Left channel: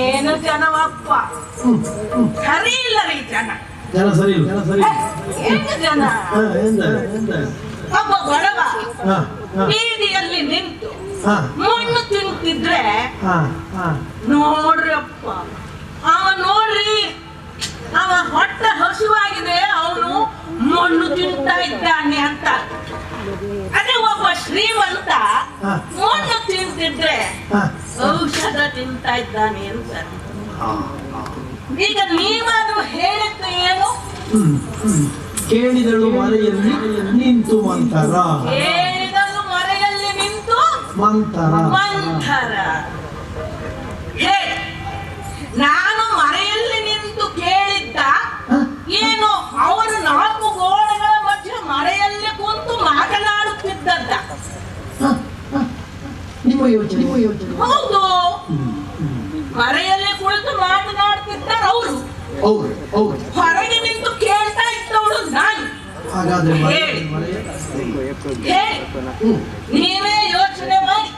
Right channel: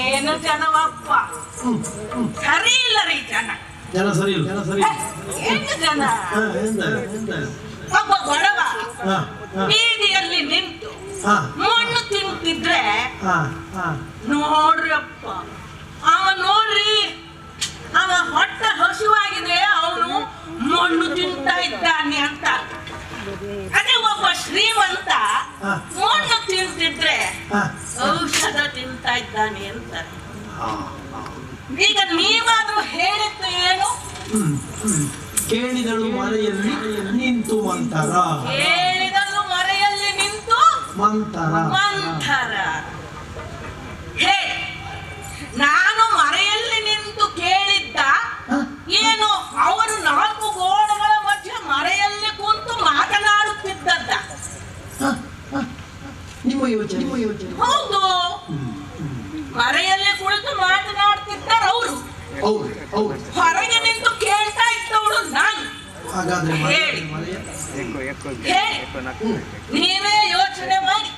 ಏನು ಜನವಪ್ಪ, ಸರಿ ಇಲ್ಲ ರೀ ಜನ. ಜನ ಸರಿ ಇಲ್ಲ, ಜನ ಸರಿ ಏನು ಜನ? ಒಬ್ಬ ಬಡವ ಬೀದಿಯಲ್ಲಿ ನಿಂತು ಮಣ್ಣು ತಿಂತಿದ್ರೆ ನೋಡ್ರಪ್ಪ, ಅವ ನೋಡ್ರಿ, ಅವ ಹೊಟ್ಟೆ ಹಸುವಾಗಿದೆ, ಅವನು ಮಣ್ಣು ತಿಂತಾ ಇದ್ದಾನೆ ಅಂತ. ಅದೇ ಒಬ್ಬ ಶ್ರೀಮಂತ ಮಣ್ಣು ತಿಂತಿದ್ರೆ ಔಷಧ ತಿಂತಾ ಇದ್ದಾನೆ ಅಂತ. ಈಗ ನೀವಾದ್ರೂ ಹೇಳಿದ್ದು ಏನು? ಕೇಳಿದಳು ಮರೆಯಲ್ಲಿ ನಿಂತು ಮಂತರ, ಕೇಳಿದಳು ಮರೆಯಲ್ಲಿ ನಿಂತು ಮಂತರ ಮಂಥರ. ಹೇ, ನಾನು ಮರೆಯಲ್ಲಿ ನಿಂತು ಕೇಳಿದ್ದ ಏನು? ಅವನು 4 ಗೋಡೆಗಳ ಮಧ್ಯೆ ಮರೆಯಲ್ಲಿ ಕುಂತು ಮಾತನಾಡುತ್ತಿದ್ದದ್ದ. ನಿಮ್ಮ ಯೋಚನೆ ಹೌದು, ಮರೆಯಲ್ಲಿ ಕುಳಿತು ಮಾತನಾಡ್ತಿದ್ದಾರೆ ಅವರು. ಹೊರಗೆ ನಿಂತು ಕೇಳ್ತಾ ಇದ್ದವಳು ನಾನು. ಹಾಗಾದ್ರೆ ನೀವೇ ಯೋಚನೆ ಮಾಡಿ.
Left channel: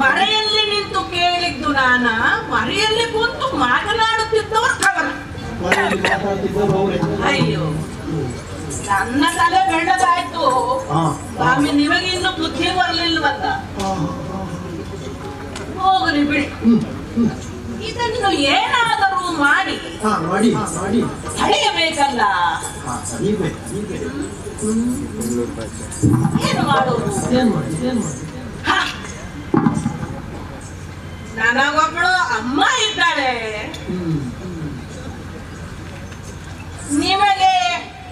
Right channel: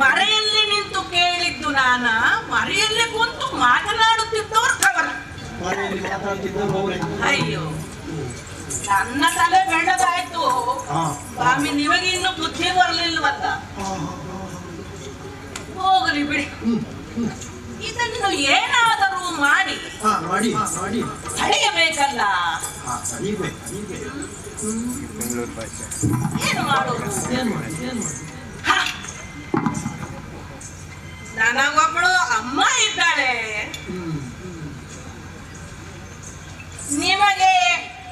ಮರೆಯಲ್ಲಿ ನಿಂತು ಕೇಳಿದ್ದು ನಾನ, ಮರೆಯಲ್ಲಿ ಕುಂತು ಮಾತನಾಡುತ್ತಿದ್ದವರು ಅವರ. ಅಯ್ಯೋ, ನನ್ನ ತಲೆ ಬೆಳ್ಳದಾಯ್ತು ಸ್ವಾಮಿ, ನಿಮಗೆ ಇನ್ನು ಬುದ್ಧಿ ಬರಲಿಲ್ವಲ್ಲ. ಹೋಗ್ರಿ ಬಿಡಿ, ಇದನ್ನು ಏನಾದರೂ ಮಾಡಿ ಸರಿಯಬೇಕಲ್ಲ. ಏನು ಮಾಡೋದು? ನನಗೊಬ್ಬಳು ಅಮ್ಮ ಇದ್ದಾಳೆ. ನಿಮಗೆ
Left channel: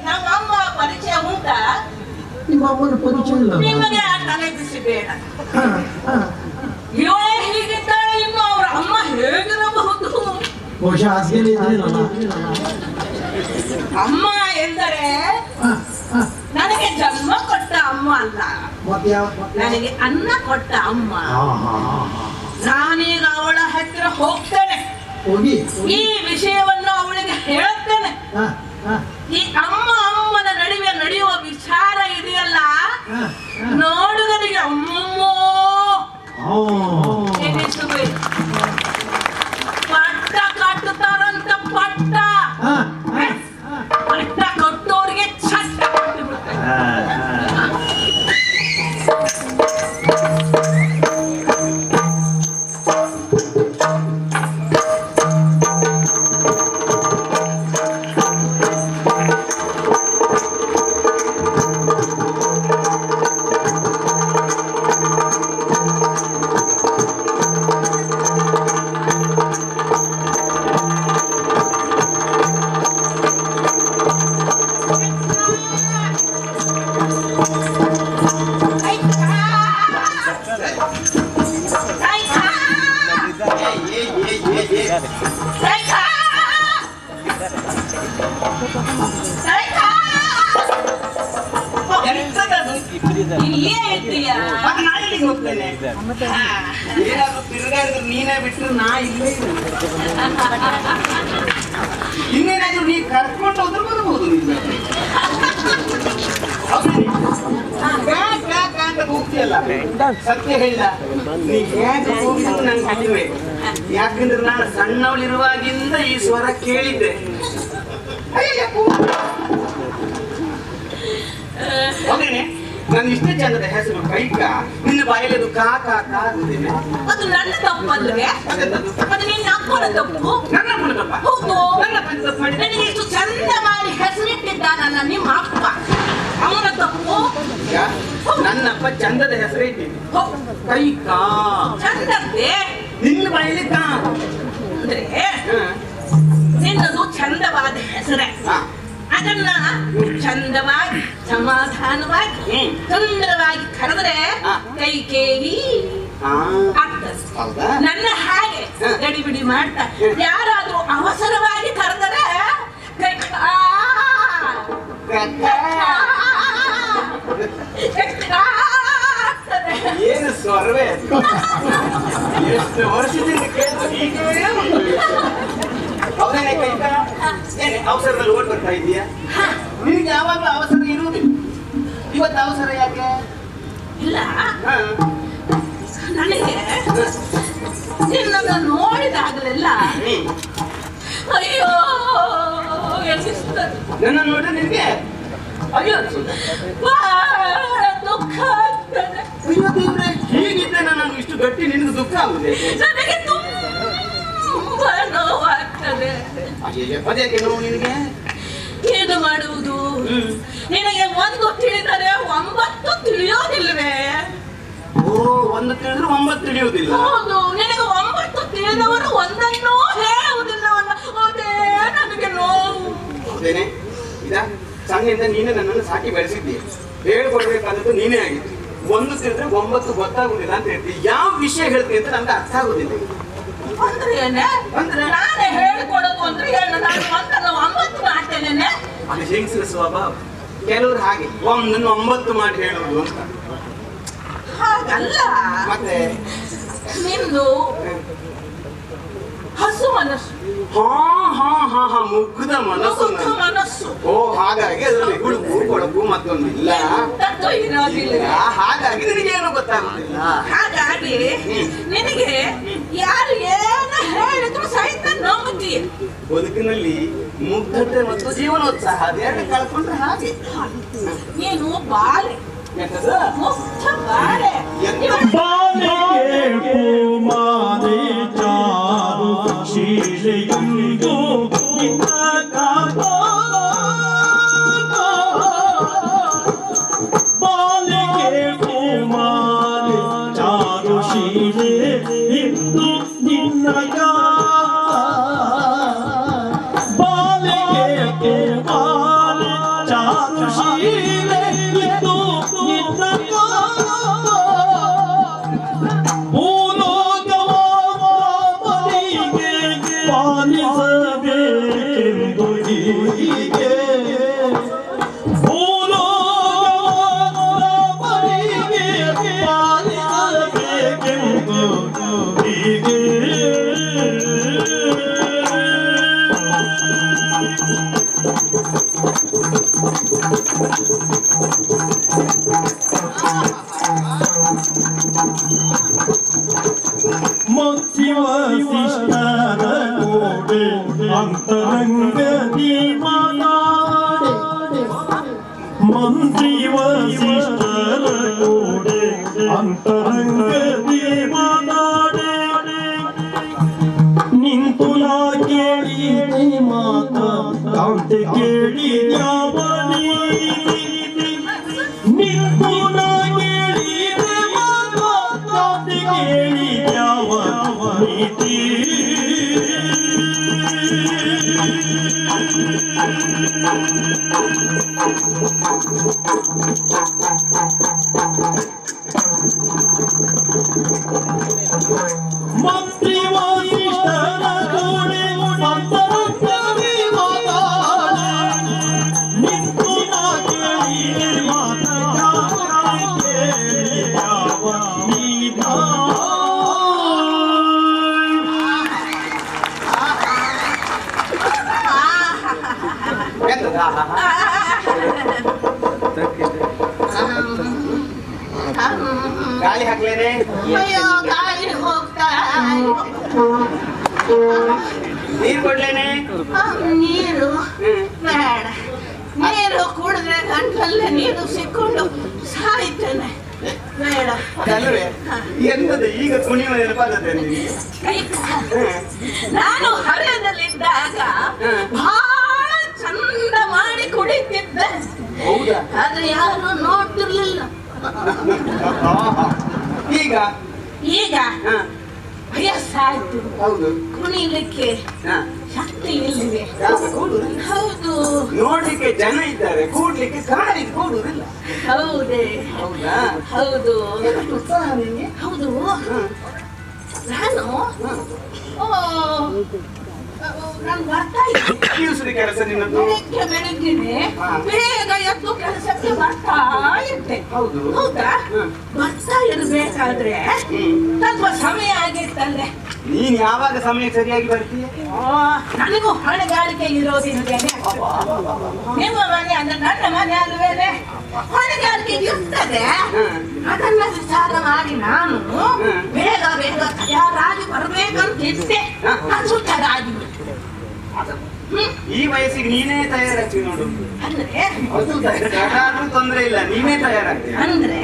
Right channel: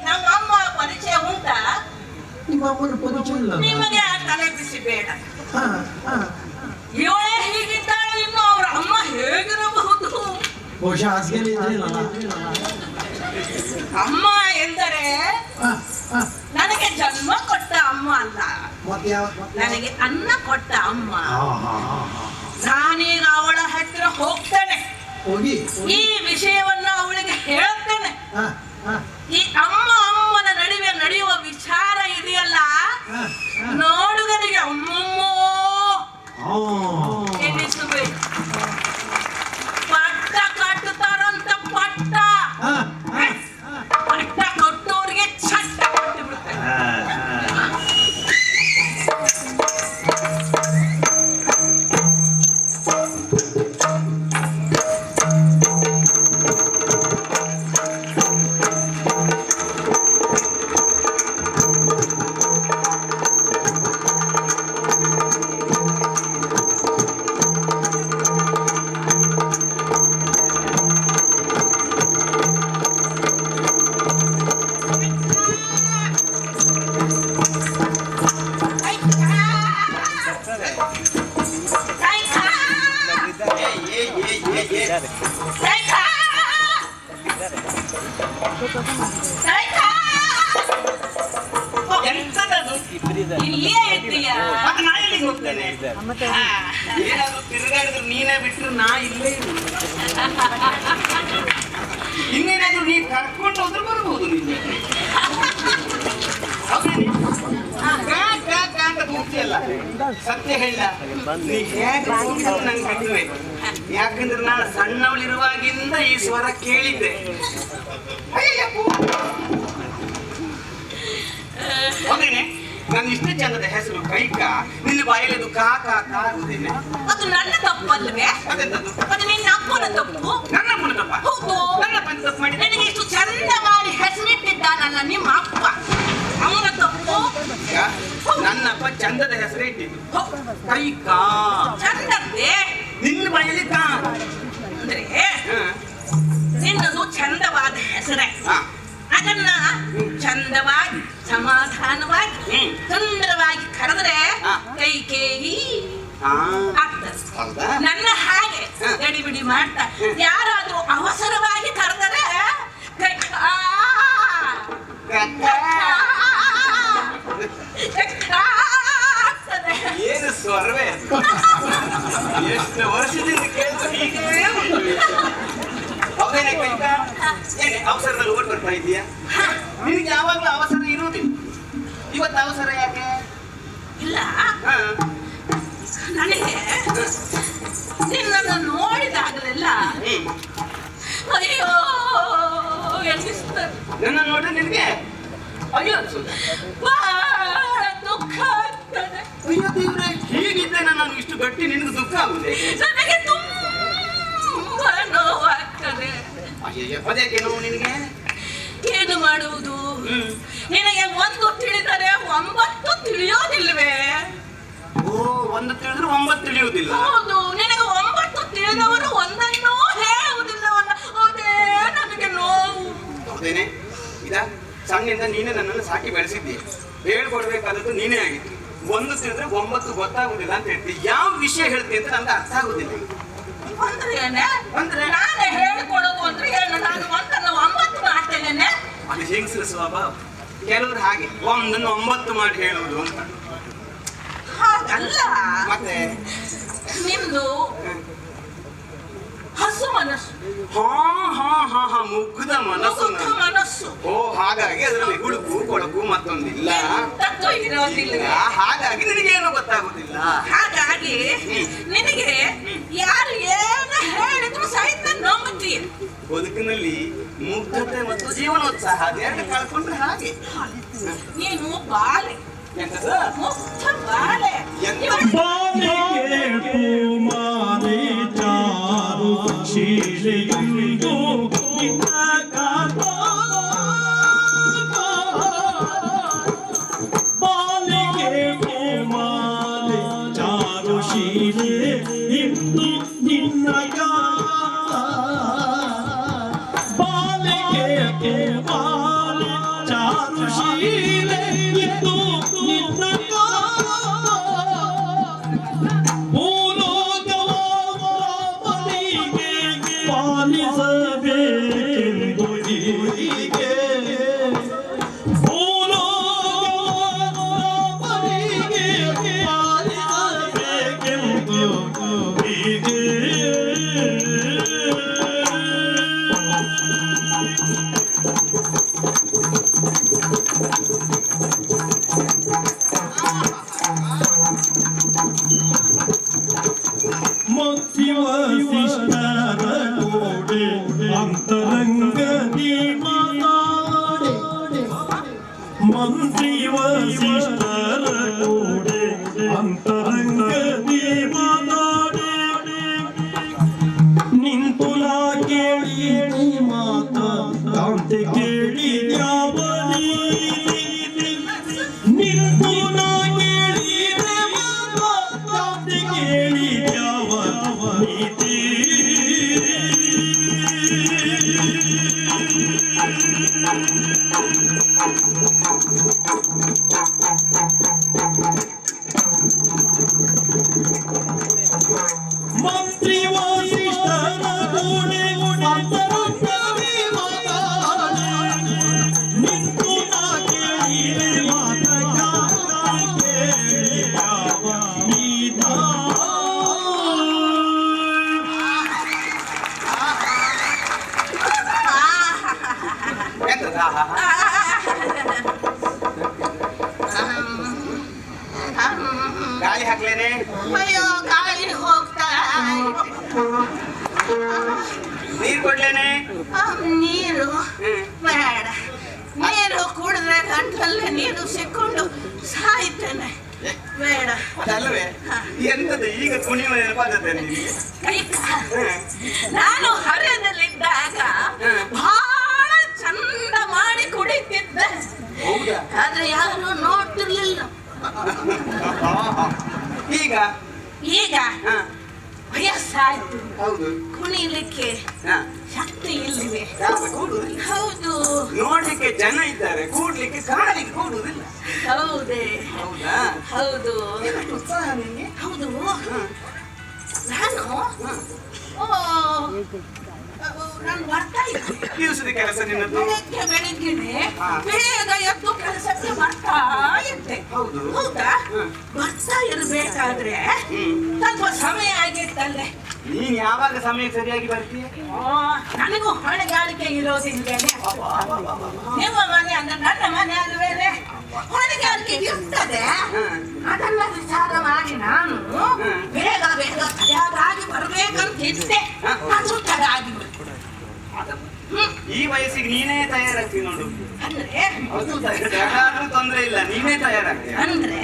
ನಮ್ಮಮ್ಮ ಪರಿಚಯ ಉಂಟಾ? ನಿಮ್ಮ ಅಮ್ಮನ ಪರಿಚಯ ಇಲ್ಲ. ನಿಮಗೆ ಆ ತಲೆ ಬಿಸಿ ಬೇಡ. ಇವಳೇ ಹೀಗಿದ್ದಾಳೆ, ಇನ್ನು ಅವರ ಅಮ್ಮ ಹೇಗಿರಬಹುದು? ಬಹುಶಃ ಅಮ್ಮ ಎಂದರೆ ನನಗೆ ಜನ್ಮ ಕೊಟ್ಟ ಅಮ್ಮ ಅಲ್ಲ, ನನಗೆ ಅನ್ನ ಕೊಟ್ಟ ಅಮ್ಮ. ನಾನೀಗ ಅವಳ ಹತ್ತಿರ ಹೋಗ್ತೇನೆ, ಈ ವಿಷಯವನ್ನು ಅವಳಿಗೆ ಹೇಳುತ್ತೇನೆ. ಈ ಅಮ್ಮನ ನಡುವೆ ನಡೆಯುವ ವಿಚಾರ ಇದೆಯಲ್ಲ, ನೋಡುಗರಿಗೆ ಅಮ್ಮಮ್ಮೋ ಪಟ್ಟ ಕಟ್ಟುತ್ತಾರಂತ. ಪಟ್ಟ ಕೊಟ್ಟೋರಿಗೆ ಚಟ್ಟ ಕೊಟ್ಟು ಬಿಡ್ತಾರೆ. ನೀನೇ ಬಿಟ್ಟರು ನಾ ಇಲ್ಲೇ. ಇನ್ನೇನಾದ್ರೂ ನೀ ಕರ್ಕೊಂಡು ಹೋದ್ರೆ ಬರ್ಬೋದು. ಸತ್ಯ ಹೇಳಿದ ನೀ ಹೇಗೆ ಹೋಗಿದ್ರು ನಂಗೆ ಕಡಿಮೆ. ಯಾಕಂದ್ರೆ ನಾನು ಸಣ್ಣವಳಿರುವಾಗಿಂದ ಈ ಸ್ವರ ಕೇಳಿದ್ದೆ. ಹೋಗೇನೆ, ನಾನು ಇಷ್ಟ ಚಂದದ ಹೆಸರು ಕೈಕ, ನಿನ್ನ ಬಾಯಲ್ಲಿ ಅದು ಕಾ ಕಾ ಕಾ ಅಂದೇನೆ. ಅದು ನನ್ನ ತಪ್ಪಲ್ವೇ? ಅದು ನಿನ್ನ ಅಪ್ಪನ ತಪ್ಪು. ನನ್ನ ಅಪ್ಪನ ತಪ್ಪ? ಹೌದು, ನನ್ನ ಅಪ್ಪನ ತಪ್ಪು ಮಾಡಿ ನನಗೆ ಇಷ್ಟು ಚಂದ ಮಾಡಿ ಹೆಸರಿಟ್ಟಿದ್ದಾನಲ್ಲ ನಿಮ್ಮ ಅಪ್ಪ, ಅವನ ತಪ್ಪು. ನನ್ನಪ್ಪ ಚಂದದ ಹೆಸರೇ ಇದ್ದೀನಿ, ಕೈಕ. ಚಂದವೇ? ನಿನ್ನ ಬಾಯಲ್ಲಿ ಕಾ ಅಂದ್ರೆ ನಿನ್ನದು ಚಂದವಾದ ಹೆಸರೇ. ಅದನ್ನ ಚಂದವಾಗಿ ಸಮಾಧಾನವಾಗಿ ಸುಂದರವಾಗಿ ಕರೆದ್ರೆ ಕೈಕೇಯಿ ಆಗ್ತದೆ. ನನ್ನ ಹಾಗೆ ಗಡಿಬಿಡಿ ಮಾಡ್ತಾ ಯಾರಾದ್ರೂ ಅವಸರವಾಗಿ ಕರೆದರೆ ಏನು ಸ್ವರವೇ ಎಷ್ಟು ವರ್ಷದಿಂದ ಅವನೇನೆ ಕೈಕ ಏನೇ ಅವಸರದಲ್ಲಿ ಓಡ್ ಬರ್ತಾ ಇದೀಯಾ? ನಿನಗೆ ಯಾವಾಗಲೂ ಅವಸರ ಇರುವುದಿಲ್ಲ, ಇವತ್ತು ಅವಸರ ಯಾಕೆ? ಇಲ್ಲ, ನನಗೆ ನಿನ್ನನ್ನು ನೋಡಿ ನೋಡಿದಾಗಲೆಲ್ಲ ಅಯ್ಯೋ ಎನಿಸ್ತದೆ. ನನ್ನ ನೋಡ್ರೆ ನಿನಗೆ ಅಯ್ಯೋ ಅನ್ಸುತ್ತೆ. ಬಹಳ ದುಃಖ ಆಗ್ತದೆ. ಅಯ್ಯೋ ದೇವ್ರೆ, ಹೀಗಿದ್ರೆ ನಾನು ಇಷ್ಟು ಗಟ್ಟಿ ನಿನಗೆ ದುಃಖ ಆಗುದೆ? ನನಗೆ ತುಂಬಾ ನೋವಾಗ್ತದೆ. ಪದಕ್ಕೆ ನೋವು ನಿನಗೆ? ಏನು ಮಾಡುವುದು? ನಿನಗೆ ಒಂದು ತಿಳಿದರೆ 9 ತಿಳಿಯೋದಿಲ್ವೇ? ಓ, 1 ತಿಳಿದ್ರೆ 9 ತಿಳಿಯುವುದಿಲ್ಲ. ಹೌದು, ನಿನಗೆ 9 ತಿಳಿದವರು ಒಂದನ್ನೂ ಹೇಳುವುದಿಲ್ಲವಲ್ಲ. ಅದೇ ನನಗೆ ನೋವು. ಹೌದೇನೆ? ಇದ ಸಣ್ಣಿಂದ ನೀನೇ ನನ್ನನ್ನು ಸಾಕಿ ಬೆಳೆಸಿದ್ದಿ. ಹೇಳ್ಕೊಡ್ಬೇಕಾದದ್ದು ನೀನೇ ಆಗಿತ್ತು. 1 ತಿಳಿದ್ರೆ 9 ಗೊತ್ತಾಗುದಿಲ್ಲ ಅಂತ ಹೇಳ್ತೀವಿ. ಯಾವ ವಿಷಯ ಹೇಳ್ತೀವಿ ಅಂತ ನಮ್ಗೆ ಅರ್ಥ ಆಗುದಿಲ್ಲ. ಅಂದ್ರೆ ಏನೇ? ಅಂದ್ರೆ ನಾನೇ ಹೇಳ್ಕೊಡೋದು ಅಂದ್ರೆ ಏನು? ನಾನು 9 ಮಾಡ್ತೇನೆ. ಅದು ಹೆಂಗಸರ ಸ್ವಭಾವ. ಕೆಲವರು ಹಾಗೆ 1 9 ಮಾಡಿ ಹೇಳುವುದು ಅಂತ. ಹಾಗಲ್ಲ. ಮತ್ತೆ ನಿಮ್ದು ಹಸು ಮನಸ್ಸು. ಮುಗ್ಧ ಮನಸ್ಸು. ಮುಗ್ಧ ಮನಸ್ಸು. ಓ, ಹಾಗಾಗಿ ಅದರಲ್ಲಿ ಹುಡುಕು ಕೊಳಕು ಮತ್ತೊಂದಿಲ್ಲ. ತತ್ವ ಇರೋದಿಲ್ಲ. ಹಾಗಾಗಿ ನಿನಗೇನು ಗೊತ್ತಾಗುದಿಲ್ಲ. ಹಾಗಾಗಿ ನಿನಗೆ ಯಾರು ಏನು ಹೇಳಿದ್ರು ಸಹಿತ ನಂಬುತ್ತೀಯ. ಬದುಕಿನಲ್ಲಿ ಮುಗ್ಧತೆ ಮತ್ತು ಜೀವನೋತ್ಸಾಹ ಅದೆರಡು ಕಳ್ಕೊಂಡ್ರೆ ಹಾಗೆ. ಏನು ಬಾಳೆ ಎಂತದು? ಮುಗ್ಧ ಬಾಳೆ. ಬಾಲಿಗೆ ಕುಮಾರಿ ಚಾರು ಶೀಲೆಯುಂದು ಬಾಲಿಗೆ ಕುಮಾರಿ ಚಾರು ಶೀಲೆ ಇಂದು ನಿನ್ನಗ ಬಾಲಿಗೆ ಕುಮಾರಿ ಚಾರು ಶೀಲೆ ಇಂದು ನಿನ್ನಗ ಪಾಲಿಸಬೇಕೆಂದು ಹೀಗೆ ಭೂಲೋಕರಿಗೆ ಪಾಲಿಸಬೇಕೆಂದು ಹೀಗೆ ಮಂತ್ರಿವ ಶಿಷ್ಟರ ಕೋಡೆ ಅಂತರಂಗದಿ ಮಾತಾಡೆ ಮಂತ್ರಿವ ಶಿಷ್ಟರ ಕೋಡೆ ಅಂತರಂಗದಿ ಮಾತಾಡೆ ನಿಂತು ನಾ ಕೇಳಿದೆ ಮಾತ ಕಾಂತೆ ಕೇಳಿ ಯಾವನಿ ನಿಂತು ನಾ ಕೇಳಿದೆ ಮಾತ ಕಾಂತೆ ಕೇಳಿ ಯಾವ ನೀತಿ ಮಂತ್ರಿ ವಸಿಷ್ಠನ ಕೂಡೆ ಅಂತರಂಗದಿ ಮಾತಾಡೆ ನಿಂತು ನಾ ಕೇಳಿದೆ ಮಾತ ಕಾಂತೆ ಕೇಳಿ ಯಾವ ನೀತ ಎಂತದು? ಗಾಳಿ ಹಾಕ್ಲೇನೆ? ಅಯ್ಯೋ ಗಾಳಿ ಹೋಗ್ತಾ ನೀರು ಕೊಡ್ಲೇನೆ? ನೀರು ಬೇಡ. ನೀರು ಕುಡಿದ್ರೆ ಗಂಟಲಲ್ಲೇ ನೀರು ಸಿಕ್ಕೊಂಡು ಸಾಯ್ತೇನೆ. ಬೇಡ. ಅದಲ್ವೇ? ಎಂತದು ಈಗ ಕುಣಿಯುವ ನೆನಪಾದತೆ ನಿನಗೆ? ನಾನು ಹರೆಯದಲ್ಲಿದ್ದಾಗ ಬಹಳ ಚಂದ ಮಾಡಿ ಕುಡಿತಿದ್ದೆ. ಹೌದಾ? ಆದ್ರೆ ಯಾರು ನೋಡ್ತಿರ್ಲಿಲ್ಲ. ಈಗ ಈಗ ವಯಸ್ಸಾಯ್ತು. ಹೌದು. ಕುಣಿಲಿಕ್ಕೆ ಶಕ್ತಿ ಇಲ್ಲಿದೆ. ಕೂಡುದಿಲ್ಲ. ಹೌದು. ನೋಡ್ಲಿಕ್ಕೆ ಜನ ಇದ್ದಾರೆ, ಕೂಡ್ಲಿಕ್ಕೆ ಕಾಲಿಗೆ ಕೂಡುದಿಲ್ಲ. ಹೌದೇ? ಹೌದಾ? ಹೌದು. ಉತ್ಸಾಹ ನಿನಗೆ? ಹೌದು. ನಾನು ನಾನು ಬರ್ತಾ ಇದ್ದೆ. ದಿವಸದ ಕೆಲಸ ನಿನ್ನದು? ಬೆಳಿಗ್ಗೆನೆ ಬೇಗ ಎದ್ದು ಕೆಲಸಕ್ಕೆ ಬರ್ತಾ ಇದ್ದೆ. ಹೌದು. ಹೌದಾ? ಬರ್ತಾ ಇರ್ಬೇಕಾದ್ರೆ ಸ್ವಲ್ಪ ಸಮಯ ಆಗಿತ್ತಲ್ಲೇ. ನೀನ್ ಯಾವಾಗ ಸಮಯಕ್ಕೆ ಸರಿಯಾಗಿ ಬರ್ತೀಯ? ನನಗೂ ಹೊಣೆಗಾರಿಕೆ ಇರೋದಿದ್ದೇನೆ. ನಿಮ್ಮ ಮನೆ ಅಂದ್ರೆ ನನ್ನ ಮನೆ ಅಲ್ವೇನೆ, ಹೊಣೆಗಾರಿಕೆ ಇರ್ತದೆ. ಅದನ್ನ ವಿಚಾರ ಮಾಡಿ ನಾನು ಬೇಗ ಬೇಗ ತಯಾರಾಗಿ ಬರ್ಬೇಕಂತಿದ್ದೆ. ಅದು ತಡ ಆಗಿಬಿಟ್ಟು. ಈ ವಯಸ್ಸಿಗೆ ನೀನೇ ತಯಾರಾಗ್ತಿ ನೋಡು. ಅಂದ್ರೆ ಯಾರಾದ್ರೂ ತೊಂದ್ರೆ ಇಲ್ಲ, ನೀನೇ ತಯಾರಾಗ್ತಿ. ಅಂದ್ರೆ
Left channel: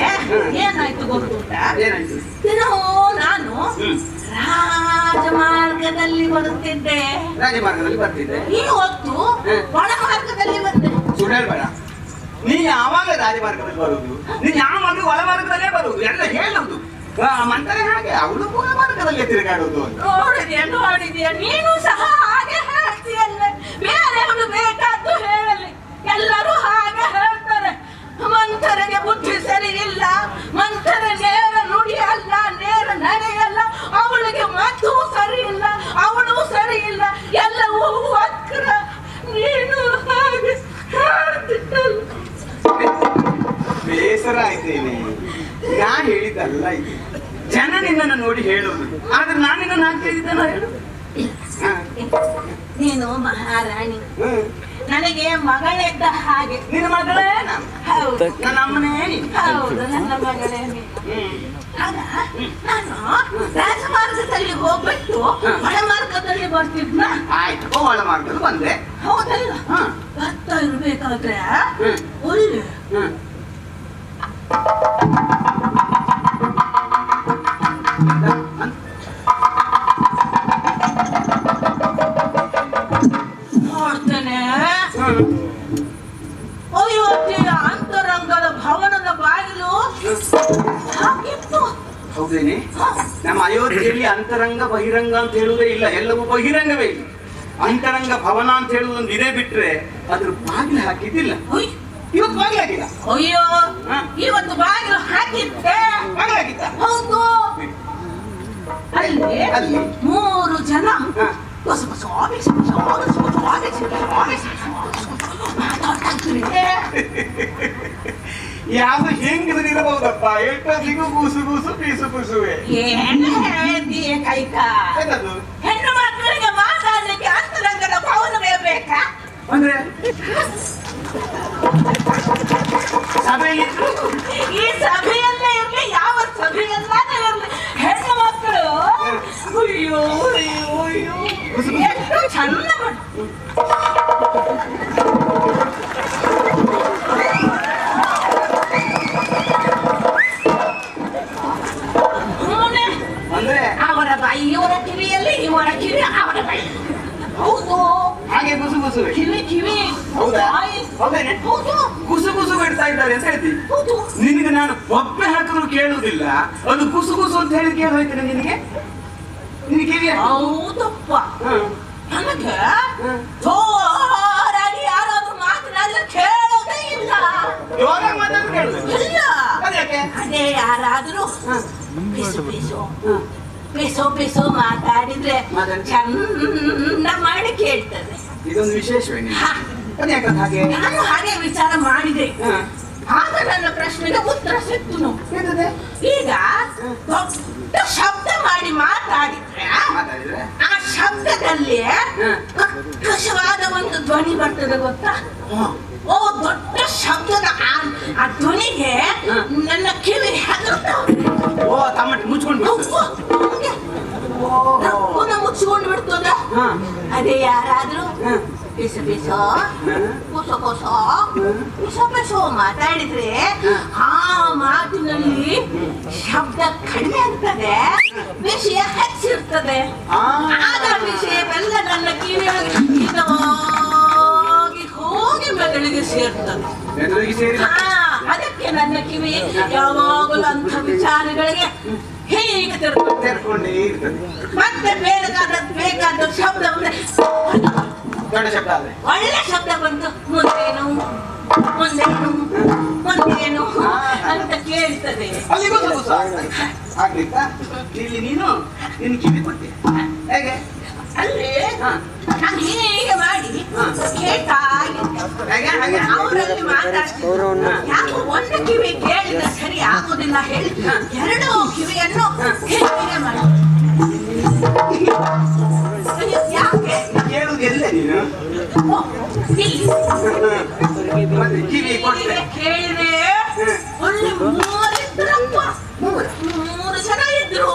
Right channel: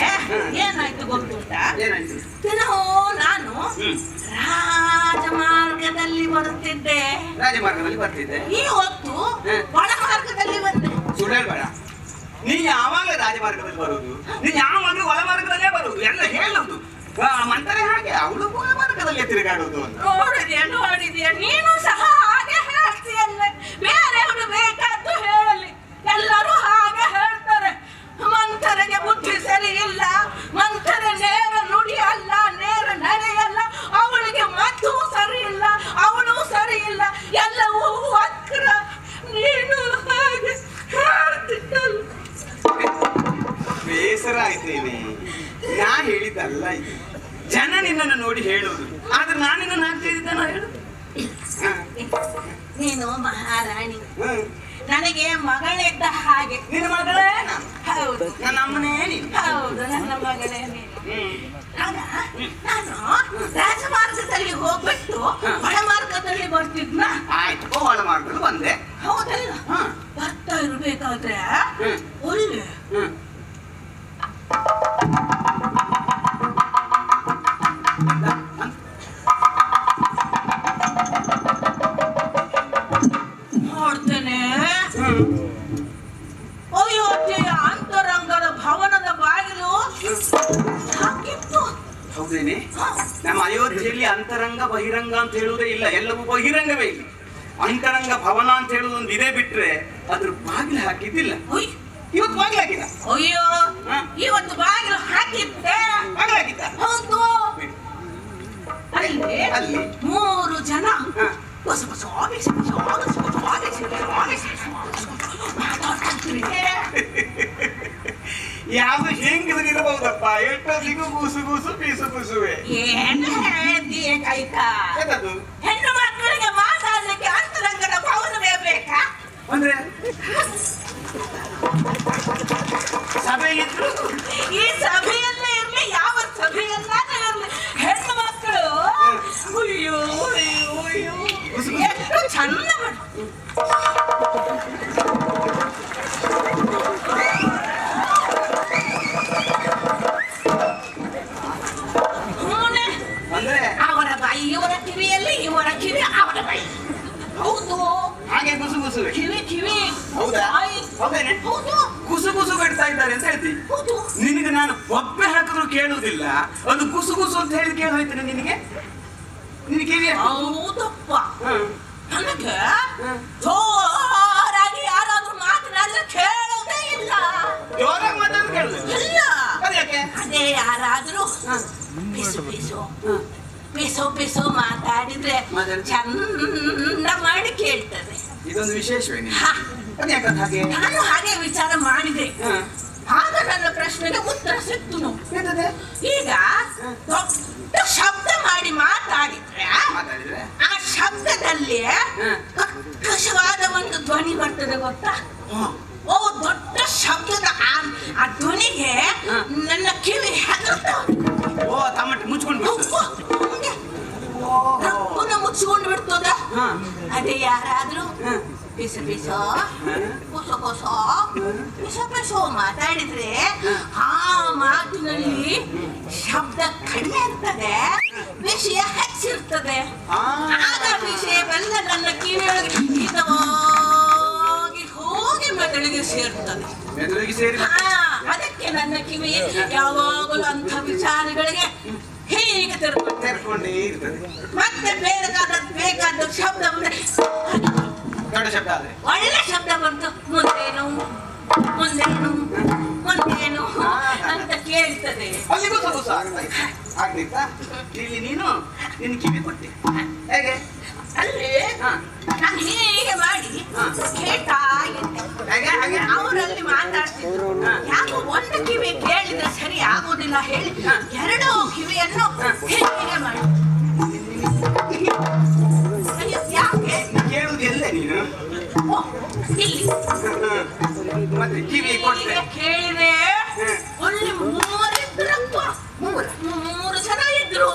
ಏನಾಯ್ತು ಗೊತ್ತುಂಟಾ? ಏನಾಯ್ತು? ದಿನವೂ ನಾನು ರಾಜಮಾರ್ಗದಲ್ಲಿ ಬರುತ್ತಿದ್ದೆ. ರಾಜಮಾರ್ಗದಲ್ಲಿ ಬರ್ತಿದ್ದೆ. ಈ ಹೊತ್ತು ಒಳಮಾರ್ಗದಲ್ಲಿ ಬಂದೆ. ಸುಳ್ಳು ಹೇಳ್ಬೇಡ. ನೀನ್ ಯಾವಾಗ ರಾಜಮಾರ್ಗದಲ್ಲಿ ಬರುದು? ನೀನ್ ಯಾವಾಗ ಒಳಮಾರ್ಗದಲ್ಲೇ ಬರುದು? ಎಲ್ಲ ಹೇಳುದು ಮಂತಾರೆ ಹಾಗೆ, ಅವಳು ಒಳಮಾರ್ಗದಲ್ಲಿ ತಿರುಗಾಡುದು. ನೋಡಿದ್ಯಾ ನೀನು ಸಹ ಹಾಗೆ ಹೇಳ್ತೀಯಲ್ವೇ? ಬೇರೆಯವರು ಬೇಕಾದ್ದು ಹೇಳಲಿ, ಎಲ್ಲರೂ ಹಾಗೆ ಹೇಳ್ತಾರೆ. ಮಂಥರೆಗೆ ಬುದ್ಧಿ ಸರಿ ಇಲ್ಲ, ಮಂಥರ ನೇರ ನುಡಿ ಅಲ್ಲ, ನೇರ ನಡೆಯಲ್ಲ, ಅವಳಿಗೆ ಮಾತು ಸರಿ ಇಲ್ಲ, ಅವಳು ಸರಿ ಇಲ್ಲ, ಎಲ್ಲವೂ ವಕ್ರ. ನೀನು ಹಾಗೆ ಹೇಳ್ತಿದ್ದಲ್ಲ. ಬೇಸರ ಆಯ್ತೇನೆ. ನಾನ್ ಹೇಳಿದ್ದಲ್ಲ ಇದು, ಜನ ನಿನ್ನನ್ನು ನೋಡಿ ಹೇಳುವುದು. ಆದ್ರೆ ನಾನು ನಿನ್ನನ್ನು ಹಾಗೆ ಹೇಳಿದ್ದೇನೋ ಹೇಳು. ನೀನು ಮಹಾರಾಣಿ, ನನಗೆ ಮಗಳಿದ್ದ ಹಾಗೆ. ನಿನ್ನ ಮಗಳೇ? ಹೌದು, ನನ್ನ ಅಮ್ಮನೇ ನೀನು. ಹೌದು, ನನ್ನ ಮಗಳೇ ನೀನು. ಆಗ ನಾನು ರಾಜಮಾರ್ಗದಲ್ಲಿ ಹೋಗ್ಬಿಟ್ಟು ಒಳಮಾರ್ಗದಲ್ಲಿ ಬರ್ತಿದ್ನ. ಆಯ್ತು, ಒಳಮಾರ್ಗದಲ್ಲಿ ಬಂದೆ. ಹೌದಲ್ಲ? ಬರ್ತಾ ಇರ್ಬೇಕಾದ್ರೆ ಒಳ್ಳೆ ನೋಡ್ತೇನೆ ಅಯೋಧ್ಯೆಯ ಅಂತರಂಗದ ಭವನದ ಬಾಗಿಲು ಹಾಕಿತ್ತು. ಹೌದೇನೆ? ನಮ್ಮ ಅಯೋಧ್ಯೆಯಲ್ಲಿ ಅಂತರಂಗ ಬಹಿರಂಗ ಅಂತ ಹೇಳುವುದೇ ಇಲ್ಲ, ಎಲ್ಲವೂ ಬಹಿರಂಗವೇ ಇಲ್ಲ. ಅಂತರಂಗ ಭವನ ಅಂತ ಹೇಳುವುದೊಂದು ಇದೇ ಬಿಟ್ರೆ ಅದ್ರ ಬಾಗಿಲು ಹಾಕಿದ್ದಿಲ್ಲ. ಇವತ್ತು ಬಾಗಿಲು ಹಾಕಿದ. ಅಯ್ಯೋ, ಇವತ್ತು ಬಾಗಿಲು ಹಾಕಿದ್ದೆ. ಬಾಗಿಲು ಹಾಕಿದ್ದ? ಹೌದು. ಅಲ್ಲಿ ಅಲ್ಲಿ 3 ಜನ ಯಾವ ಹೆಂಗಸರಿರಬಹುದಪ್ಪ, ಎಷ್ಟೊತ್ತಿಗೂ ಗೂಸು ಗೂಸು ಪೀಸು ಪೀಸುವೆ. ಏನು ಹೇಳಿದ್ದೀಯ ಕೈಕ? ಹೆಣ್ಣು ಮಕ್ಕಳಿಗೆ ಮಾತಾಡಲಿಕ್ಕೆ ಅಂತರಂಗದ ಭವನವೇ ಬೇಕಾ? ಅಂದ್ರೆ ಸಭೆಯಲ್ಲಿ ಈ ಸಭೆಯಲ್ಲೇ ಇರ್ಲಿ, ಯಾವ ಸಭೆಯಲ್ಲಾದ್ರೂ ಇರ್ಲಿ, ಹೆಣ್ಣು ಮಕ್ಕಳು ಅಯ್ಯೋ ಅಯ್ಯೋ ಅಯ್ಯೋ ಎಷ್ಟು ಚಂದ ಅಂದ್ರೆ ಅವರ ಬಾಯಿ ಇವರ ಕಿವಿಯಲ್ಲಿ, ಇವರ ಕಿವಿ ಅವರ ಬಾಯಿ. ಹೌದು, ಹಾಗೆ ಗುಸು ಗುಸುವೆ. ಕಿವಿ ಕಿವಿ. ಹೌದಾ? ಹೌದೇನೆ? ಹೌದು, ಕುಸು ಕುಸು ಬಿಡ್ತಾ ಇದ್ದಾರೆ ಅಂತ ಹೇಳ್ತೀನಿ. ಹೌದು. ನಿನಗೆ ನಾನು ಒಬ್ಬೆ ಹಾಕಿದ್ರು ಕೇಳುವುದಿಲ್ಲ, ಅದು ಕುಸು ಕುಸು ಅಂತ ಹೇಳಿ ಕೇಳೋಯ್ತಾನೆ ನಿನಗೆ? ನಿನಗೆ ಹೌದಪ್ಪ. ನನಗೆ ಜೋರಾಗಿ ಯಾರಾದ್ರೂ ಮಾತನಾಡಲು ಕೇಳೋದೇ ಇಲ್ಲ. ಜೋರಾಗಿ ಮಾತಾಡಿ ಕೇಳುದು ಇಲ್ಲ. ಯಾಕೆ? ಅದೇ ಯಾರಾದ್ರೂ ಪಿಸು ಪಿಸು ಪಿಸು ಪಿಸು ಮಾತಾಡಿದ್ರೆ ಚಂದ ಮಾಡಿ ಕೇಳ್ತದೆ. ಇದೊಂದು ವಿಶೇಷವೇ ಅದ್ಯಾಕಂತ ಹಾಗೆ? ನಾನು ಹಾಗೆ ವಿಚಾರ ಮಾಡಿದೆ. ಆಗ ನನ್ನ ಪ್ರಶ್ನೆಗೆ ಉತ್ತರ ಸಿಕ್ತು. ಈಗ ದೊಡ್ಡ ಶಬ್ದ ಮಾಡಿ ಮಾತಾಡಿದ್ರೆ ಆ ಶಬ್ದದಲ್ಲಿ ಕರ್ಕಶವಾದ ಒಂದು ಧ್ವನಿ ಬರ್ತದೆ, ಗೊತ್ತಾ? ಓ, ದೊಡ್ಡ ಶಬ್ದದ ಆ ಧ್ವನಿಗೆ ನನ್ನ ಕಿವಿ ಹೆದರ್ತದೆ. ಓ, ತಮ್ಮಟ್ಟು ಮುಚ್ಕೊಂಡು ಮುಚ್ಚಿಕೊಂಡು ಬಿಡ್ತದ. ಅದೇ ಯಾರಾದ್ರೂ ಪಿಸ ಪಿಸ ಕೊಸ ಕೊಸ ಪಿಸ ಪಿಸೋ ಮಾತಾಡಿದ್ರೆ ಆ ಮಾತಿನಲ್ಲಿ ಶಬ್ದ ಕಡಿಮೆ ಆಗ್ತದೆ, ವಿಷಯ ಹೆಚ್ಚಿರ್ತದೆ. ಆಗ ವಿಷಯವೆಲ್ಲ ನನ್ನ ಕಿವಿಯೊಳಗೆ ಹಿತವಾಗಿ ಹೋಗಿ ಮೆದುಳಿಗೆ ಸೇರ್ತದೆ. ಅದಕ್ಕೆ ನನ್ನ ಕಿವಿ ಯಾವಾಗಲೂ ಅಂಥ ವಿಚಾರಗಳಿಗೆ ಹೀಗೆ ತೆರ್ಕೊಂಡೇ ಇರ್ತದೆ. ಮತ್ತೆ ಬೇಕಾದ ಶಬ್ದ ಬಂದ್ರೆ ದೊಡ್ಡ ಶಬ್ದ ಆದ್ರೆ ಒಳ್ಳೆ ಶಬ್ದ ಬಂತು, ಮುಂದೇನು ಮುಂದೇನು ಮುಂದೇನು ಅಂತ ಕೇಳ್ತದೆ. ಅಲ್ಲಿಗೂ ಸ್ವಲ್ಪ ಆಗ್ಲಿಕ್ಕ ಇಲ್ಲಿ ನೀನು ನಿನ್ ಕಿವಿ ಕೊಟ್ಟೆ ಹೇಗೆ? ಅಲ್ಲಿ ನಾನು ಹೀಗೆ ಮಾಡಿ ಕೇಳ್ತಾ ಇದ್ದೆ. ಅವರಲ್ಲಿ ಮಾತಾಡ್ತಿದ್ರು. ಯಾಕೋ ಒಂದು ಕಿವಿ ಕೇಳಿದ್ರೆ ಸರಿ ಆಗುದಿಲ್ಲ ಹೇಳಿ 2 ಕಿವಿಯನ್ನು ಹೀಗೆ ಮಾಡಿ ಯಾಕೆ ಕೇಳುದು ಎಲ್ಲ ನೀನು ಓ, ಇಲ್ಲಿ ಮತ್ತೆ ಕಿವಿ ಕೊಟ್ಟೆ ಕೇಳಿದೆ ಅಲ್ಲಿ ಮೂರಿದ್ರಪ್ಪ ಮೂರು ಜನ ಇದ್ರು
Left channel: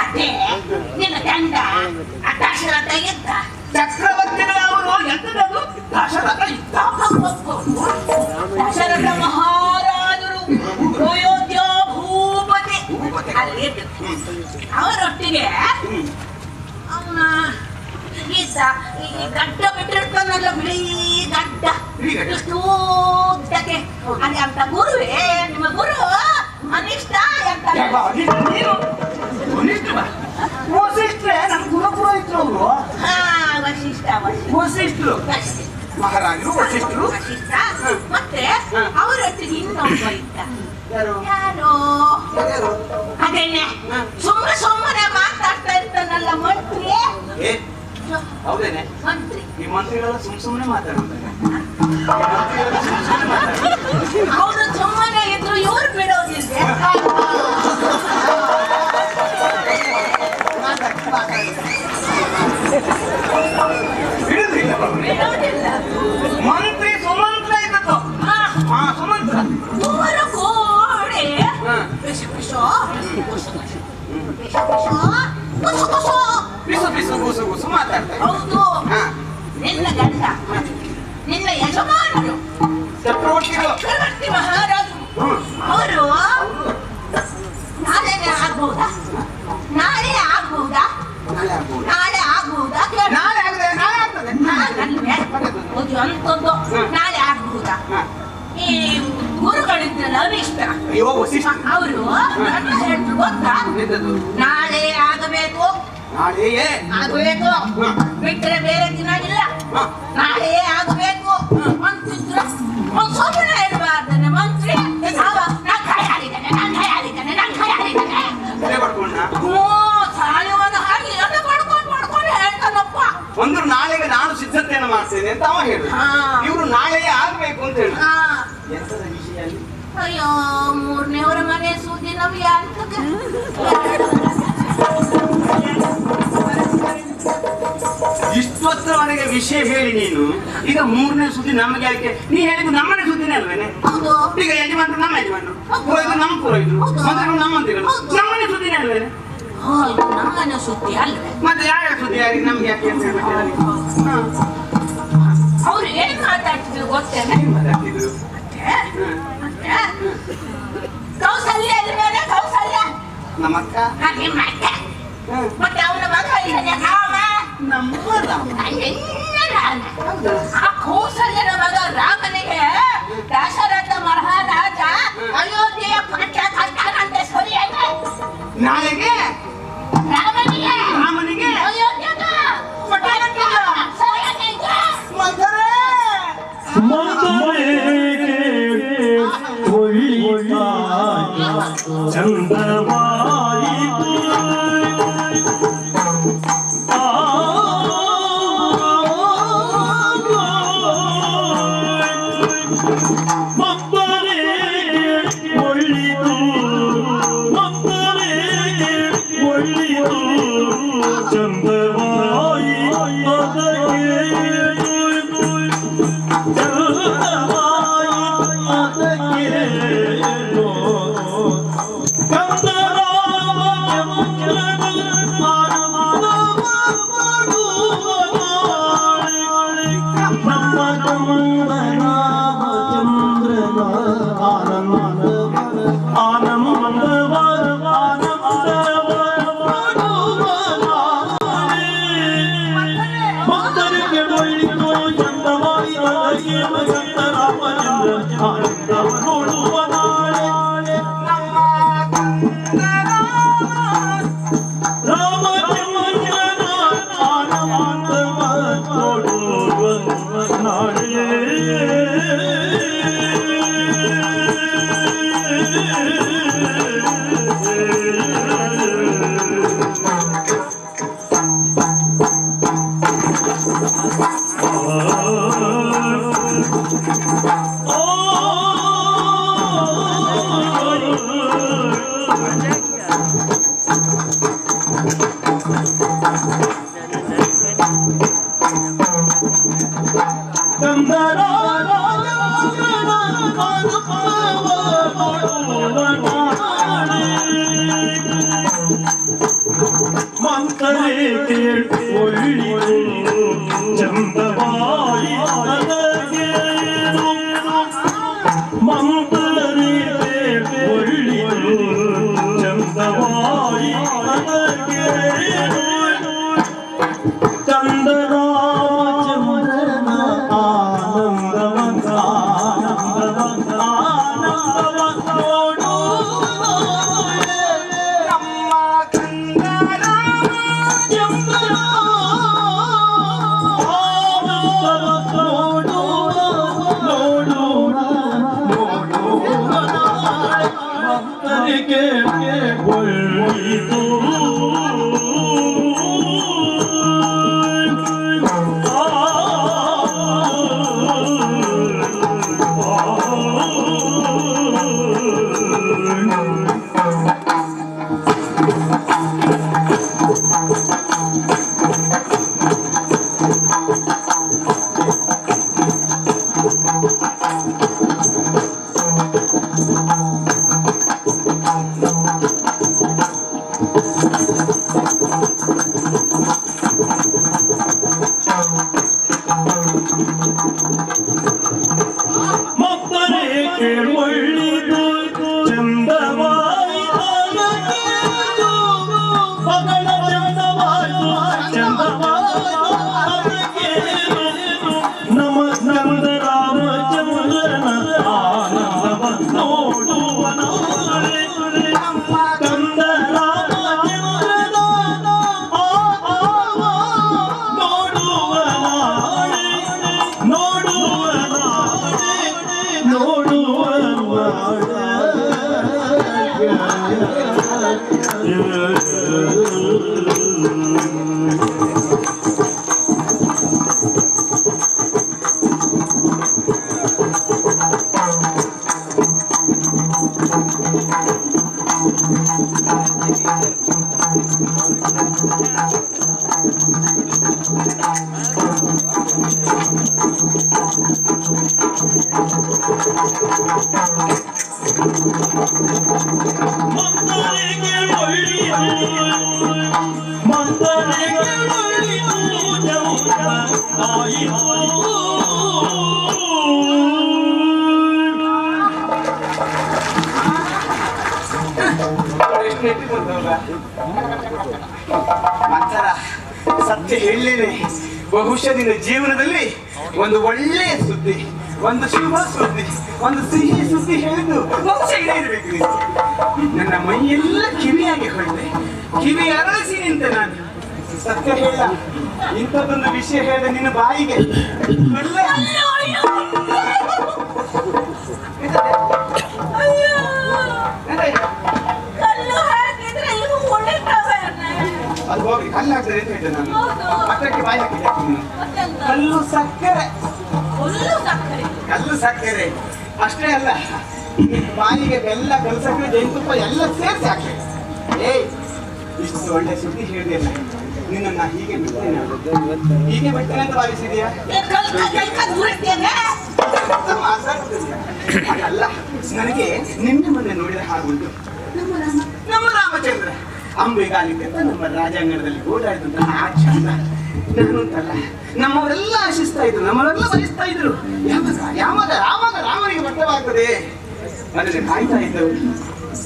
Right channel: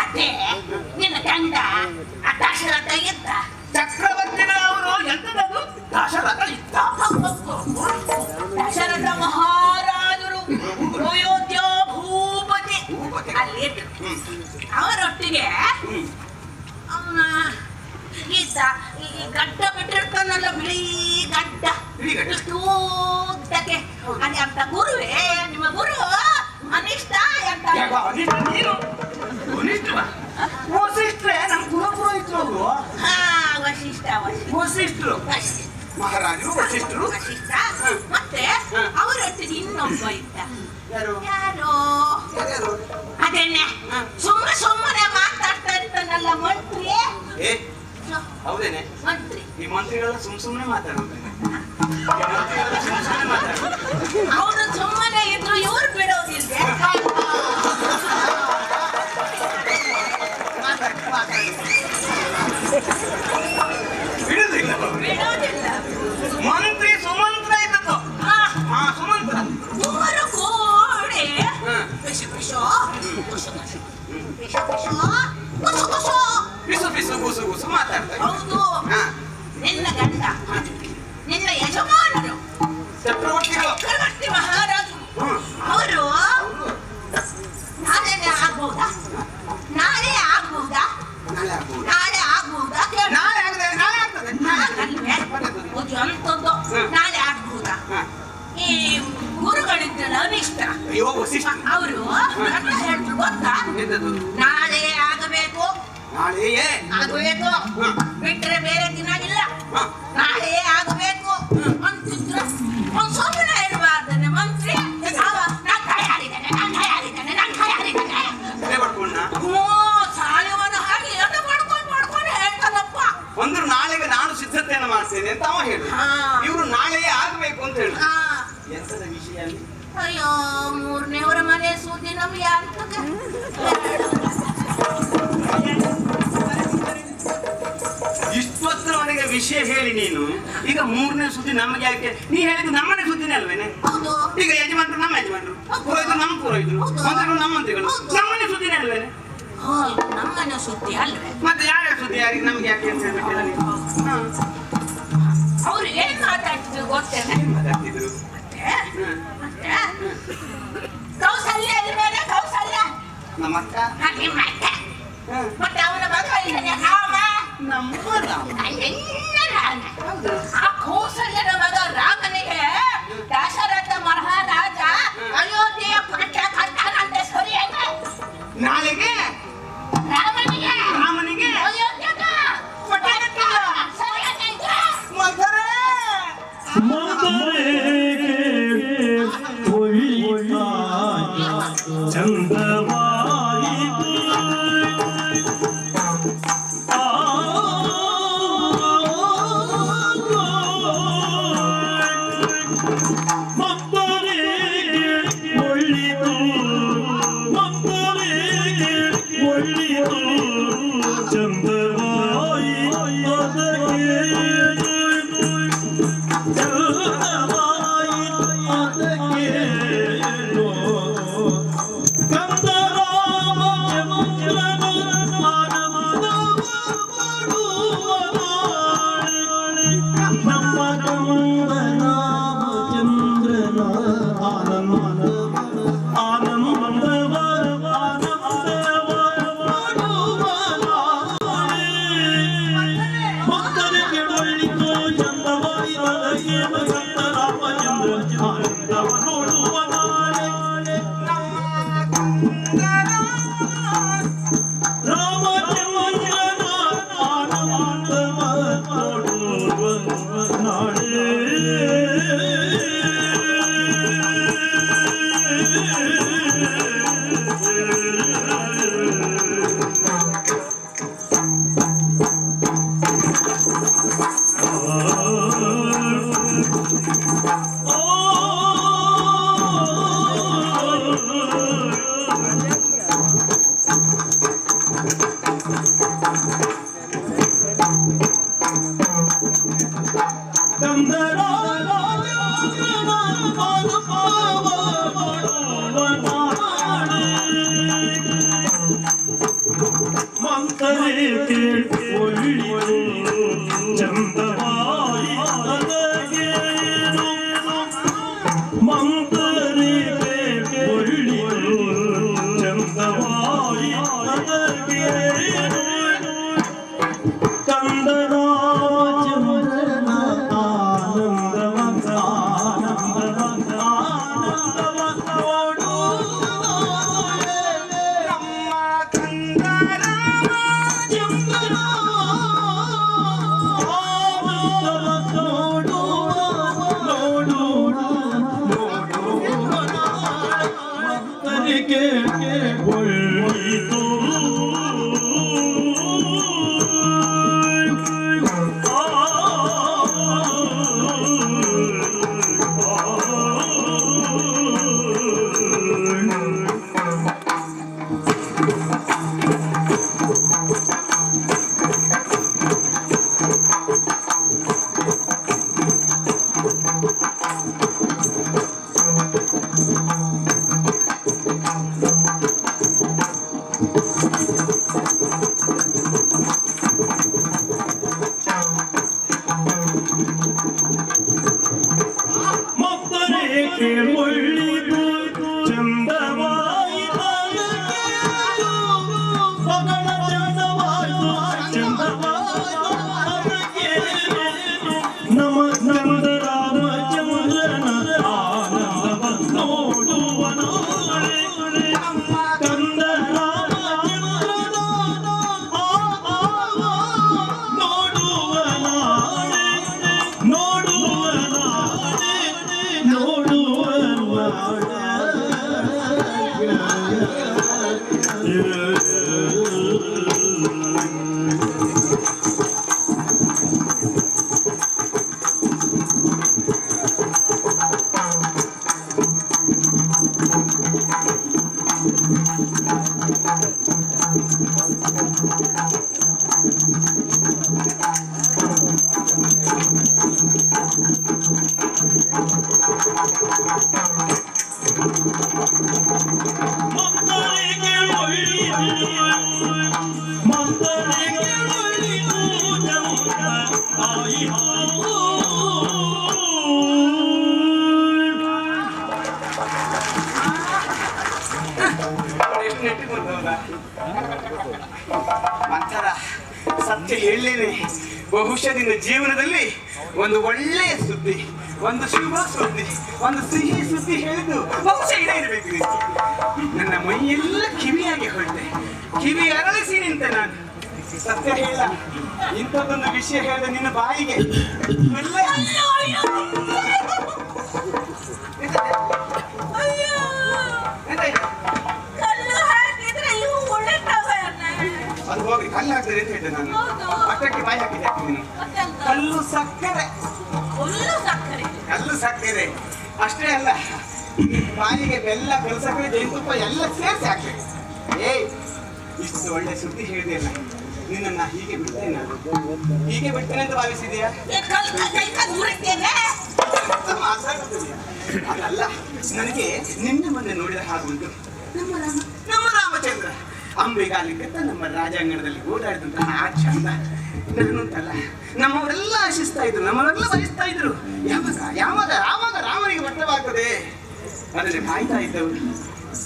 ಅದೇ ನಿನ್ನ ಗಂಡ ದಶರಥ ಇದ್ದ ಚಕ್ರವರ್ತಿನೇ ಅವರು ಎಂತದದು ದಶರಥ ಇದ್ದ ದಶರಥ ಮಹಾರಾಜರು ಅಯೋಧ್ಯ ಭೂಪತಿ ಅಲ್ಲಿ ಇದ್ರು ಅವರೊಟ್ಟಿಗೆ ಅವನ ಈತ ಈ ಗಡ್ಡ ಬಿಟ್ಟಿರ್ತಾನಲ್ಲ ಬಿಳಿ ಗಡ್ಡ ಇಷ್ಟು ಉದ್ದಕ್ಕೆ ಅಲ್ಲಿ ಅಂತ ಗುರುವೇ ನಿಮ್ಮ ಗುರು ಅನಿಷ್ಟ ಅಂತ ನೀನು ವಸಿಷ್ಠರೇ ನಮ್ಮ ಕುಲಪುರೋಹಿತರು ಅವರು ಹಾ ವಶಿಷ್ಠ ವಸಿಷ್ಠರು ಮಹಾರಾಜರು ವಸಿಷ್ಠರು ವಶಿಷ್ಠ ಮತ್ತೆ ಅವರೊಟ್ಟಿಗೆ ಇನ್ನೊಬ್ಬ ಇದ್ದ ಯಾರು ಯಾರೋ ಅದೇನೆ ಸುಮ್ಮನೆ ಮಾತಾಡ್ತಾ ಇರ್ತಾನಲ್ಲ ಮಂತ್ರಿ ಏ ಹೌದೇನೆ ಮಂತ್ರಿ ಈ ಮಂತ್ರಿಗಳೆಲ್ಲ ಸುಮ್ಮನೆ ಮಾತಾಡ್ತಾರೆ ಸುಮ್ಮನೆ ಮಾತಾಡ್ತಾರೆ ಅವರು ಸುಮ್ಮನೆ ಇದ್ರು ಇವ್ರು ಬಿಡೋದಿಲ್ವೇ ಬಿಡುದಿಲ್ಲ ಬಿಡೋದಿಲ್ಲ ಮಂತ್ರಿ ಸುಮಂತ್ರ ಇದ್ದದ್ದು ಹಾ ಹಾ ಸುಮಂತ್ರ ದೂರ ಕೋಡೆ ಹಾ. ಬಿಸು ಬಿಸು ಬಿಸು ಬಿಸು ಬಿಸು ಗುಸು ಗುಸು ಮಾತಾಡ್ತಾರೆ ಹೌದು ಹಾ ನಿನ್ನ ಗಂಡ ನಿನ್ನ ಯಜಮಾನರು ಚಕ್ರವರ್ತಿಗಳು ಚಕ್ರವರ್ತಿ ಮಹಾರಾಜರು ಅವರು ನಾಳೆನೇ ಆಗ್ಬಹುದಾ ನಾಳೆ ಆಗ್ಬಹುದಾ ನಾಳೆ ಆಗ್ಬೋದು. ನಾಳೆ ಆಗ್ಬಹುದಾ ಕೇಳು. ನಾಳೆ ಆಗದೆ ನಾಳೆ ಆಗ್ತದೆ ನಾಳೆ ಒಂದು ಅಂತದ್ದು ನಾಳೆ ಆಗ್ಬಹುದಾ ಹಾ. ಈ ಗುರುಗಳಿದ್ರಲ್ಲ ಅನಿಷ್ಟ ಅಯ್ಯೋ ವಸಿಷ್ಠ ಅವರು ನನ್ನ ಹೇಳಿದ್ರು ಗೊತ್ತಾ ಎಂತದು? ನಾಳೆ ಆಗಬೇಕು ನಾಳೆಯೇ ಆಗಬೇಕು ಬಿಟ್ರೆ ಬೇರೆ ದಿನ ಇಲ್ಲ ಹಾ. ನಾಳೆ ಆಗಬೇಕು ಅಂತಿದ್ರು ಒಂದು ಸುಮ್ಮನೆ ಇರಬಾರ್ದನೆ ಮಂತ್ರಿ ಅವ ನಾನು ಕೈ ಹಾರಿದ್ದಾನೆ ತಲೆ ಪಡ್ಕೊಂಡ ಓ ಸಾಯವನ ಹಾಗೆ ಎಲ್ಲ ಮಾಡ್ಕೊಂಡು ಹೇಳ್ತಾನಪ್ಪ ಒಂದು ನಾಳೆಗೆ ನಾನು ಸಿದ್ಧತೆಯನ್ನು ಮಾಡ್ತೇನೆ ಅಂತ ಅವ ಹೇಳು ಹಾ. ಇವರು ನಾಳೆಯೇ ಆಗ್ಬೇಕು ಅಂತ ಹೇಳು ಹಾ. ಎಂತದ ವಿಷಯ ಅಲ್ಲಿ? ಅಯ್ಯೋ ಮೂರನೇವರ ಮನೆ ಸೂಜಿ ನಮ್ಗೆ ಆಗ್ತದೆ ಇಷ್ಟೊತ್ತರವರೆಗೆ ವಿಷಯ ಹೇಳಿ ನೀನು ಈಗ ಮೂರನೇ ಸುದ್ದಿ ನಮಗೆ ಯಾಕೆ ನೀ ಹೇಳಿದ್ದು ನಮ್ಮನೆ ಸುದ್ದಿನೇ ಅಲ್ವೇನೆ ಹೌದು ಈಗ ಯಜಮಾನ್ರು ನಮ್ಮ ಯಜಮಾನ್ರು ಪುರೋಹಿತರು ನಮ್ಮ ಪುರೋಹಿತರು ಮಂತ್ರಿಗಳು ನಮ್ಮ ಮಂತ್ರಿಗಳು ನಮ್ಮನೆ ಸುದ್ದಿನೇ ಅಲ್ವೇನೆ ಓ, ಇದು ನಮ್ಮನೆ ಸುದ್ದಿ ಅಲ್ವೇ ಮತ್ತೆ ಯಾರ ಸುದ್ದಿ ಯಾರಿಗೆ ನಮ್ಗೆ ಯಾಕೆ ಅಂತ ಹೇಳ್ಬಿಟ್ಟು ಹಾ. ಅವ್ರು ಏನ್ ಮಾತಾಡ್ತಿದ್ರು ಗೊತ್ತೇನೆ ಏನ್ ಮಾತಾಡ್ತಿದ್ರು? ಮತ್ತೆ ಕೌಸಲ್ಯ ಇಲ್ವೇನೆ ಕೌಸಲ್ಯ ನಮ್ಮ ಅಕ್ಕ ನಿಮ್ಮ ಅಕ್ಕ ಹಾ. ಮತ್ತೆ ಅವನ ಮಗ ಇದ್ದಾನೆ ರಾಮ ನಮ್ಮ ರಾಮ. ಎಲ್ಲ ರಾಮ. ಆ ಕೌಸಲ್ಯನ ಮಗ ರಾಮನಿಗೆ ದಶರಥ ಮಹಾರಾಜ ಅಯೋಧ್ಯೆಯ ಪಟ್ಟ ಕಟ್ಟಾನಂತೆ ಸರಿಯಾಗ ನಾಳೆಗೆ ರಾಮನಿಗೆ ರಾಮನಿಗೆ ಅಯೋಧ್ಯೆಗ ಪಟ್ಟ ಕಟ್ಟಿದ ಸರಿಯಾಗ ಮಧುರೆ ಮಂದರೇಗೆ ಒಳ್ಳಿಯ ಚಂದವಾಯಿತು ಮಕ್ಕಳಿಗೆ ಒಳ್ಳಿತು ಮಕ್ಕಳಿಗೆ ಚಂದವಾಯಿ ನನಗೆ ಮಂತರಿಗೆ ಒಳ್ಳಿತು ಚಂದವಾಯಿ ನನಗೆ ಚಂದರಾಮಚಂದ್ರನ ಆನಂದವಂತ ಆನಂದವಂತ ಆನಂದವಂತ ನಮ್ಮ ಕಂದರಾಮ ಒಳ್ಳಿತು ಮಕ್ಕಳಿಗೆ ಒಳ್ಳಿತು ಚಂದವಾಯಿ ಮಗಳ ಚಂದವಾಯಿತು ಚಂದವಾಯಿತು ನಮ್ಮ ನಂದ ರಾಮಚಂದ್ರನ ಆನಂದವ ನೋಡುವ ಕಂದ ರಾಮಚಂದ್ರನ ನೋಡುವ ಮಂದರಿಗೆ ಒಳ್ಳಿತು ಚಂದವಾಯಿತು ಎಷ್ಟು ಇಟ್ಟುಕೊಂಡವಲ್ಲ ಮಂಚರ ಸತ್ಯ ಹೇಳಲೇನೆ ಬಹುಶಃ ನಿನ್ನ ಜೀವನದಲ್ಲಿ ಒಂದು ಒಳ್ಳೆಯ ಸುದ್ದಿ, ಒಂದು ಶುಭ ಸುದ್ದಿ, ಒಂದು ಸಿಹಿ ಸುದ್ದಿ ಹೇಳಿದ್ದು ಬಹುಶಃ ಇದೇ ಇರಬೇಕು. ನನ್ನ ಮೈಯೆಲ್ಲ ಕಿವಿಯಾಗಿ ಹೊಳಿದೆ, ಕಿವಿ ಅರಳಿಸಿ ನಿಂತೆ ನಾನು. ಸತ್ಯ ಹೇಳ, ಇಂಥದ್ದೊಂದು ವಿಷಯ ಹೇಳಿದ ನಿನ್ನ ಬಾಯಿಗೆ ಅದು ಹೋಗಿ ಕಲ್ಲು ಹಾಕ್ತಾರೆ ಅಂತ ಹೇಳಿದೆ ನಾನು. ಅಷ್ಟಕ್ಕೆ ಬಾಯಿ ಹಾಕಿದ್ದೆ ನೀನು. ಕಲ್ಲು ಸಕ್ಕರೆ, ಕಲ್ಲು ಸಕ್ಕರೆ ಅಷ್ಟೇ ಅಲ್ಲ, ಬಾಯಿಗೆ ಬೆಲ್ಲ, ಕಲ್ಲು ಸಕ್ಕರೆ, ಜೇನುತುಪ್ಪ ಎಲ್ಲ ಸೇರಿಸಿ ಹಾಕ್ಬೇಕು. ಏಯ್, ಇಷ್ಟು ಒಳ್ಳೆ ಸುದ್ದಿ ಹೇಳಿದೆಯಲ್ಲ, ನಿನ್ನ ಹೀಗೆ ಬಿಡ್ತೇನೆ, ಹೀಗೆ ಬಿಡ್ತೇನೆ ಅಂತ ಭಾವಿಸಿದೀಯಾ? ಅದಲ್ಲ, ನನಗೆ ನಿನ್ನೆ ಮೊನ್ನೆ ನೋಡಿದ ಹಾಗೆ ಉಂಟು. ನಮ್ಮ ರಾಮಚಂದ್ರ ಅಂಬೆಗಾಲಿಗೆ ನಮ್ಮ ರಾಜಾಂಗಣದಲ್ಲಿ ಓಡಾಡಿದಂತಹ ಆ ಚಂದ ನಾನುಂಟಲ್ಲ, ನಮ್ಮವರೆಲ್ಲ ಆಶಿಸ್ತಾ ಇದ್ರು, ನಮ್ಮವರೆಲ್ಲ ಬಯಸ್ತಾ ಇದ್ರು. ಯಾವಾಗ ರಾಮನಿಗೆ ಮಟ್ಟವಾಗ್ತದೆ ಅದನ್ನು ಕಾಯ್ತಾ ಇದ್ದವರು.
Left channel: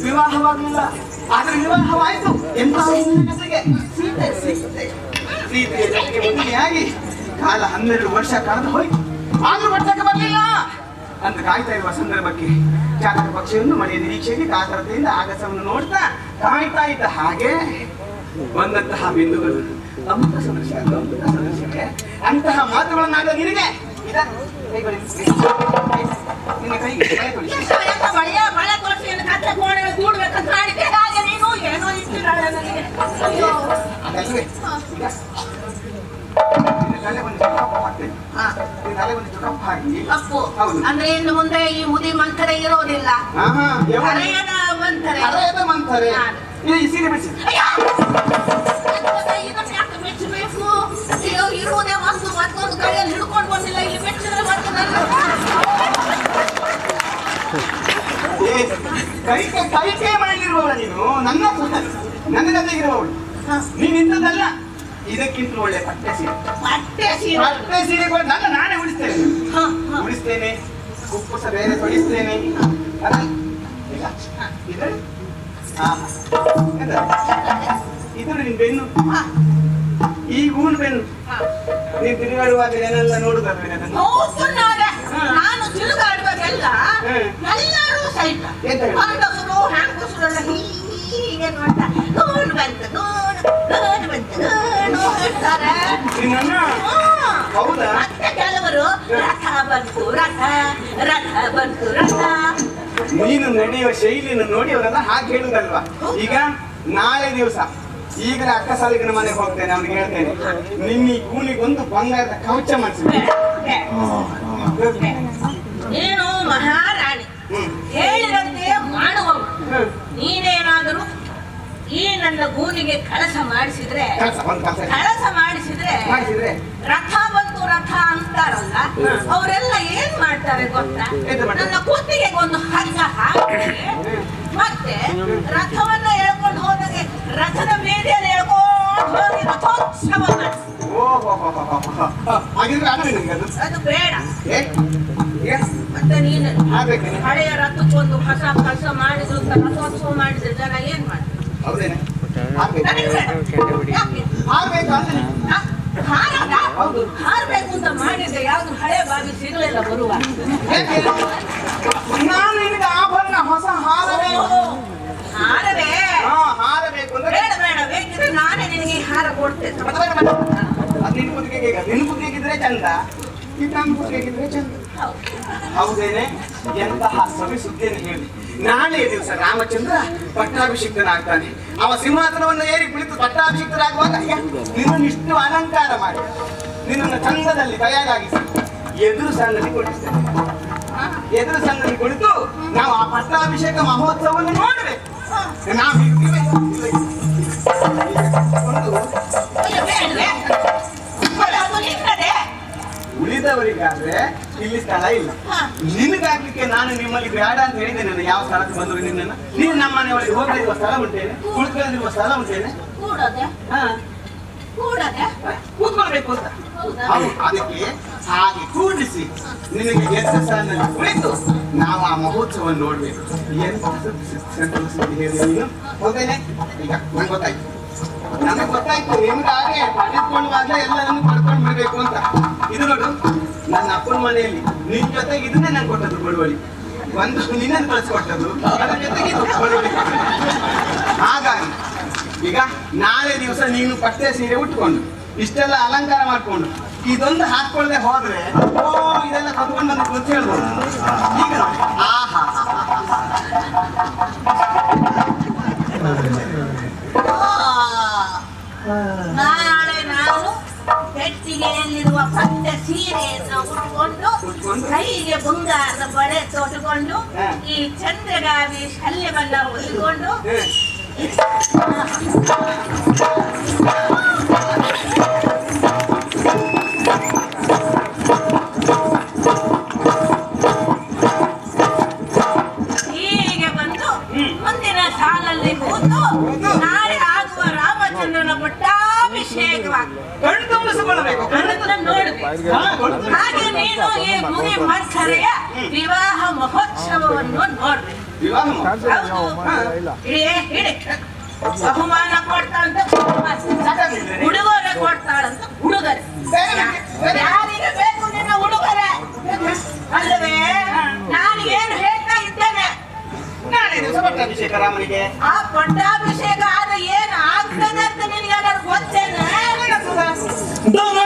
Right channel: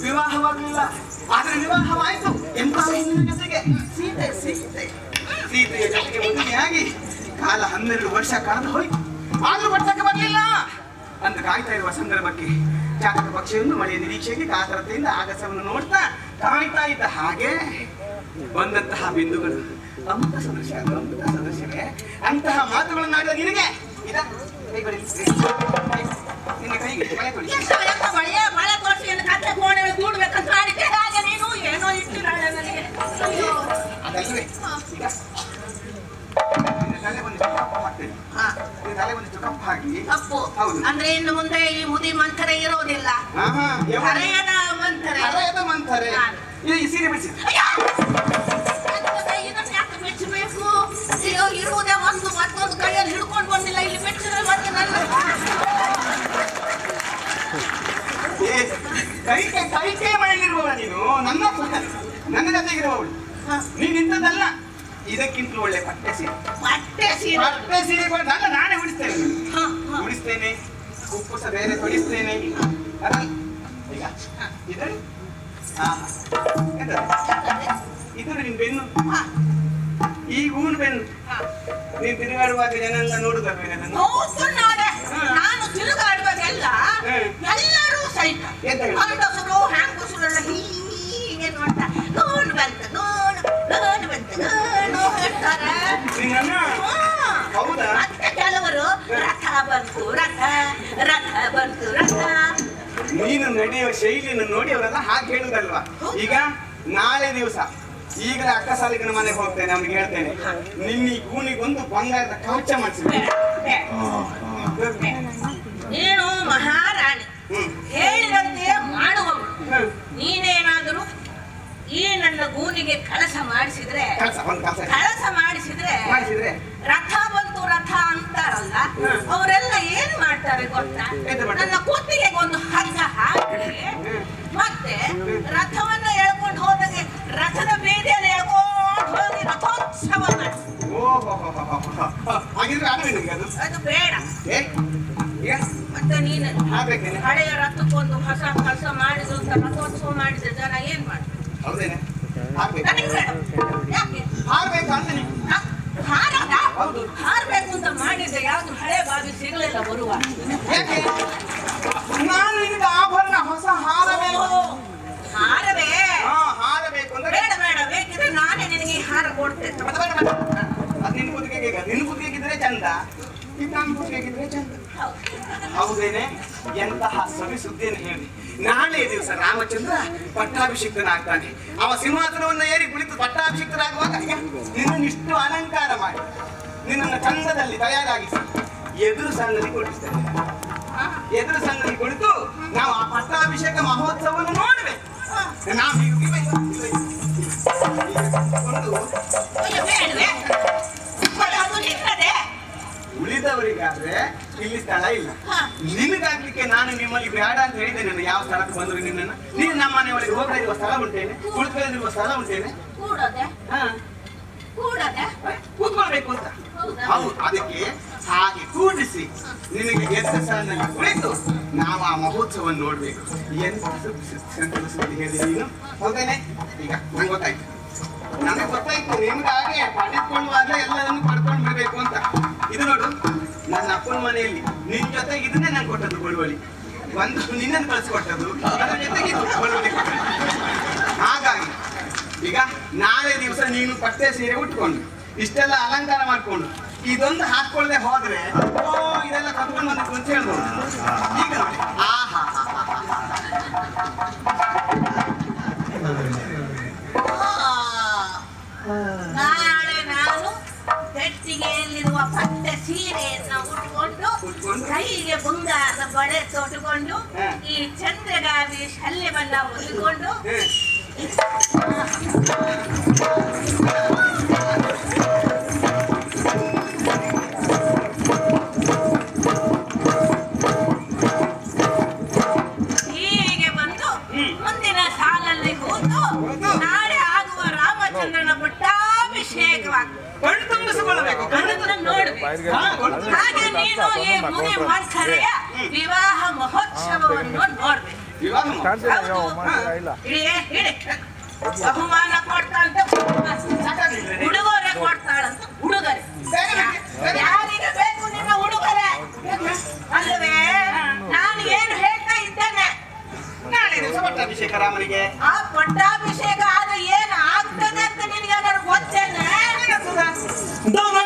ವಿವಾಹವಾಗಲಿಲ್ಲ, ಆದ್ರೆ ವಿವಾಹವಾಯಿತು. ಎಂತಹ ಜೊತೆಗೆ ಸೀತೆಯ ಜೊತೆಗೆ ಮದುವೆಯಾಗಿ ಕಾಲ 12 ವರ್ಷ ಕಳೆದು ಹೋಯ್ತು. ಆದ್ರೂ ಮಟ್ಟಕ್ಕೆ ಬರಲಿಲ್ಲ ಅಂತ ಕಾಯ್ತಾ ಇರುವ ಸಂದರ್ಭಕ್ಕೆ ಚಾತಕ ಪಕ್ಷಿಯನ್ನು ಮಳೆಯ ನಿರೀಕ್ಷೆಗೆ ಕಾತರತೆಯಿಂದ ಆಗಸವನ್ನು ನೋಡ್ತಾ ಕಾಯ್ತಾ ಇದ್ದ ಹಾಗೆ ಬಂದಂತಹ ಬಿಂದುಗಳು ಅಮೃತ ಸದೃಶ, ಅಮೃತ ಸದೃಶವೇ. ಅಂತಹ ಮಾತುಗಳನ್ನಾಗಲ ನಿನಗೆ ನಿನ್ನ ಕೈಗೆ ಮಳೆ ಕೊಡಿ. ಅದಲ್ವೇ ಈಗ ತಲೆ ಒಂದು ಕಪ್ಪು ಹಾಕ್ತೇನೆ, ತಲೆ ಒಂದು ಕಪ್ಪು ಹಾಕಿ. ಹೌದು, ಅಂದ್ರೆ ಇನ್ನು ಮುಂದೆ ಈ ಮುದಿ ಮಂಥರೆ ಇರೋದಿಲ್ಲ. ಮಂಥರೆ ಈ ಸೀರೆ ಬಿಡಿಸಿ. ಇರುವುದೇ ಒಂದು ಮತ್ತೊಂದು ಕೈಯಲ್ಲಿ ಹಿಡ್ಕೊಂಡು ಬಂದಿಲ್ಲ, ಇಲ್ಲಿ ಮೆಚ್ಚಿದ್ರೆ ಮತ್ತೆ ಕೈ ಮಾಡಿರುವವ ನೀನು. ನನ್ನ ಜೊತೆಗಿರುವವಳು ನೀನು. ಇಂಥದ್ದಲ್ಲ, ಇದಕ್ಕಿಂತಲೂ ಒಳ್ಳೆ ಪಟ್ಟೆ ಸೀರೆ. ಬಟ್ಟೆ ಸೀರೆ ಪಟ್ಟೆ ಸೀರೆ ಕೊಟ್ಟು ಅಲ್ಲ, ನಾನೇ ಉಡಿಸ್ತೇನೆ. ಹ, ಹ. ಉಡಿಸ್ತೇನೆ, ಕುಪ್ಪಸ ಬೇರೆ ತೊಡಿಸ್ತೇನೆ. ಅದನ್ನ ಈಗ ಇದು ಇದು ನಿನ್ ಬೆನ್ನು, ಹ, ಈ ಹೂವಿನ ಬೆನ್ನು. ಹ. ನೀನ್ ತಿರುಗಾಡುವಾಗ ಜನೆಲ್ಲ ನೋಡುದಲ್ವೇನೆ ಅದನ್ನು? ಹೌದು ನೋಡೆ. ನಾನು ತಿರುಗಾಡುವಾಗೆಲ್ಲ ಎಲ್ಲರೂ ಸಹಿತ ಎಂತ ಹೇಳು? ಗಂಡಸರು ಹೆಂಗಸರೆಲ್ಲ ಹೀಗೆ ನೋಡ್ತಾ ನೋಡು ಬಂತ ನೋಡು ಬಂತ ನೋಡು ಹೇಳ್ತಾರೆ. ನಿನ್ನನ್ನ ಹೌದಾ? ಮತ್ತೆ ಕೆಲವರು ರಥ ಬಂತು ರಥ ರಥ ಬಂತು ರಥ. ನೀನು ನಡೆಯುವ ಶೈಲಿಯನ್ನು ನೋಡಿ ಅವರೆಲ್ಲ ಹಾಗೆ ಹೇಳುದಲ್ವಾ? ಈಗ ನಾಳೆ ದಿವಸ ಈಗಲೇ ಅಕ್ಕ ಸಾಲಿಗನ ಮನೆಗೆ ಹೋಗ್ತೇನೆ, ಅವ್ನಿಗೆ ಹೇಳ್ತೇನೆ ನಿನ್ನ ಈ ಕೂನಿಗೊಂದು ಬಂಗಾರದ ಕವಚ ಮಾಡಿಸಿದ್ದೆ. ನೀನು ಮಹಾರಾಣಿ ಹೇಳಿದಂತೆ ಮಾಡುವವರು. ನೀನೇನಾದರೂ ಈ ನನ್ನ ಗೂನಿಗೆ ಕಳಸ ಮಾಡಿಸಿದ್ರೆ ಮಾಡಿಸಿದ್ರೆ ರಥ ಬಂತು ರಥ ಅಂತಾರಲ್ಲ, ಅವರೆಲ್ಲ ಏನ್ ಮಾಡ್ತಾರೆ ಗೊತ್ತಾ? ಎಂತ ಮಾಡ್ತಾರೆ? ನನ್ನ ಕುತ್ತಿಗೆ ಒಂದು ಹಗ್ಗ ಹಾಕಿ ಮತ್ತೆ ರಥವನ್ನ ಎಳ್ಕೊಂಡು ಹೋದಾಗೆ ರಥದ ಬೀದಿಯಲ್ಲಿ ಎಳ್ಕೊಂಡು ಹೋಗಿ ರಥೋತ್ಸವ ಮಾಡ್ತಾರೆ. ಓಹೋ ಹಾಗಿದ್ರೆ ಅದು ನಿನಗೆ ಅದು ಅದು ಬೇಡ. ಏ? ಏ? ಮತ್ತೆ ನೀನು ಆಗ್ಬೇಕೇನೆ? ಹಳೆಯ ರಥಕ್ಕೊಂದು ಹೊಸ ಕೆಲಸ ಮಾಡಿದ್ರು ಅಂತ ರಥೋತ್ಸವ ಮಾಡಿದ್ರೆ ಜನ ಏನ್ ಮಾಡ್ತಾರೆ? ಹೌದೇನೆ? ಆಗ್ಬೇಕು. ನನಗೆ ಬೇಡ. ಯಾಕೆ? ಆಗ್ಬೇಕು ಅಂತ ನೀನು. ಹಾರದ? ಹೌದು. ಹಾರ್ಬೇಕು ಅಂತ ಮಾಡಿದ್ರೆ ಯಾವ್ದು ಹಳೆ ಬಾಗಿ ಸಿಗಲಿಲ್ಲ ಬರುವ. ಯಾಕೆ? ನಾನು ನಿನಗೆ ಆಭರಣ ಹೊಸ ಹಾರಬೇಕು. ಹಾರವೇ? ಹಾರಬೇಕು ಅಂದ್ರೆ ಬೇಡ ಬೇಡ, ಬೇಕಿದ್ರೆ ನಾನೇ ನಿನಗೆ ಈ ಹಾರ ಕೊಡ್ತೇನೆ. ಅದು ನಿನ್ನ ಕುತ್ತಿಗೆಗಿದ್ರೆ ಚಂದ, ಇದು ನನ್ನ ಕುತ್ತಿಗೆಗಿದ್ರೆ ಚಂದ. ಹೌದೇನೆ? ಎಂತಹ ಸವಿ ಸುದ್ದಿಯನ್ನು ಹೇಳಿ. ನಾಳೆ ದಿವಸ ರಾಮಚಂದ್ರ ಪಟ್ಟಾಭಿಷಿಕ್ತನಾಗ್ತಾನೆ. ಅವ ಸಿಂಹಾಸನವನ್ನು ಏರಿ ಕುಳಿತು ಪಟ್ಟಾಭಿಷಿಕ್ತರಾಗುವಾಗ ನಿನ್ನನ್ನು ಇಷ್ಟು ಅಲಂಕಾರ ಮಾಡಿ ನಿನ್ನನ್ನು ಚಂದದಲ್ಲಿ ತಯಾರಾಗಿಸಿ ಎದುರು ಸಂಗತಿ ಕೊಡಿಸ್ತೇನೆ. ಎದುರು ಸಂಗತಿ ಕುಳಿತು ನಾವು ಆ ಪಟ್ಟಾಭಿಷೇಕ ಮಹೋತ್ಸವವನ್ನು ನೋಡಬೇಕು. ನಾವು ಅದು ನಿನ್ನದೇ. ಉಳಿದವರಿಗಾದ್ರೆ ಇಲ್ಲಿ ಸ್ಥಳ ಇಲ್ಲ. ನಿನಗಾಗ್ಲಿಕ್ಕೆ ನಾನು ನಿಮ್ಮಲ್ಲಿ ಬೇಡ ಅಂತ ಹೇಳಿದ್ದೇನೆ. ಯಾವ ಸ್ಥಳಕ್ಕೆ ಬಂದ್ರು ನಿನ್ನನ್ನು ನೀನು ನಮ್ಮ ಮನೆಯೊಳಗೆ ಹೋಗಲಿರುವ ಸ್ಥಳ ಉಂಟೇನೆ, ಕುಳಿತುಕೊಳ್ಳಿರುವ ಸ್ಥಳ ಉಂಟೇನೆ. ಕೂಡದೆ ಕೂಡದೆ ಕೂತ್ಕೊಳ್ಬೇಕು ಅಂತ. ಹೌದು, ಅದಕ್ಕೆ ಹಾಗೆ ಕೂಡಿಸಿ ನಿನಗೆ ಎದುರು ಸ್ಥಳದಲ್ಲಿ ಕುಳಿತು ನಾವು ಆ ಮಹೋತ್ಸವವನ್ನು ನೋಡ್ಬೇಕು. ಎಂತ ಸುದ್ದಿ ಹೇಳಿ ನೀನು ಹೋದೇನೆ. ಈಗ ನಂಗೆ ಗೊತ್ತಾಯ್ತು, ನನಗೆ ಗೊತ್ತಾಯ್ತು ನಿಮ್ಗೆ ಹಾಗೆ ಪಡೆದುಕೊಳ್ಳುವಾಗ ಎಲ್ಲರನ್ನು ಪಡ್ಕೊಂಡು ಬಿಡ್ಬೇಕು ಅಂತ. ಇದು ನೋಡು, ನನ್ನ ಅಪ್ಪನ ಮನೆಯಲ್ಲಿ ನಿನ್ ಜೊತೆಗೆ ಇದನ್ನೇ ನಾನು ಕೊಟ್ಟದ್ದು ಬಳುವಳಿ. ಒಂದು ನಿನ್ನನ್ನು ಕಳಿಸ್ಕೊಟ್ಟದ್ದು, ಅದ್ರ ಜೊತೆಗೆ ಇದು ಬಳುವಳಿ ಕೊಟ್ಟದ್ದು. ಹಾಗಾಗಿ ಈಗ ನಾಳೆ ದಿವಸ ನೀನು ಪಟ್ಟೆ ಸೀರೆ ಉಟ್ಕೊಂಡು ಇಷ್ಟೆಲ್ಲ ಅಲಂಕಾರ ಮಾಡ್ಕೊಂಡು ಇದೊಂದು ಹಾಕೊಳ್ಳದೆ ಹೋದ್ರೆ ಇದೆಲ್ಲ ಕತ್ಕೊಂಡು ಬಂದು ಅಂತ ಹೇಳ್ಬೋದು. ಈಗ ನೋಡಿ, ಆಹಾ ನಾಳೆ ನಾನು ಪೆಟ್ಟಿಗೆಯಲ್ಲಿರುವ ಪಟ್ಟೆ ಸೀರೆಯನ್ನು ಉಟ್ಕೊಂಡು ಕೈಗೆ ಬಂಗಾರದ ಬಳೆ ತೊಟ್ಟುಕೊಂಡು ಈ ಚಂದ್ರಗಾವಿ ಶಲ್ಯವನ್ನ ಹೊಲಿಕೊಂಡು ಹೀಗೆ ಬಂದು ಮುಂದಿನ ಸಾಲಲ್ಲಿ ಕೂತು ನಾಳೆ ಆಗುವ ರಾಮಚಂದ್ರನ ಪಟ್ಟಾಭಿಷೇಕವಾಗ್ತದೆ. ಕಣ್ತುಂಬಿಸಿಕೊಳ್ಳಬೇಕು. ನೋಡ್ಬೇಕು. ಹಾಗೆ ನೀನು ಈ ಮುನಿ ಮರ್ಖರೆಯ ವಿವಾಹ ಮಹೋತ್ಸವವನ್ನು ನೋಡ್ಬೇಕು. ಬಹುಮಾನ ಕೊಡ್ತಾಳಂತ ಉಡುಗೊರೆ ಕೊಡ್ತಾಳಂತ ಉಡುಗೊರೆ. ಯಾರಿಗೆ ಬೇಕು ನಿನ್ನ ಉಡುಗೊರೆ ಅಲ್ಲವೇ? ನಾನು ಏನು ಹೇಳ್ತಾ ಇದ್ದೇನೆ, ನಾಳೆ ದಿವಸ ಪಟ್ಟಾಭಿಷೇಕ ರಾಮನಿಗೆ. ಆ ಪಟ್ಟಾಭಿಷೇಕ ಆದ ಏನು ಆಗ್ತದೆ ಅಂತ ನಿನಗೆ ಏನಾದ್ರು ಗೊತ್ತೇನೆ? ರಾಮ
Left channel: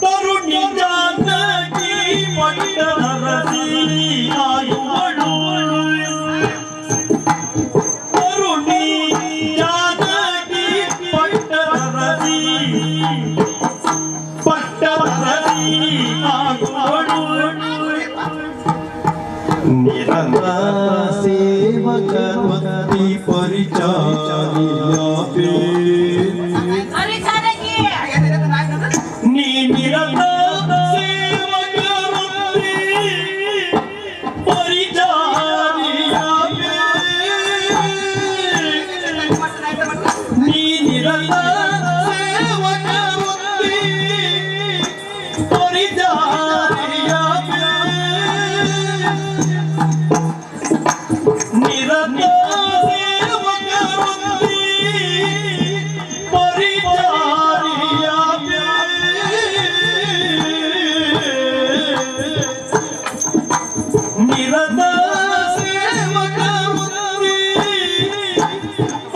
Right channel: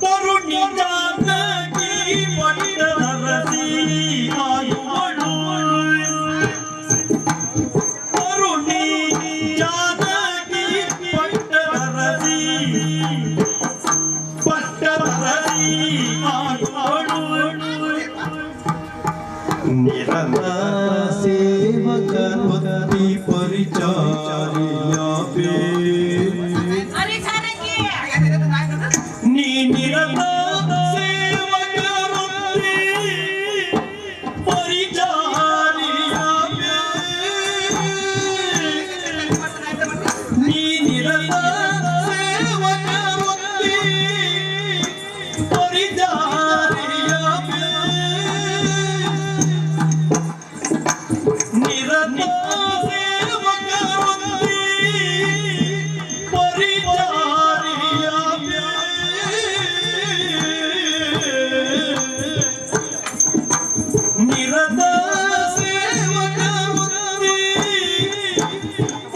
ತರುಣಿ ಜಾನಕಿ ಪಟ್ಟಣರಸಿ ಆಯುವಳು ತರುಣಿ ಜಾನಕಿ ಪಟ್ಟಣರಸಿ ಆಯುವಳು ನಿರಂತರ ಸೇವಕವತಿ ಪರಿಚಾರಿಯಾಪೇ ಅರೆ ಚಾಣಕ್ಯ ನೀ ನಿರಂತರ ಸೇವಕವತಿ ಪರಿಚಾರಿಯಾಪೇ ನೀ ನಿರಂತರ ಸೇವಕವತಿ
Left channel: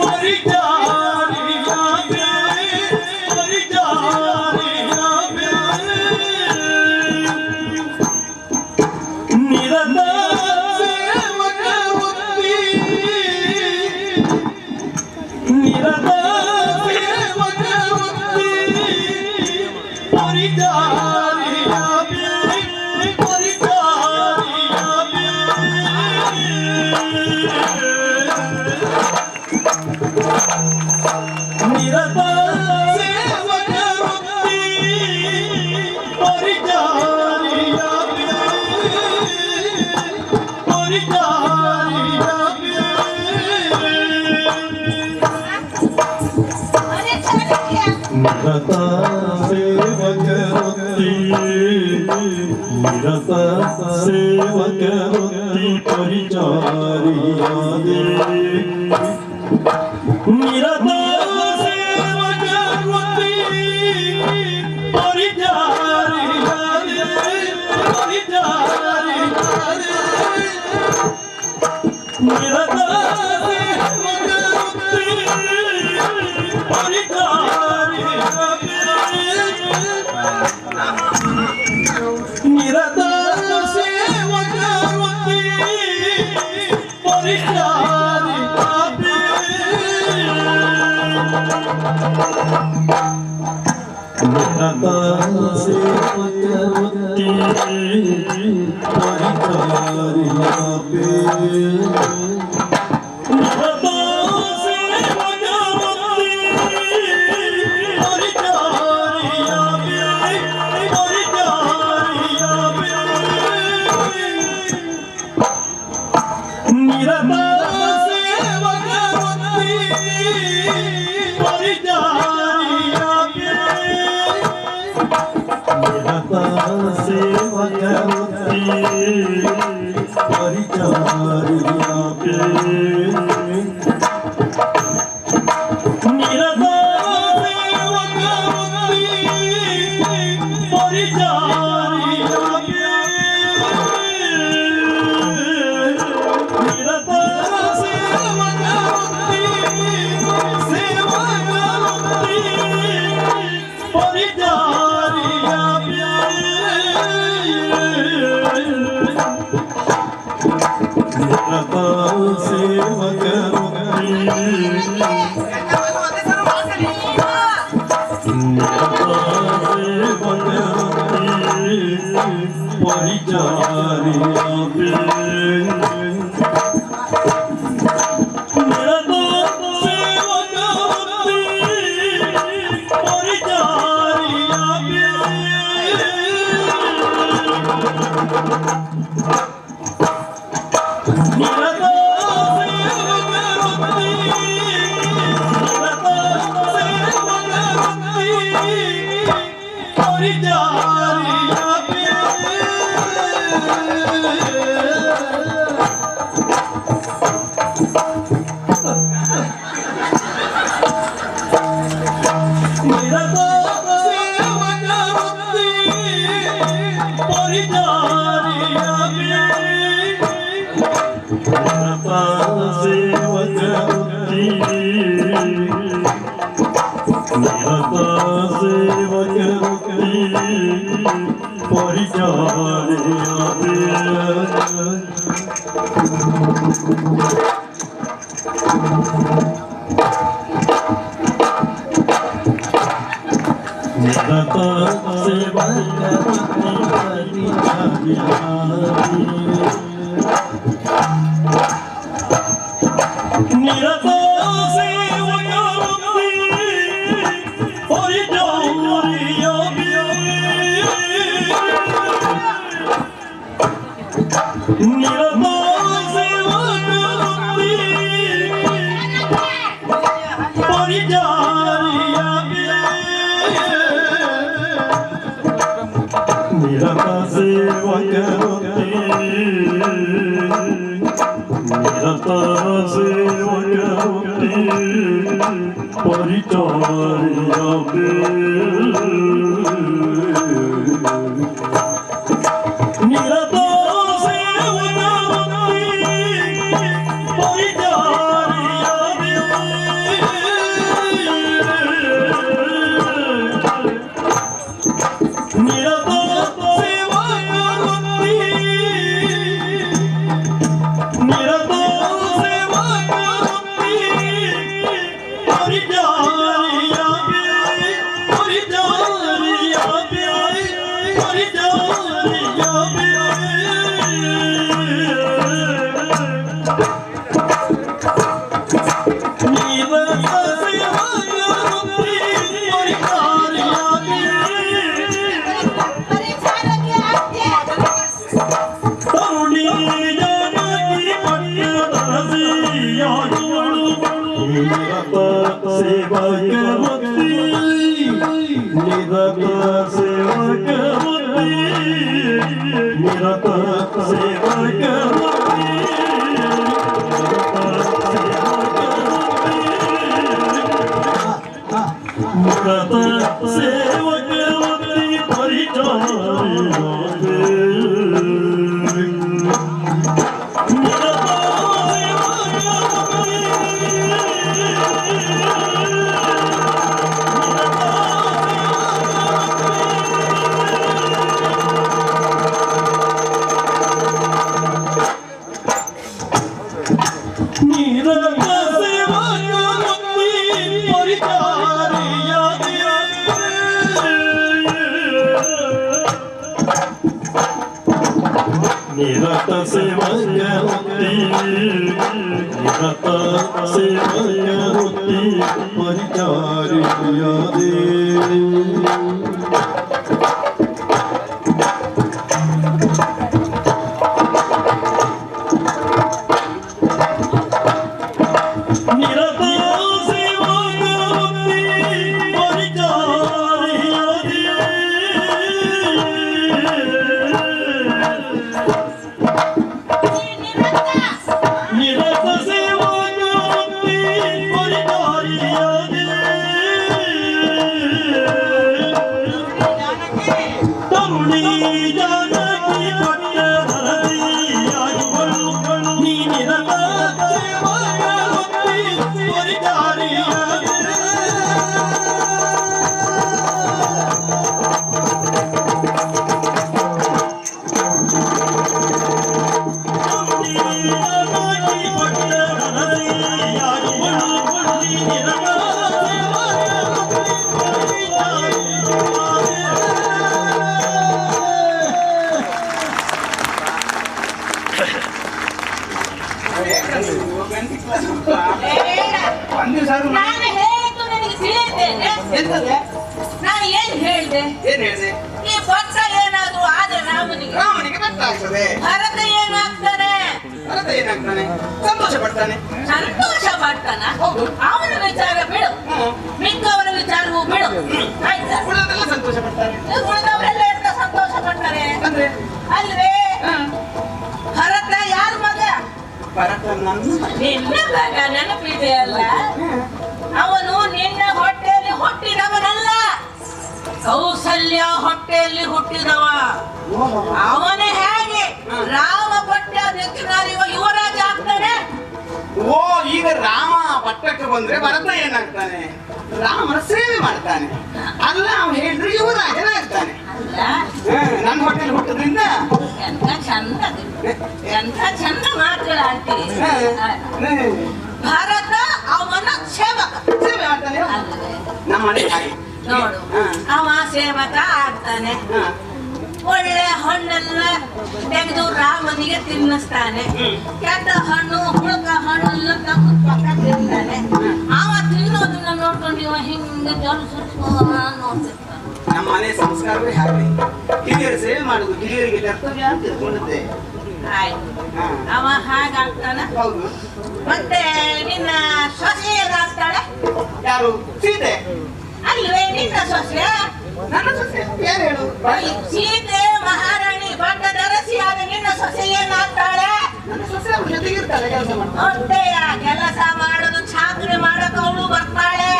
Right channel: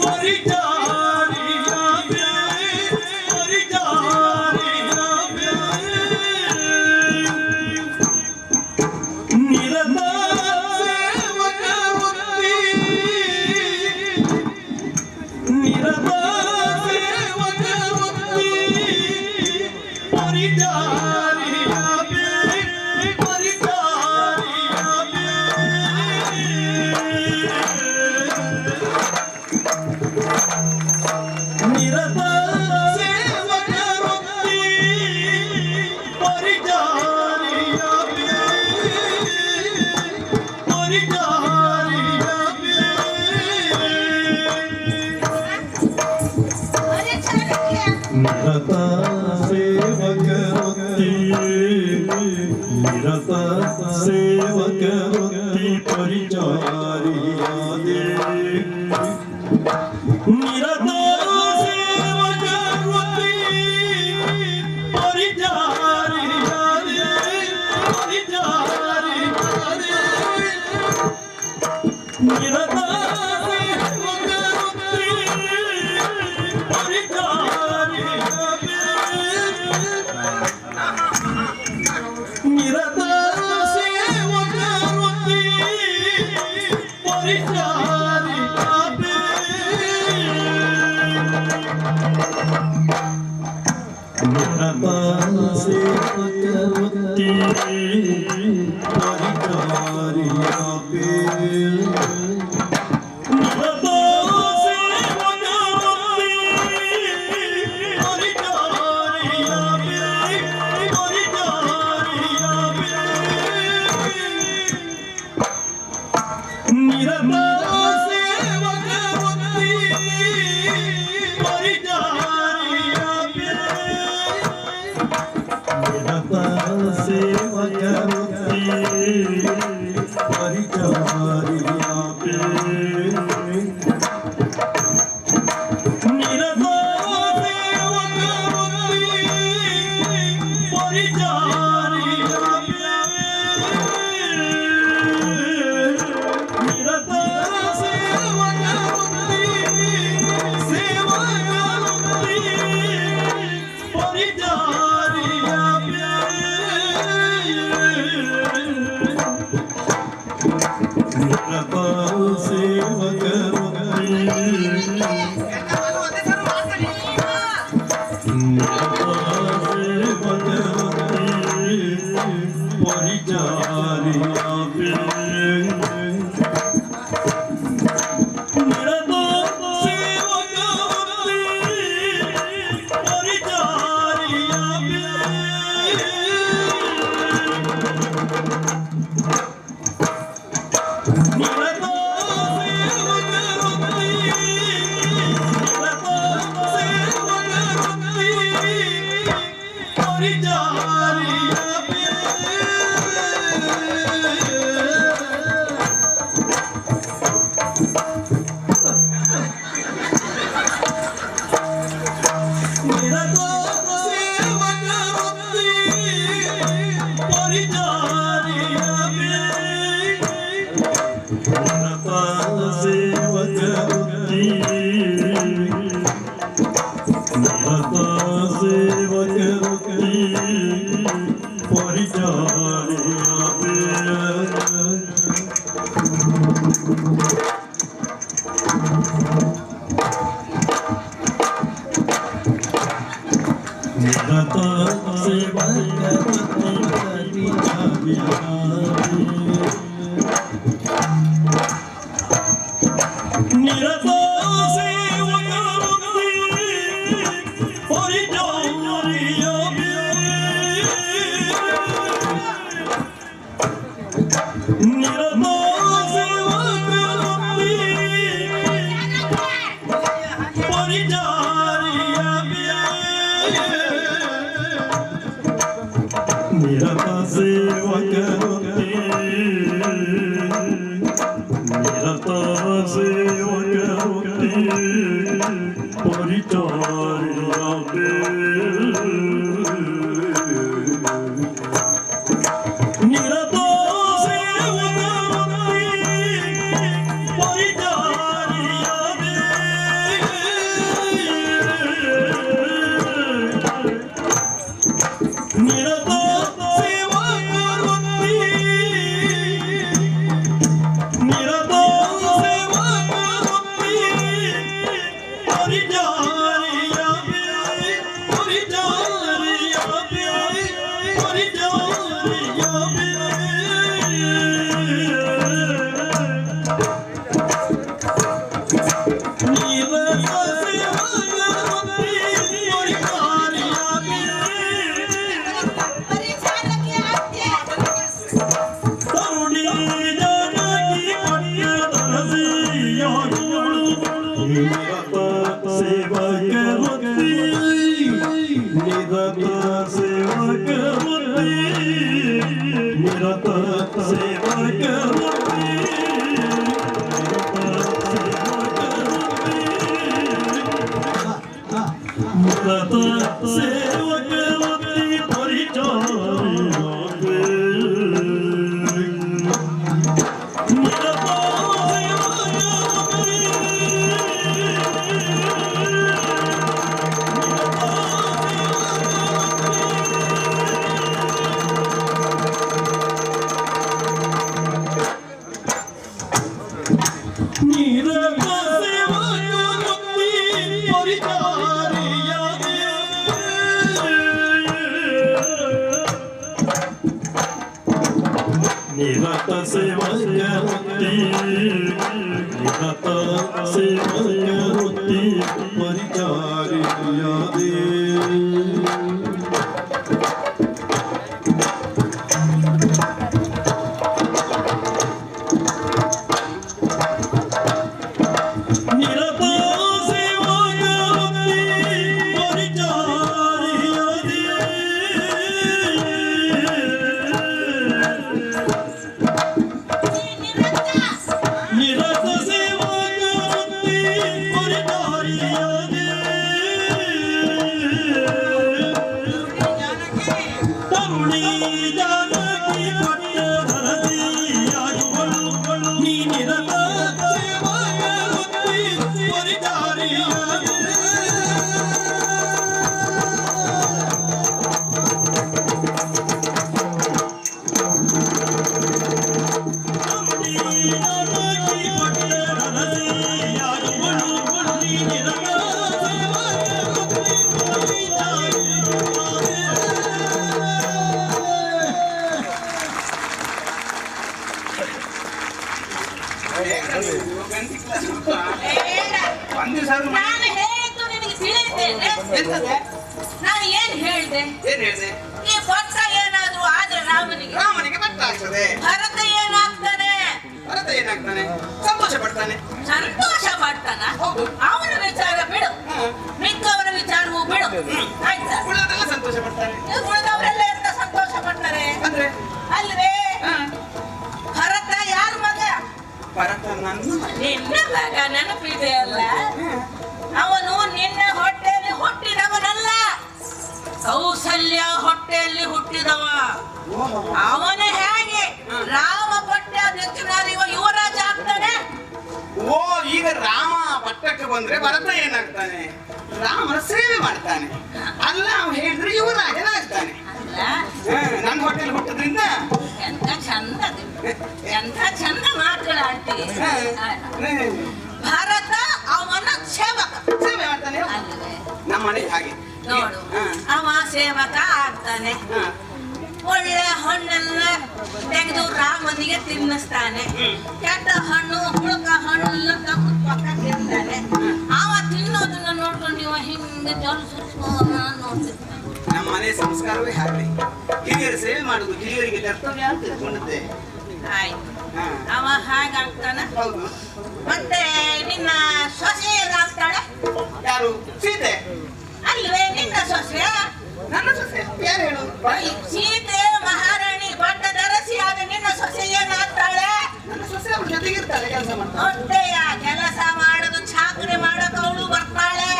ಪರಿಚಾರಿಯಾಪೇ ಅರೆ ಚಾಣಕ್ಯ ನಿರತ ಸೇವಕವತಿ ನಿರತ ಸೇವಕವತಿ ಪರಿಚಾರಿಯಾದೆ ಸೇವಕವತಿ ಪರಿಚಾರಿ ನಿರತ ಸೇವಕವತಿ ಪರಿಚಾರಿಯಾಗಿ ನಿರತ ಸೇವಕವತಿ ಪರಿಚಾರಿಯಾಗಿ ನಿರತ ಸೇವಕವತಿ ಪರಿಚಾರಿಯಾಗಿ ನಿರತ ಸೇವಕವತಿ ನಿರತ ಸೇವಕವತಿ ಪರಿಚಾರಿಯಾಗಿ ನಿರತ ಸೇವಕವತಿ ಪರಿಚಾರಿಯಾಗಿ ನಿರತ ಸೇವಕವತಿ ನಿರತ ಸೇವಕವತಿ ಪರಿಚಾರಿಯಾಗಿ ಪರಿಚಾರಿಯಾಗಿ ಪರಿಚಾರಿಯಾಗಿ ನಿರತ ಸೇವಕವತಿ ಪರಿಚಾರಿಯಾಗಿ ಪರಿಚಾರಕ್ಕೆ ಆದ್ಯ ತರುಣಿ ಜಾನಕಿ ಪಟ್ಟದರಸಿಯಾಗುವಳು ನಿರತ ಸೇವಕವತಿ ನಿರತ ಸೇವಕವತಿ ನಿರತ ಸೇವಕವತಿ ನಿರತ ಸೇವಕವತಿ ಪರಿಚಾರಿಯಾಗಿ ನಿರತ ಸೇವಕವತಿ ಪರಿಚಾರಿಯಾಗಿ ನಿರತ ಸೇವಕವತಿ ನಿರತ ಸೇವಕವತಿ ಪರಿಚಾರಿಯಾಗಿ ನಿರತ ಸೇವಕವತಿ ಪರಿಚಾರಿಯಾಗಿ ನಿರತ ಸೇವಕವತಿ ಪರಿಚಾರಿಯಾಗಿ ತರುಣಿ ಜಾನಕಿ ಪಟ್ಟದರಸಿಯಾಗುವಳು ನೀ ನಿರತ ಸೇವಕವತಿ ಪರಿಚಾರಿಯಾಗಿ ಒಂದು ಸಾವಿರ ನಾನು ಹೇಳಿದ್ದು ನಿನಗೆ ತಿಳಿದ್ದೇನೆ. ಎಂತದೆ ನಾನು ಏನ್ ಹೇಳ್ದೆ? ಏನ್ ಹೇಳಿದೆ ಈ ಪಟ್ಟ ಏನಾದ್ರು ಆದ್ರೆ ರಾಮನಿಗೆ ರಾಮನಿಗೆ ಗೊತ್ತಾಗ್ತದೆ ಭರತ ಏನಾಗ್ತಾನೆ? ಭರತ ಏನಾಗ್ತಾನೆ ಸಂತೋಷ ಪಡ್ತಾನೆ ಸಂತೋಷ ಪಡ್ತಾನ. ಹೌದು. ಅವನ ವಿಚಾರ ಬಿಡು, ಮಿಕ್ಕವರ ವಿಚಾರವೂ ಬಿಡು. ಆಯ್ತಾ? ಉಳಿದವರೆಲ್ಲ ಸಂತೋಷ ಪಡ್ತಾರೆ ಉಳಿದವರೆಲ್ಲ ಎಂತ ಸಂತೋಷ ಪಡ್ತಾರೆ ಅಂದ್ರೆ ಅಲ್ವೇ? ಭರತ ಯಾರ ಮಗ? ಭರತ ನನ್ನ ಮಗ. ನಿನ್ನ ಮಗ ನೆನಪಿದೆ ಅಲ್ಲ? ಅವನು ನಿನ್ನ ಹೊಟ್ಟೆಯಲ್ಲಿ ಹುಟ್ಟಿದವನಲ್ಲ, ಕೌಸಲ್ಯ ಹೊಟ್ಟೆಯಲ್ಲಿ ಹುಟ್ಟಿದವ. ಅವನ ಹೇಗೆ ರಾಮ ಪಟ್ಟಾಭಿಷೇಕ ಯುವರಾಜ ಆಗ್ತಾನೆ? ಓ ಈಗ ರಾಮ ಪಟ್ಟಕ್ಕೆ ಬಂದ್ರೆ ಭರತ ಏನಾಗ್ತಾನೆ ರಾಮನ ಸೇವೆ ಮಾಡ್ತಾನೆ ಅಲ್ಲ ಅವ್ನು ಹೇಳಿದ್ರೆ ಯುವರಾಜನಾಗ್ತಾನೆ ಅಲ್ಲ, ನನ್ನ ಹೊಟ್ಟೆಲಿ ಹುಟ್ಟದ್ರಿಂದ ಎಂತ ಚಂದ ಅದು. ಎಂತ ಚಂದ ಮಾತಾಡ ಆಂಟಿ. ಭರತ ಅವನ ನಮ್ಮ ಮನೆ ಹಾಗೆ ನೋಡು ಹಾ. ಅವ ಸೇವಕ ಆಗ್ತಾನೆ ಹಾ. ಒಳ್ಳೆ ಹಣ್ಣೆಲ್ಲ ತೆಗೆದು ರಾಮನಿಗೆ ತಿನ್ನಿಸ್ತಾನೆ ಕೆಟ್ಟ ಹಣ್ಣು ಹುಳುಕ ಹಣ್ಣು ಎಲ್ಲ ತಮ್ಮ ಪಕ್ಕ ತಿಂತಾನೆ ಅವ ತಿನ್ನೋದನ್ನ ನೋಡ್ಕೊಂಡು ನೀವು ಹಿಂಗೆ ನೋಡ್ತಿರ್ತಾನೆ ನಮ್ಮ ಮನೆ ಸಂಸ್ಕಾರವೇ ಹಾಗೆ ಹಿರಿಯರ ಸೇವೆ ಮಾಡುವುದು ಹಿರಿಯರಿಗೆ ಕರ್ತವ್ಯ ಅಂತ ತಿಳ್ಕೊಂಡದ್ದೆ. ಆಯ್ತು ಹಾ. ಅವ ಹಾಗಾಗ್ತಾನ ಹೌದು. ಮತ್ತೆ ನಿನ್ನ ಸೊಸೆ ಹೇಗಾಗ್ತಾಳೆ ಯಾರು? ಸೀತೆ. ಅಲ್ವೇ ನಿನ್ನ ಸೊಸೆ ನನ್ನ ಸೊಸೆ ಯಾರು ಹೇಳು? ಸೀತೆ ಮಹಾರಾಣಿ ಬಂದ ದರಸಿ ಆದ ನಿನ್ನ ಸೊಸೆ ಏನಾಗ್ತಾಳೆ ನನ್ನ ಸೊಸೆ ಅವ್ರ ಜೊತೆಗಿರ್ತಾಳೆ, ಕೆಲಸ ಮಾಡ್ತಾಳೆ. ಹೊಟ್ಟೆಯ ಕೆಲಸ ಮಾಡೋದು ಚಾಕರಿ ಮಾಡಕ್ ಅವಳು ಬರ್ತಾಳೆ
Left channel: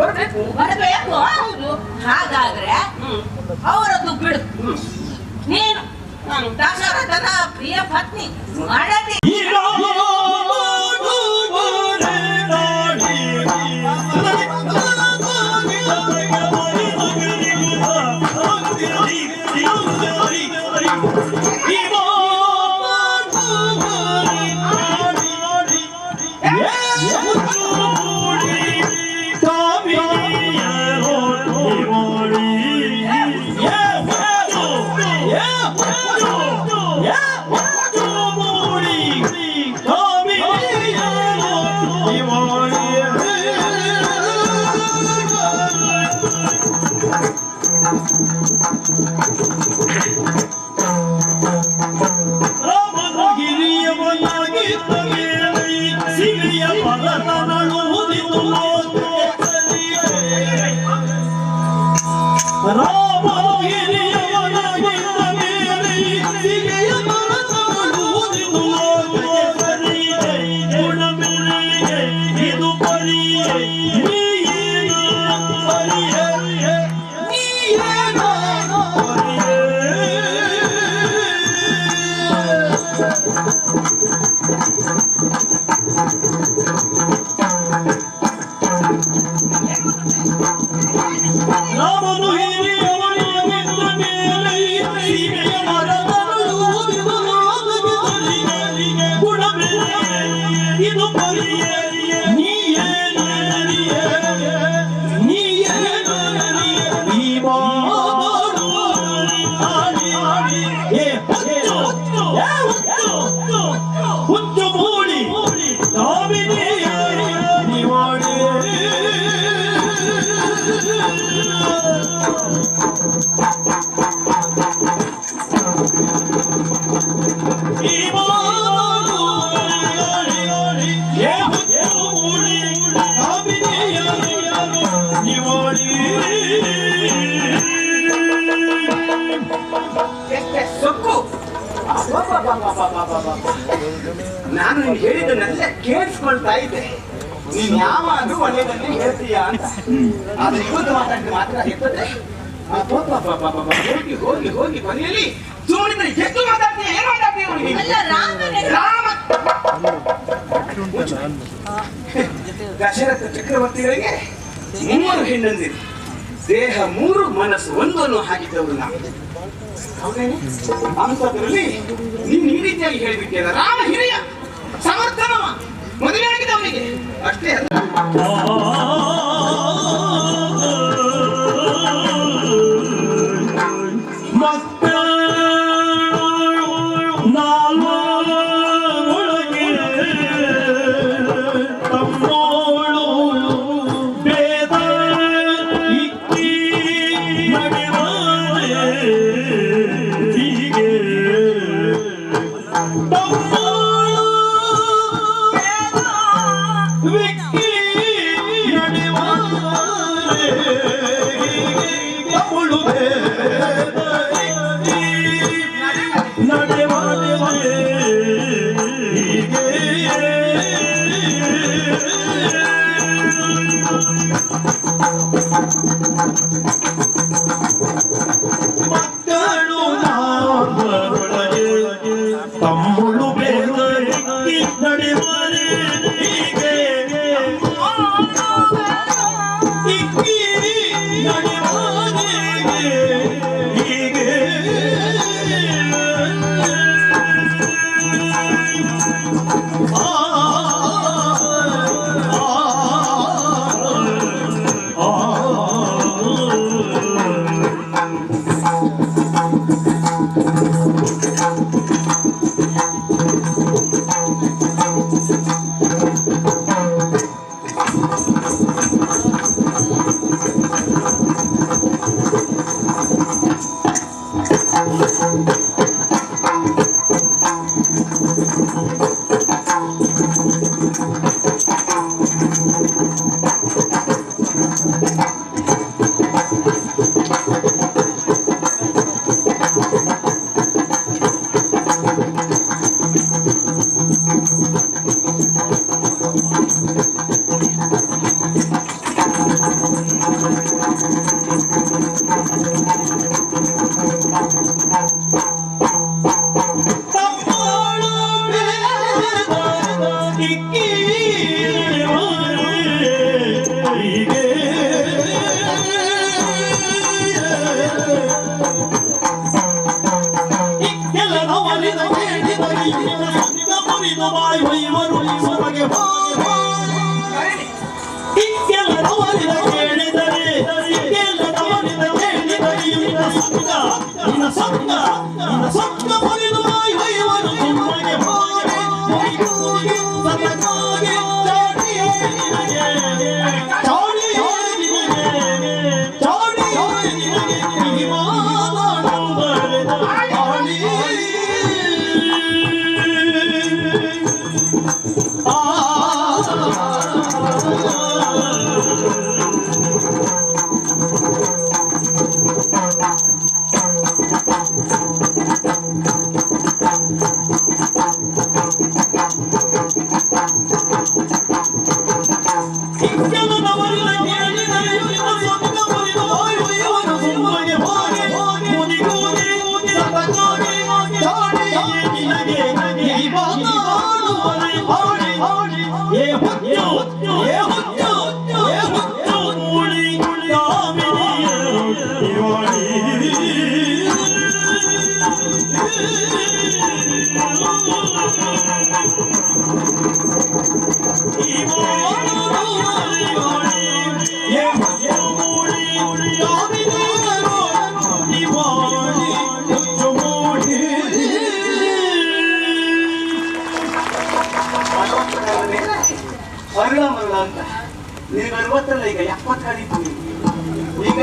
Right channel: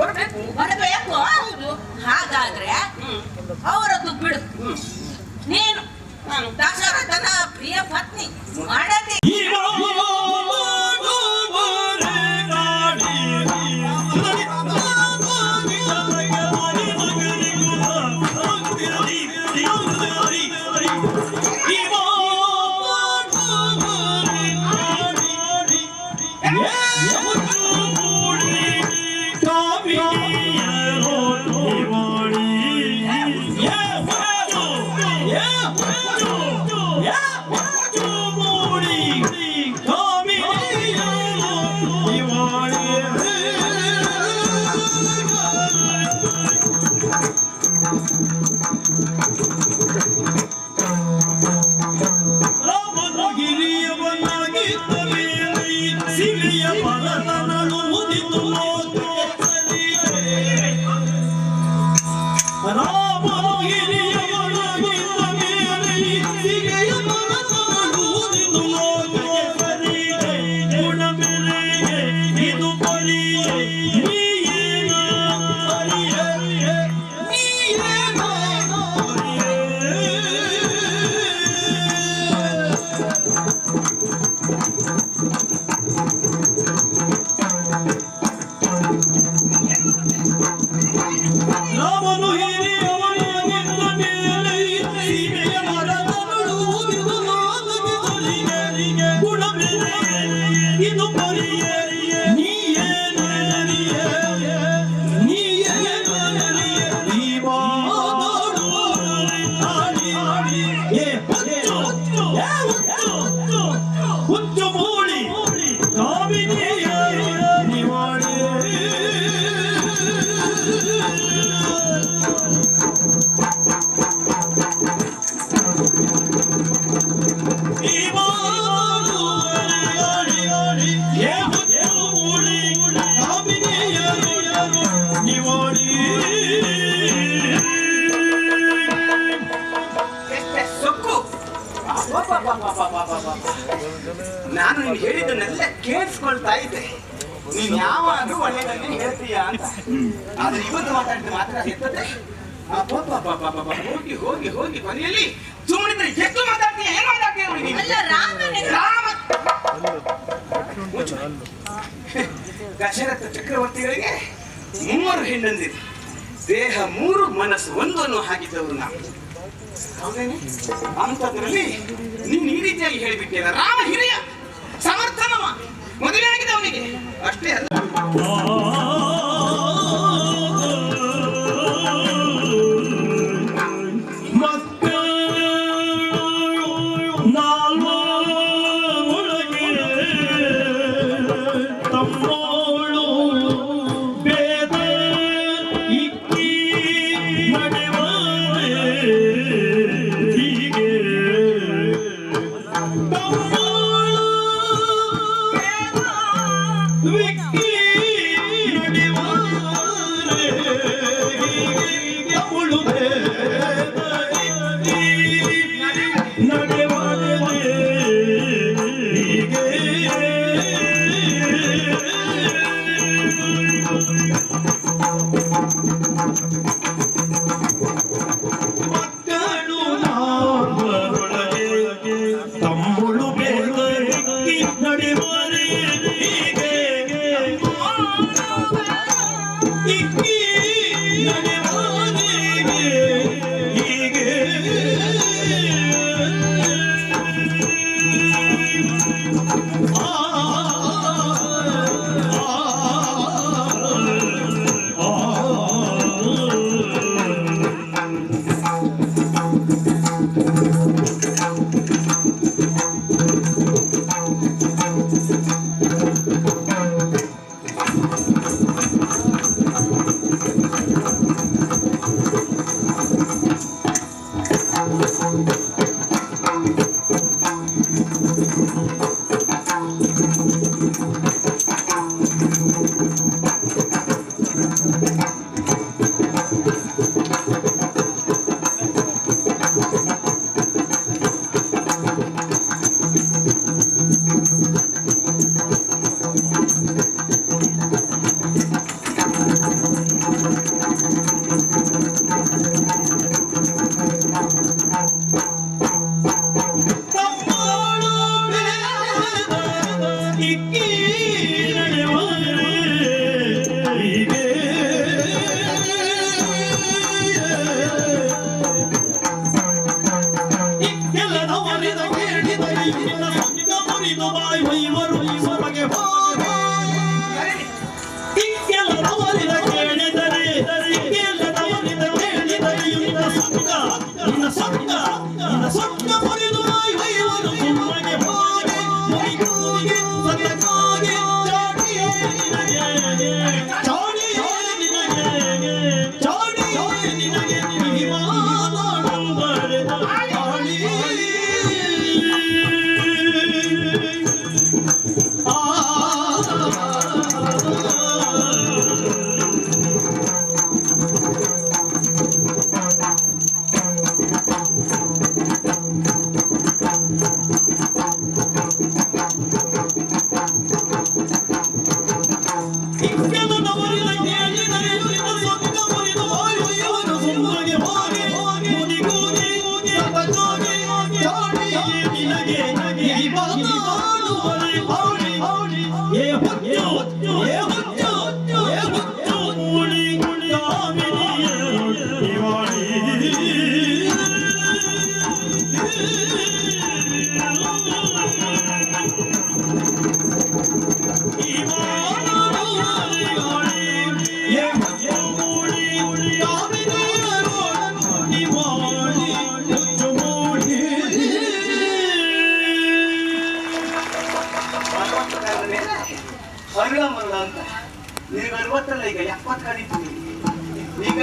ಬರ್ಬೇಕು. ಬರಬೇಕು ಹಾಗಾದ್ರೆ ಅವರದ್ದು ಬಿಡು ನೀನು ದಶರಥನ ಪ್ರಿಯ ಪತ್ನಿ ಮಾಡದಿ ಎಷ್ಟೇ ಸೊಕ್ಕು. ನಾನು ನೀನು ಹೇಳಿದ್ದನ್ನೆಲ್ಲ ಕೇಳಿಸ್ಕೊಳ್ತಾ ಇದ್ದೆ. ನೀನ್ ಯಾವಾಗಲೂ ಒಳ್ಳೆಯದನ್ನೇ ಹೇಳ್ತೀಯ ಅಂತ. ಆದ್ರೆ ಇವತ್ತು ಮಾತಾಡಿದ ಮಾತ್ರ ಎತ್ತದೆ. ಹೋಗಿ ಹೋಗಿ ಹೋಗಿ ಮನೆಯಲ್ಲಿ ಸುಮ್ಮನಿದ್ರೆ ಎಷ್ಟು ಮಾತಾಡ್ತೀಯ, ಏನು ಮಾತಾಡ್ತೀಯ ನೋಡಿ ನೀನು? ಅಲ್ಲ ರಾಮನಿಗೆ ರಾಮ ದಶರಥ ಚಕ್ರವರ್ತಿಗಳಿಗೆ 3 ಹೆಣ್ಣಂದಿರು, ದೇಹ 3 ಮನಸ್ಸು 1 ಅನ್ನೋ ಹಾಕಿದ್ದವರು ನಾವು. ಅಂತದ್ರಲ್ಲಿ ನೀನು ಈ ರೀತಿಯಾಗಿ ಹೇಳಿಬಿಟ್ಟಿಯಲ್ಲ. ರಾಮ ಹಿರಿಯ ಸಮರ್ಥನವ, ಮದುವೆ ಆಗಿದೆ ಅವನಿಗೆ, ಅಷ್ಟೇ ಅಲ್ಲ. ನಡೆಯುವ ಹೊರಳ ಮರಳ ಅಂತ ನೀವು 40 ಈಗ 70 ಕಳೀತೀವಿ. ಈಗ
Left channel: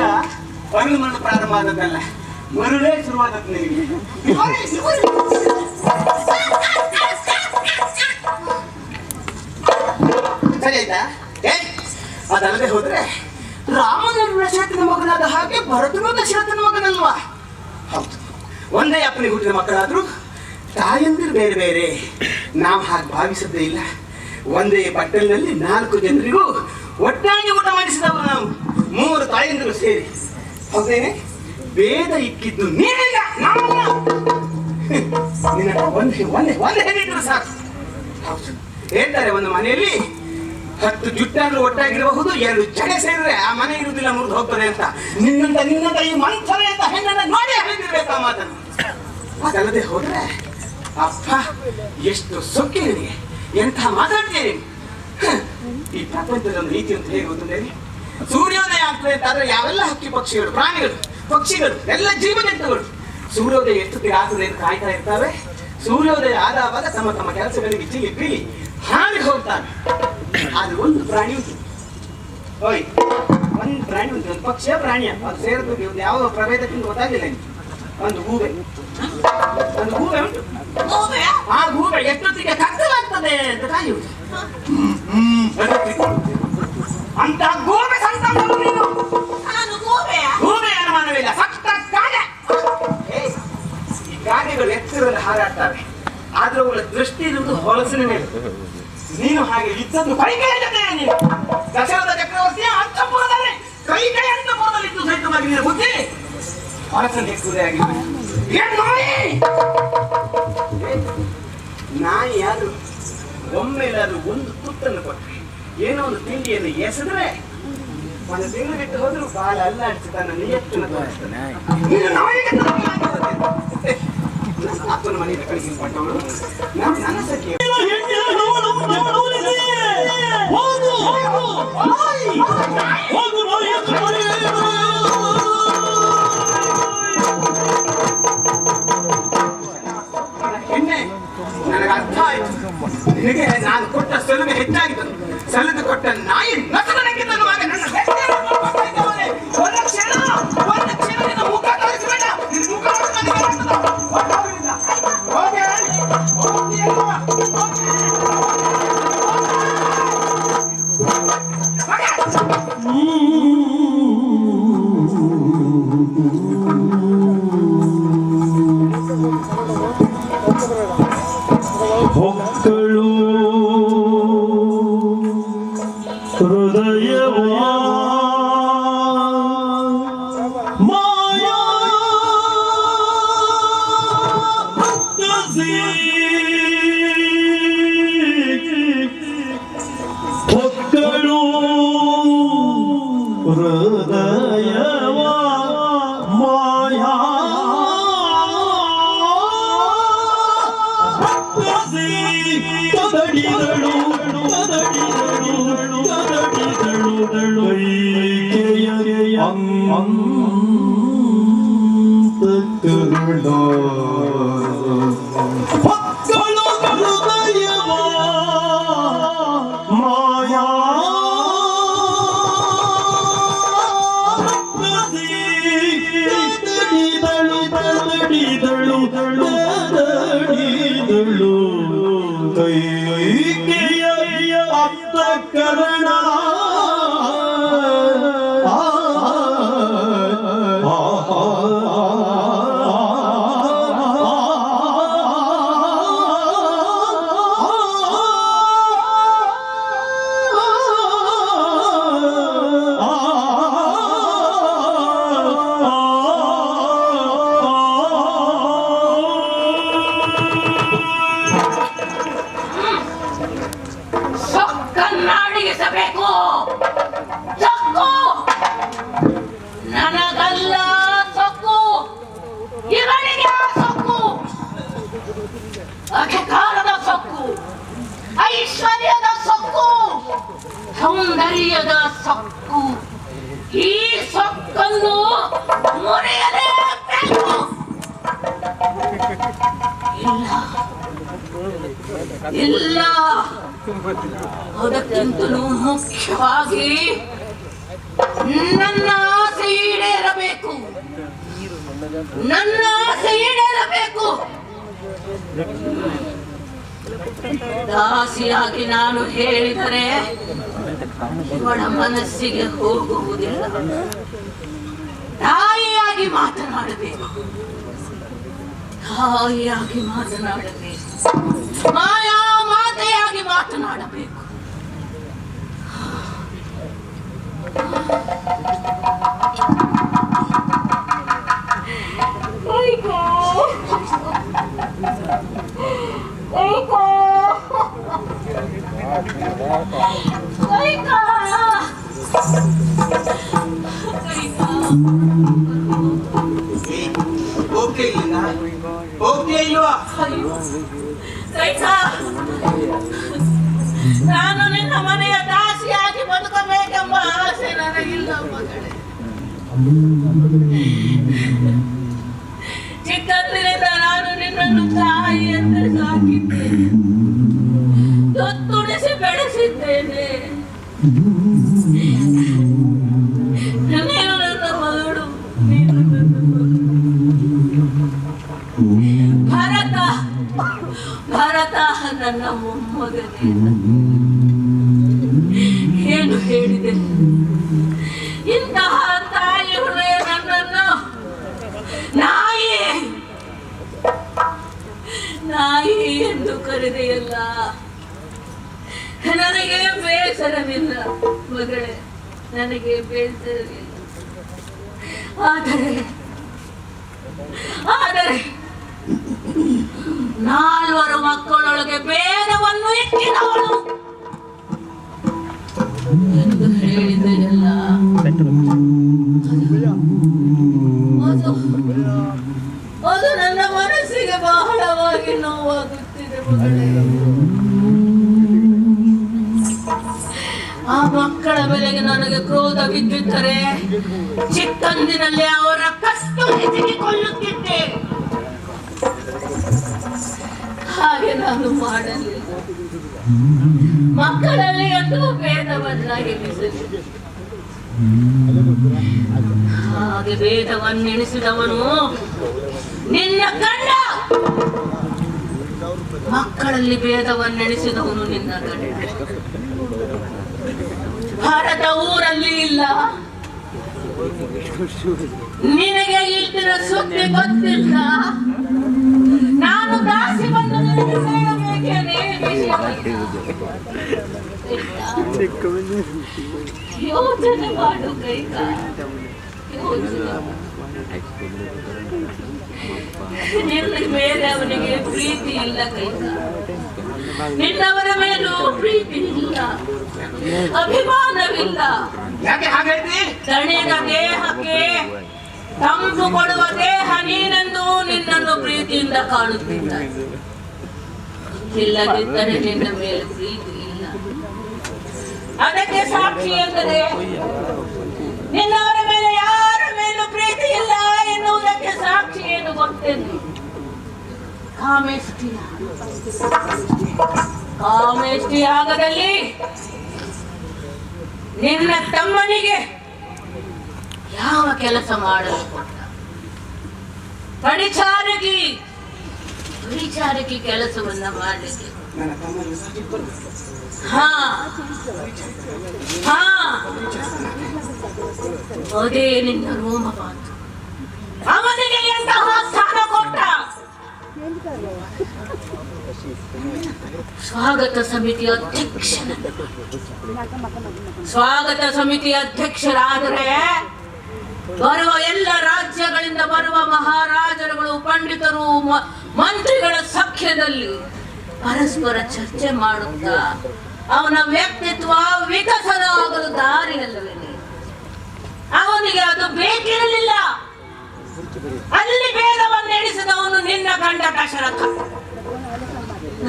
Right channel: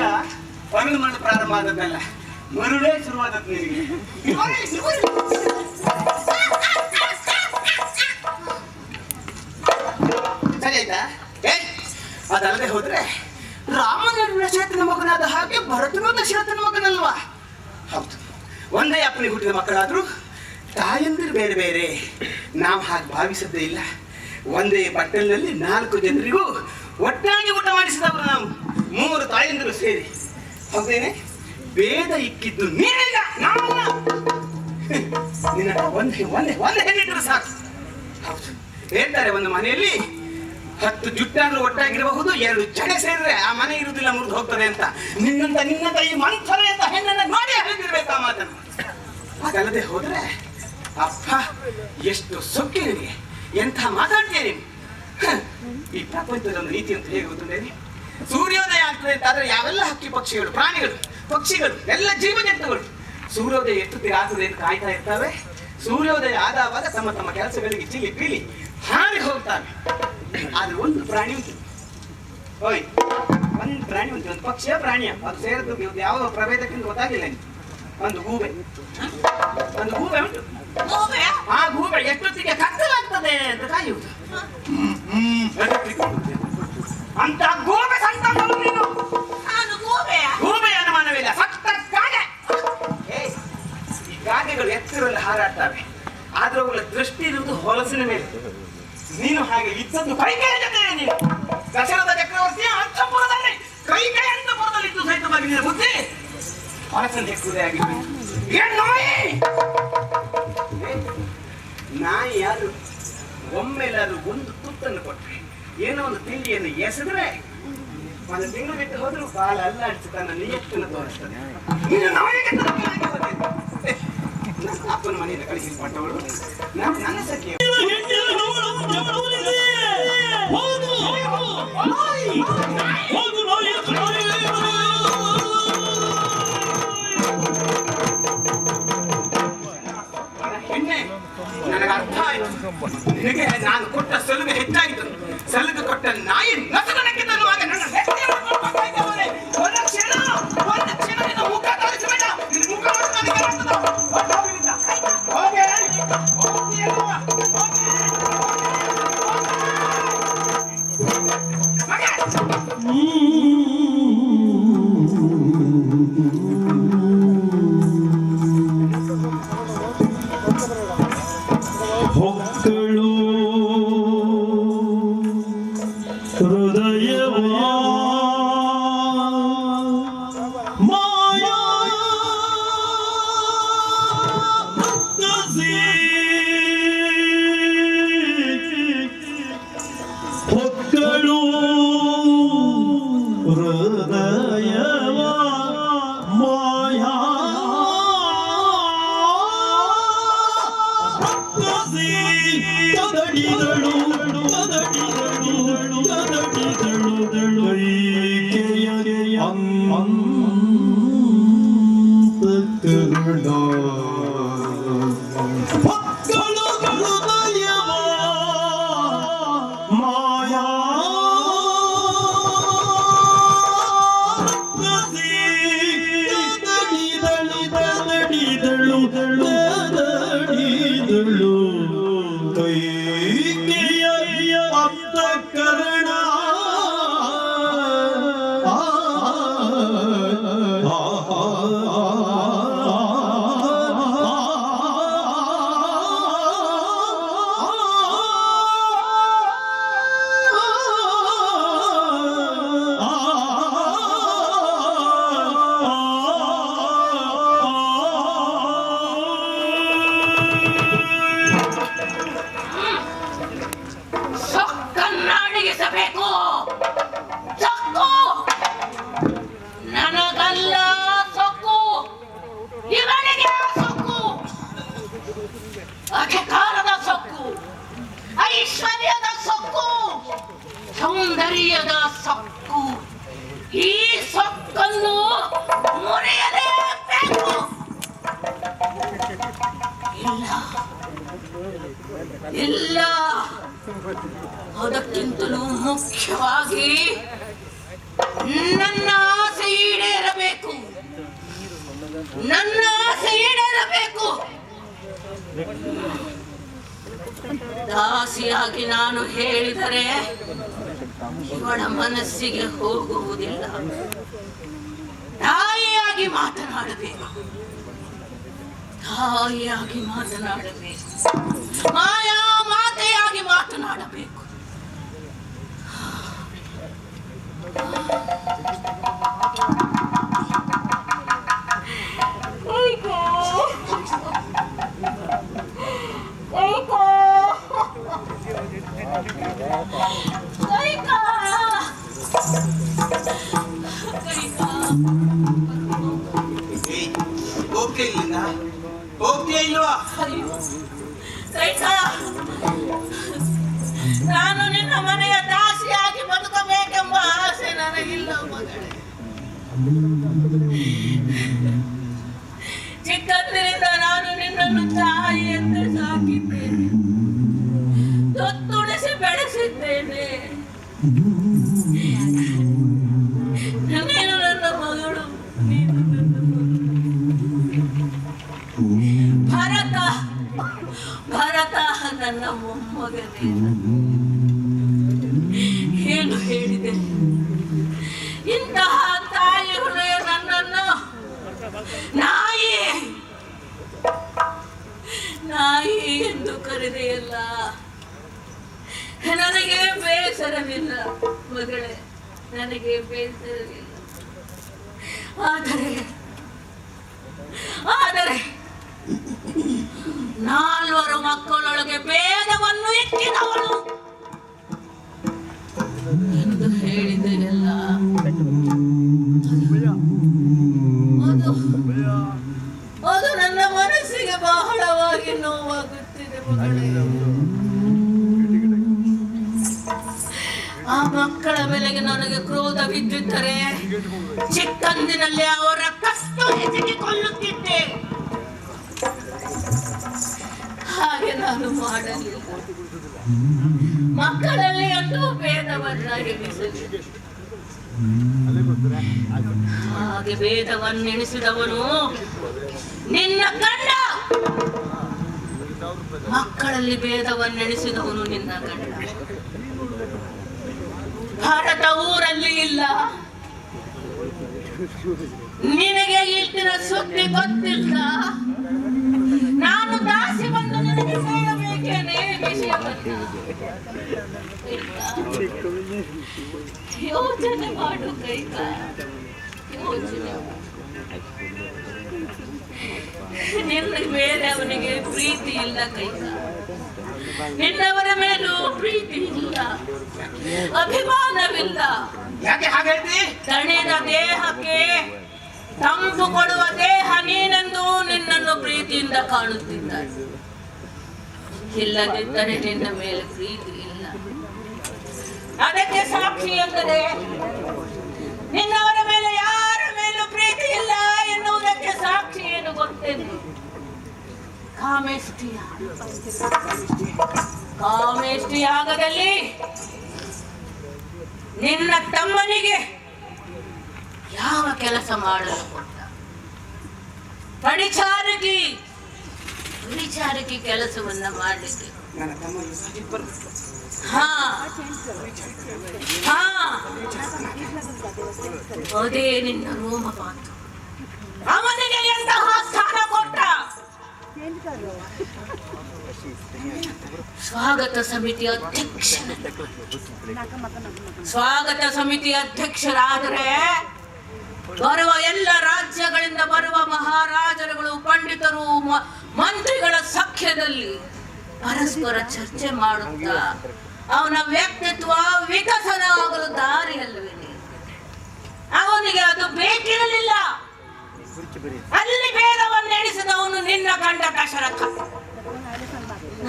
ಹೊರಳು ಮರಳು ಪ್ರಾರಂಭ ಆದದ್ದಲ್ಲ, ಮರುಳೇ ಶುರುವಾದದ್ದು ನಿನಗೆ. ಸರಿ ಆಯ್ತಾ? ಅದಲ್ಲದೆ ಹೋದ್ರೆ ರಾಮನ ದಶರಥನ ಮಗನಾದ ಹಾಗೆ ಭರತನು ದಶರಥನ ಮಗನಲ್ವಾ? ಹೌದು, ಒಂದೇ ಅಪ್ಪನಿಗೆ ಹುಟ್ಟಿದ ಮಕ್ಕಳಾದ್ರೂ ತಾಯಂದಿರು ಬೇರೆ ಬೇರೆ. ನಾವು ಹಾಗೆ ಭಾವಿಸದ್ದೇ ಇಲ್ಲ. ಒಂದೇ ಬಟ್ಟಲಿನಲ್ಲಿ 4 ಜನರಿಗೂ ಒಟ್ಟಾಗಿ ಊಟ ಮಾಡಿಸಿದವರು ನಾವು, 3 ತಾಯಂದಿರು ಸೇರಿ. ಹೌದೇನೆ? ಭೇದ ಇಕ್ಕಿದ್ದು ನೀನಿಲ್ಲ, ನಿನ್ನ ಒಂದೇ ಹೆಣ್ಣಿಟ್ರೆ ಸಾಕು. ಹೌದು, ಹೇಳ್ತಾರೆ ಒಂದು ಮನೆಯಲ್ಲಿ 10 ಜುಟ್ಟನ್ನು ಒಟ್ಟಾಗಿರಬಹುದು, 2 ಜಡೆ ಸೇರಿದ್ರೆ ಆ ಮನೆ ಇರುವುದಿಲ್ಲ, ಮುರಿದು ಹೋಗ್ತದೆ ಅಂತ. ನಿನ್ನಂತ ಈ ಮಂಥನೆ ಅಂತ ಹೆಣ್ಣನ್ನು ನೋಡಿ ಹೇಳಿರ್ಬೇಕು ಆ ಮಾತನ್ನು. ಅದಲ್ಲದೆ ಹೋದ್ರೆ ಅಪ್ಪ ಎಷ್ಟು ಸೊಕ್ಕಿ ನಿನಗೆ, ಎಂಥ ಮಾತಾಡ್ತೀರಿ. ಈ ಪ್ರಪಂಚದ ಒಂದು ನೀತಿ ಅಂತ ಹೇಗೆ ಗೊತ್ತಿದೆ? ಸೂರ್ಯೋದಯ ಆಗ್ತದೆ ಅಂತಾದ್ರೆ ಯಾವೆಲ್ಲ ಹಕ್ಕಿ ಪಕ್ಷಿಗಳು, ಪ್ರಾಣಿಗಳು, ಪಕ್ಷಿಗಳು, ಎಲ್ಲ ಜೀವಜಂತುಗಳು ಸೂರ್ಯೋದಯ ಎಷ್ಟೊತ್ತಿಗೆ ಆಗ್ತದೆ ಅಂತ ಕಾಯ್ತಾ ಇರ್ತವೆ. ಸೂರ್ಯೋದಯ ಆದಾಗ ತಮ್ಮ ತಮ್ಮ ಕೆಲಸಗಳಿಗೆ ಚಿಲಿ ಪೀಲಿ ಹಾರಿ ಹೋಗ್ತಾರೆ. ಆದ್ರೆ ಒಂದು ಪ್ರಾಣಿ ಉಂಟು, ಒಂದು ಪ್ರಾಣಿ ಉಂಟು, ಒಂದು ಪಕ್ಷಿಯ ಪ್ರಾಣಿಯ, ಅದು ಸೇರಿದ್ದು ಯಾವ ಪ್ರಭೇದಕ್ಕಿಂತ ಗೊತ್ತಾಗಿಲ್ಲ. ಒಂದು ಗೂಬೆ ಉಂಟು. ಆ ಗೂಬೆ ಎಷ್ಟೊತ್ತಿಗೆ ಕತ್ತಲಾಗ್ತದೆ ಅಂತ ಕಾಯುವುದು. ಅಂತ ಗೂಬೆ ಗೂಬೆ ಅನುಮಾನವಿಲ್ಲ, ಸತ್ತ ಕಾಗೆ. ಈ ಕಾಗೆಗಳು ಎತ್ತರಲ್ಲಿ ಹಾರಾಡ್ತವೆ, ಆದ್ರೆ ಅವುಗಳ ದೃಷ್ಟಿ ಇರುವುದು ಹೊಲಸಿನ ಮೇಲೆ. ನೀನು ಹಾಗೆ ಇದ್ದದ್ದು ಕೈಕೈಯ ಜೊತೆ. ನೀನು ದಶರಥ ಚಕ್ರವರ್ತಿಯ ಅಂತಃಪುರದಲ್ಲಿ ಕೈಕೈಯ ಅಂತಃಪುರದಲ್ಲಿದ್ದು ಸಹಿತವಾಗಿ ನಿನ್ನ ಬುದ್ಧಿ ಹೊಲಸನ್ನು ಹೆಚ್ಚುವುದೇ ಆಗಿದೆ. ನಾಯಿ ಯಾರು ಒಮ್ಮೆಲಾದ್ರೂ ಒಂದು ತುತ್ತನ್ನು ಕೊಟ್ಟರೆ, ಏನೋ ಒಂದು ತಿಂಡಿಯನ್ನು ಎಸೆದ್ರೆ 1 ತಿಂಗಳಿಟ್ಟು ಹೋದ್ರು ಕಾಲ ಅಲ್ಲಾಡಿಸಿ ತನ್ನ ನಿಯತ್ತನ್ನು ತೋರಿಸ್ತಾನೆ. ಅಪ್ಪನ ಮನೆಯಲ್ಲಿ ಕಳಿಸಿಕೊಟ್ಟವರು ನನ್ನ ಸಖಿ. ನನಗೆ ಅರ್ಥ ಆಯ್ತು, ನಿನಗೆ ನಾನು ಕೊಟ್ಟ ಸಲುಗೆ ಹೆಚ್ಚಾಗಿತ್ತು. ಸಲುಗೆ ಕೊಟ್ಟ ನಾಯಿ ಹೊಕ್ಕಳು ಹೃದಯವಾ ಮಾಯಾ ಹೊಕ್ಕಳು ಹೃದಯವಾ ಮಾಯಾ ಕದಡಿದಳು ಕದಡಿದಳು ಕದಡಿದಳು ಕೈಕೆಯ ಅಂತಃಕರಣ ಹೊಕ್ಕಳು ಹೃದಯವ ಮಾಯಾ ಕದಡಿದಳು ಕದಡಿದಳು ಕದಡಿದಳು ಕೈಕೆಯ ಅಂತಃಕರಣ ಸೊಕ್ಕನ್ನಾಡಿಸಬೇಕು. ಸೊಕ್ಕು ನನಗಲ್ಲ, ಸೊಕ್ಕು ಇವನಿಗೆ ಸೊಕ್ಕು. ಅಧಿಕಾರದ ಸೊಕ್ಕು, ಐಶ್ವರ್ಯದ ಸೊಕ್ಕು, ಸೌಂದರ್ಯದ ಸೊಕ್ಕು. ಈ ಸೊಕ್ಕನ್ನು ಮುರಿಯಲೇಬೇಕು. ಇಲ್ಲ, ಅದಕ್ಕಿಂತಲೂ ಮುಖ್ಯವಾಗಿ ನನ್ನ ಆಸೆ ಈಡೇರಬೇಕು. ನನ್ನ ಆಸೆ ಈಡೇರಬೇಕು. ದಾಸಿಯಾಗಿ ನಾನು ಹೇಳಿದರೆ ಇವಳ ಮನಸ್ಸಿಗೆ ಹೋಗುವುದಿಲ್ಲ. ತಾಯಿಯಾಗಿ ಮಾತನಾಡಬೇಕು. ತಾಯಿಯಾಗಿ ಮಾತನಾಡಬೇಕು. ಮಾಯಾ ಮಾತೆಯಾಗಿ ಮಾತನಾಡಬೇಕು. ಹೋಗ್ತೀಯ ಇಲ್ವಾ? ನಾನು ನಿನ್ನ ಮನೆಯ ದಾಸಿಯಾಗಿ ಬದುಕಬೇಕೆಂಬ ಆಸೆ ನನಗಿಲ್ಲ ಮಗಳೇ. ಚಿಕ್ಕಂದಿನಿಂದ ನಾನು ನಿನ್ನನ್ನು ತಾಯಿ ಎಂದು ಸಾಕಿದ್ದೇನೆ, ತೊತ್ತುಡಿಸಿ ಬೆಳೆಸಿದ್ದೇನೆ. ನೀನು ನನ್ನ ಮಗಳು, ನೀನು ನನ್ನ ಮಗಳು. ಭರತ ನನ್ನ ಮೊಮ್ಮಗನೇ. ಏನು ಹೇಳಿದೆ? ಇಂತಹ ತಾಯಿ ಹೃದಯ ನನ್ನನ್ನು ನಾಯಿ ಎಂದು ಕರೆದೆಯಲ್ಲ. ನನಗೆ ಬೇಸರವಿಲ್ಲ ಮಗಳೇ, ನನಗೆ ಬೇಸರವಿಲ್ಲ. ಆದರೆ 4 ಮಕ್ಕಳೊಳಗೆ ಭೇದವನ್ನು ಇಟ್ಟಿದವಳು ಎಂದು ಹೇಳಿದೆಯಲ್ಲ. ಅದು ನನ್ನ ಮನಸ್ಸಿಗೆ ಬಹಳವಾಗಿ ನೋವಾಗುತ್ತಿದೆ ಮಗಳೇ. ಆ ಮಕ್ಕಳ ಬೆಲೆಗೆ ನನಗೆ ಕ್ರೋಧ ಬಿದ್ದಿದ್ದರೆ ಚಿಕ್ಕಂದಿನಲ್ಲಿ ಅವರ ಕಷ್ಟು ಹೆಚ್ಚಿಕೊಳ್ಳುತ್ತಿದ್ದೆ. ಹಾಗೆ ನಾನು ಮಾಡಲಿಲ್ಲ. ಮಕ್ಕಳಲ್ಲಿ ಎಂದು ಭೇದವನ್ನ ಎಣಿಸಲಿಲ್ಲ. ಹಾಗೆ ಭೇದವನ್ನೆಣಿಸಿದವನು ನಿನ್ನ ಗಂಡ. ಮಕ್ಕಳಲ್ಲಿ ಭೇದವನ್ನೆಣಿಸಿದವನು ನಿನ್ನ ಗಂಡ. ಭಾರತ ಊರಲ್ಲಿ ಇಲ್ಲ. ನಿನಗೆ ಇಟ್ಟಿನ ಸುದ್ದಿ ಗೊತ್ತಿಲ್ಲ. ನಾನು ದಾಸಿ ಬಂದು ನಿನಗೆ ಹೇಳಬೇಕೇನೆ ಯೋಚನೆ ಮಾಡು ಕೈಕ. ನಿನ್ನ ಮೇಲೆ ಅವನಿಗೆ ಪ್ರೀತಿ ಇಲ್ಲ ಕೈಕ. ನಿನ್ನವರ ಮೇಲೂ ಪ್ರೀತಿ ಇಲ್ಲ, ಅಭಿಮಾನವಿಲ್ಲ. ಯಾಕೆ ಹಾಗೆ ಹೇಳ್ತಿ? ತಣಿದ ದೇಹಕ್ಕೆ ತಂಪು ಕೊಡುವ ದೇಹ ನೀನೆಂದು ನಿನ್ನನ್ನು ಪ್ರೀತಿಯಿಂದ ಕಾಣುತ್ತಿಲ್ಲ. ಇಲ್ಲದಿದ್ದರೆ ನಿನ್ನ ಮೇಲೆ ಪ್ರೀತಿ ಇಲ್ಲ. ಅದಕ್ಕೆ ಸಾಕ್ಷಿ ಎಂದರೆ ನಿನ್ನವರ ಮೇಲೆ ಯಾರ ಮೇಲೂ ಪ್ರೀತಿ ಇಲ್ಲ ಎನ್ನುವುದಕ್ಕೆ ಸಾಕ್ಷಿ ಏನು ಗೊತ್ತೇನೆ? ಕಾಮೇಷ್ಟಿ ಆಗದಲ್ಲಿ ನಿನ್ನ ತಮ್ಮನಿಗೆ ಯಾವ ಕೆಲಸ ಮಾಡಲು ಕೊಟ್ಟ? ಪರಿಚಾರಕಿ ಕೆಲಸವನ್ನ ಮಾಡಲಿಕ್ಕೆ. ಅದೇ ನಿನ್ನ ರೋಮಪಾತ. ಅವನಿಗೆ ಎಂತಹ ಸ್ಥಾನ ಕೊಟ್ಟ? ಸ್ವಾಗತ ಸಮಿತಿ ಅಧ್ಯಕ್ಷರಾದರೆ ಬರುವ ಎಲ್ಲ ರಾಜ್ಯಗಳಿಂದ ಬರುವ ಮಹಾರಾಜರುಗಳು, ಪಂಡಿತರು, ಮಂತ್ರಿಗಳ ಸಖ್ಯದಲ್ಲಿ ಪರಸ್ಪರ ಚರ್ಚೆ ಮಾಡುತ್ತಾ ಅವನ ವ್ಯಕ್ತಿತ್ವ ವಿಕಸನ ಆಗಲು ದಾರಿಯಲ್ಲವೇ? ಅವನಿಗೆ ಅದು ಬೇಕಿರಲಿಲ್ಲ. ಅಲ್ಲಿ ಭೇದವನ್ನೆಣಿಸಿದವನು ನಿನ್ನ ಗಂಡ ದಶರಥ.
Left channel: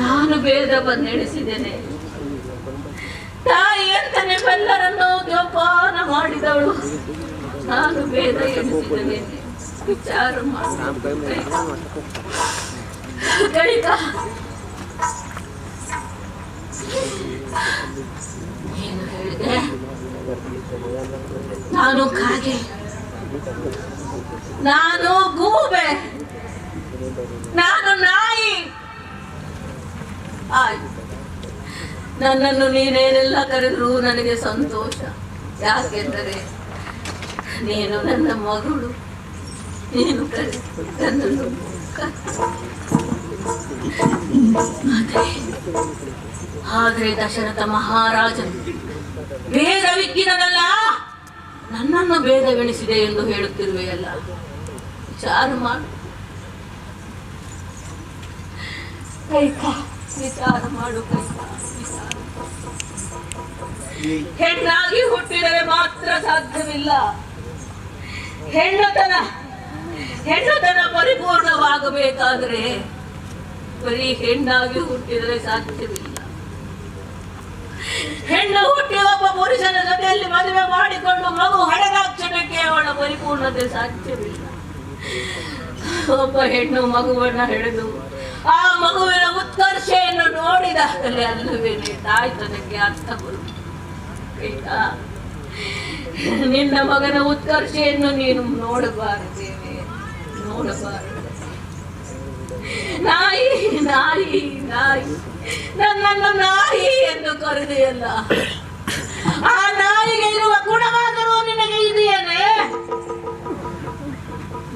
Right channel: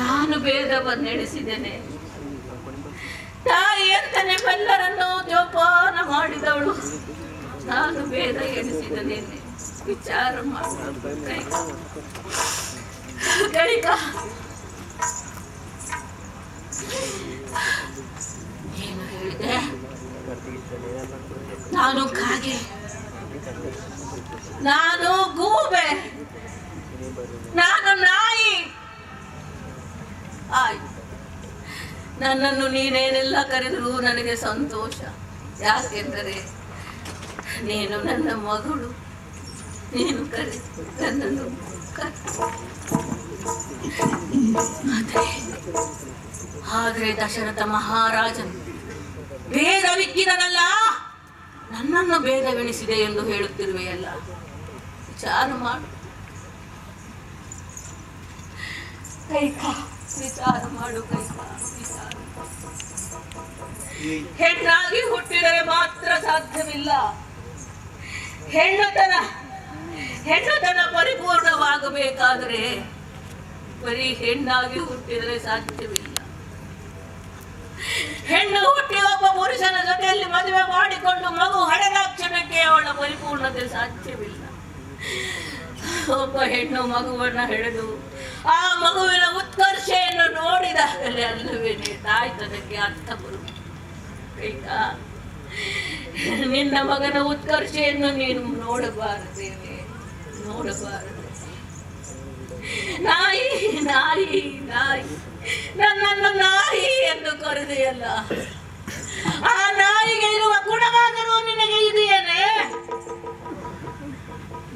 ನಾನು ಭೇದವನ್ನೆಣಿಸಿದ್ದೇನೆ. ತಾಯಿ ಅಂತ ನಿಮ್ಮೆಲ್ಲರನ್ನು ಜೋಪಾನ ಮಾಡಿದವಳು. ನಾನು ಭೇದ ಎಣಿಸಿದ್ದೇನೆ. ವಿಚಾರ ಏನು ಹೇಳಿದೆ? ನಾನು ಕಾಗೆ, ನಾನು ಗೂಬೆ, ನಾನು ನಾಯಿ. ಆಯ್ತು, ನನ್ನನ್ನು ನೀನೇನೆಲ್ಲ ಕರೆದರೂ ನನಗೆ ಸಂತೋಷ. ಯಾಕೆಂದರೆ ನೀನು ನನ್ನ ಮಗಳು. ನೀನು ನನ್ನನ್ನು ಆದರೆ ದಶರಥ ಮಹಾರಾಜನು ಭೇದವಿಕ್ಕಿನಲ್ಲ, ನನ್ನನ್ನು ಭೇದವೆಣಿಸಿದೆ ಎಂದು ಹೇಳುತ್ತಿರುವೆಯಲ್ಲ. ವಿಚಾರ ಮಾಡು ಕೈಕ, ವಿಚಾರ ಮಾಡು ಕೈಕ. ಹೆಣ್ಣಾಗಿ ಹುಟ್ಟಿದರೆ ಮಾತ್ರ ಸಾಧ್ಯವಿಲ್ಲ. ಹೆಣ್ಣುತನ ಪರಿಪೂರ್ಣವಾಗಬೇಕಾದ್ರೆ ಬರೀ ಹೆಣ್ಣಾಗಿ ಹುಟ್ಟಿದರೆ ಸಾಧ್ಯವಿಲ್ಲ. ಹೆಣ್ಣು ಹುಟ್ಟಿ ಒಬ್ಬ ಪುರುಷನ ಜೊತೆಯಲ್ಲಿ ಮದುವೆ ಮಾಡಿಕೊಂಡು ಮಗು ಹಡೆದಾಕ್ಷಣಕ್ಕೆ ಅವಳ ಪರಿಪೂರ್ಣತೆ ಸಾಧ್ಯವಿಲ್ಲ. ಒಬ್ಬ ಹೆಣ್ಣು ಮಗುವನ್ನ ಹೆಳೆದು ಆ ಮಗುವಿನ ಉತ್ಕರ್ಷೆಯನ್ನು ನೋಡಿದಾಗಲೇ ಅಲ್ಲವೇ ತಾಯ್ತನಕ್ಕೆ ಅರ್ಥ ಬರುವುದು. ನಿನ್ನ ಮಗನ ಉತ್ಕರ್ಷೆಯನ್ನು ನೀನು ನೋಡಬಾರದೇನೆ, ನೋಡಬಾರದು. ನಾಯಿ ನಾಯಿ ನಾಯಿ, ನನ್ನನ್ನು ನಾಯಿ ಎಂದು ಕರೆದೆಯಲ್ಲ. ಆ ನಾಯಿಗೆ ಇರುವ ಗುಣವಾದರೂ ನಿನಗೆ ಇದೆಯೇನೆ?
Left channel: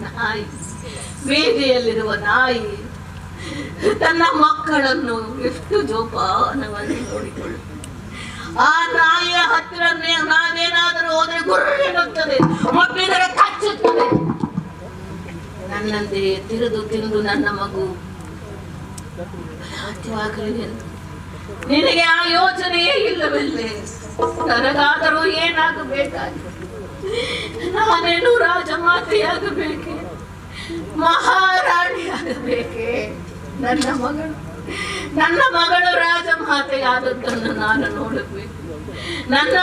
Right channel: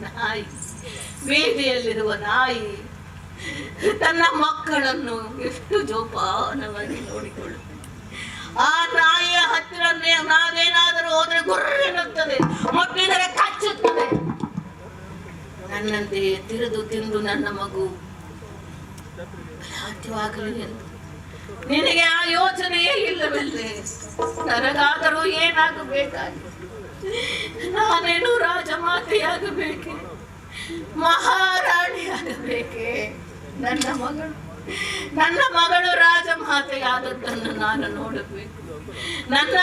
ನಾಯಿ, ಬೀದಿಯಲ್ಲಿರುವ ನಾಯಿ ತನ್ನ ಮಕ್ಕಳನ್ನು ಎಷ್ಟು ಜೋಪಾನವಾಗಿ ನೋಡಿಕೊಳ್ಳು. ಆ ನಾಯಿಯ ಹತ್ತಿರ ನಾವೇನಾದರೂ ಹೋದ್ರೆ ಗುರ್ರೆನ್ನುತ್ತದೆ, ಮುಟ್ಟಿದರೆ ಕಚ್ಚುತ್ತದೆ. ನನ್ನಂತೆ ತಿರುದು ತಿಂದು ನನ್ನ ಮಗು ಬಲಾಢ್ಯವಾಗಲಿ ಎಂದು ನಿನಗೆ ಆ ಯೋಚನೆಯೇ ಇಲ್ಲವಲ್ಲೇ? ನನಗಾದರೂ ಏನಾಗಬೇಕಾಗಿ? ನಾನೇನು ರಾಜಮಾತೆಯಾಗಬೇಕೆ, ಮಹಾರಾಣಿಯಾಗಬೇಕೆ? ನನ್ನ ಮಗಳು ರಾಜಮಾತೆಯಾದದ್ದನ್ನು ನಾನು ನೋಡಬೇಕು. ನನ್ನ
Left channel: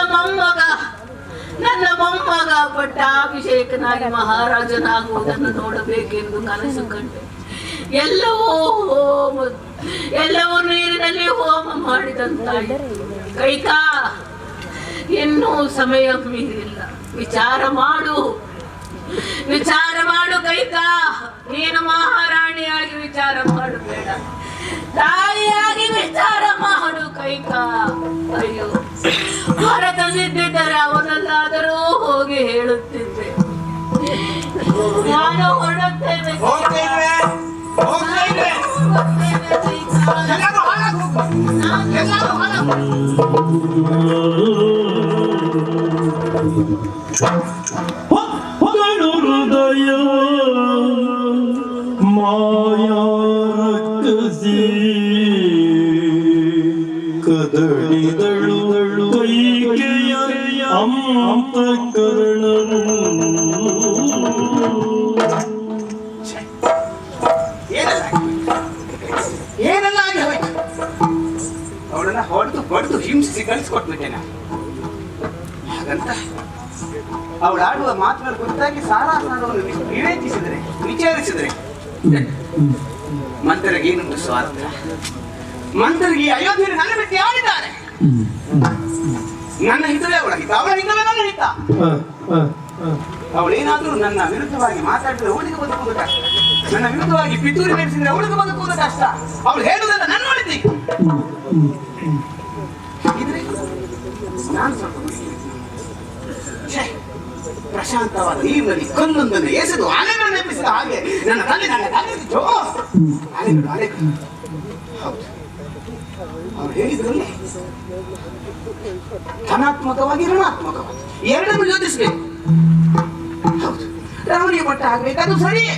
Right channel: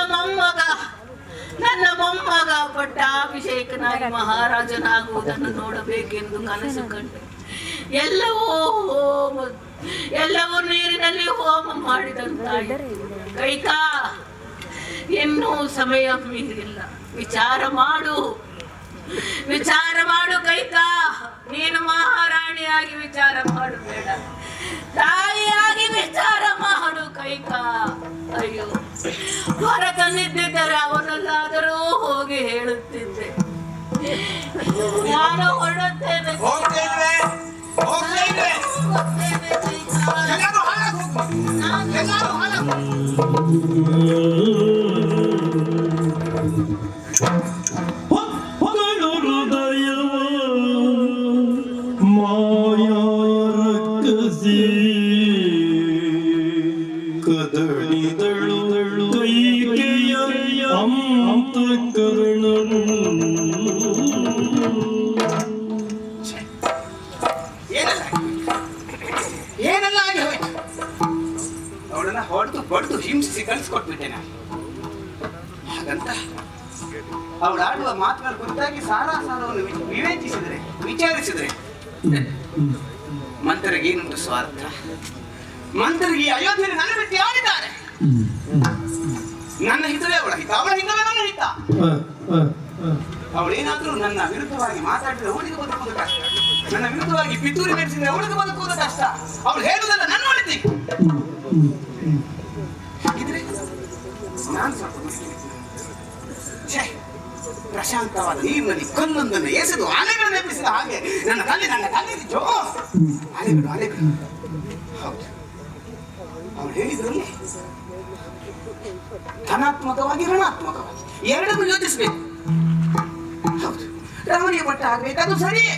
ಮೊಮ್ಮಗ ಪಟ್ಟಾಭಿಷೇಕನಾಗಿ ಮಹಾರಾಜನಾಗುವುದನ್ನು ನೋಡಬೇಕೆಂದು ಕನಸು ಕಂಡೆ. ಎಲ್ಲವೂ ನೀರಿನಲ್ಲಿ ಹೋಮ ಮಾಡಿದಂತಾಯಿತು. ಕೈಕಾ, ಇನ್ನೂ ಸಮಯ ಮೀರಿಲ್ಲ. ವಿಚಾರ ಮಾಡು, ವಿಚಾರ ಮಾಡು ಕೈಕ, ನೀನು ಮಹಾರಾಣಿಯಾಗಿ ವಿಚಾರ ಮಾಡಬೇಡ, ತಾಯಿಯಾಗಿ ವಿಚಾರ ಮಾಡು ಕೈಕ. ಅಯ್ಯೋ, ಹೊರ ತಂದಿದ್ದರೆ ಅವನಲ್ಲಾದರೂ ಹೋಗಿ ಹೇಳುತ್ತಿದ್ದೆ. ನಾನು ಹೊರಡುತ್ತೇನೆ ಹೋಗ್ತೇವೆ, ಹೋಗ್ತೇವೆ. ಎಲ್ಲರೂ ಹಾಳಾಗಿ ಹೋಗು. ಎಲ್ಲರೂ ಹಾಳಾಗಿ ಹೋಗು. ಹೊಗಳು ಹೃದಯ ಮಾಯಾ ರಕ್ಕಸಿ ಕದಳಿದಳು ಕೈಕೆಯ ಅಂತಃಕರಣನು. ಏನೆಲ್ಲ ಆಗಿ ಹೋಯ್ತು. ಅವಳನ್ನ ಹೊಡೆದು ಹಿಂಸಿಸಿ ಕಳಿಸ್ಕೊಟ್ಬಿಟ್ಟೆ ನಾನು. ಹಾಗಂತ ಅವಳಾಡುವ ಮಾತುಗಳ ಕುರಿತಾಗಿ ಸಾರಾಸಾರವನ್ನು ವಿವೇಚಿಸಿದ್ರೆ, ವಿಚಾರಿಸಿದ್ರೆ ಮಂತ್ರಿಗೆ ಏನು ಸ್ವಾರ್ಥ? ಮಂತ್ರಿಗೆ ಈ ಅಯೋಧ್ಯೆಯಲ್ಲಿ ನನ್ನ ಬಿಟ್ಟು ಯಾರಿದ್ದಾರೆ? ನನ್ನ ಹಿತವೇ ಅವಳ ಹಿತ, ಅವಳ ಹಿತವೇ ನನ್ನ ಹಿತ. ಅವಳೇನಾದ್ರೂ ನನ್ನ ವಿರುದ್ಧವಾಗಿ ಮಾತಾಡಿದ್ರೆ ಅವಳಿಗೆ ಬದುಕುವುದು ಕಷ್ಟ, ನನ್ನ ವಿರುದ್ಧವಾಗಿ ಪಿತೂರಿ ನಡೆಸಿದ್ರೆ ಅವಳಿಗೆ ಬದುಕುವುದು ಕಷ್ಟ. ಅವಳು ಹೇಳುವುದಲ್ಲ ನನ್ನ ಒಳಿತಿ. ಹಾಗಿದ್ರೆ ನಾನು ಸ್ವಲ್ಪ ಪ್ರಶಾಂತವಾದ ನೀರಿನಲ್ಲಿ ಕಲ್ಲೊಂದನ್ನು ಎಸೆದು ಅಲೆಗಳನ್ನು ಎಬ್ಬಿಸಿದ ಹಾಗೆ ನನ್ನ ತಲೆ ಅಲೆಗಳು. ಹೌದು, ಅವನು ಹೇಳಿದ್ರಲ್ಲಿ ಧನಾತ್ಮಕವಾಗಿ ಋಣಾತ್ಮಕವಾಗಿ ಎರಡನ್ನು ಯೋಚಿಸಬೇಕು. ಹೌದು, ರಾಮನಿಗೆ ಪಟ್ಟ ಆಗ್ಬೇಕು, ಅದು ಸರಿಯೇ,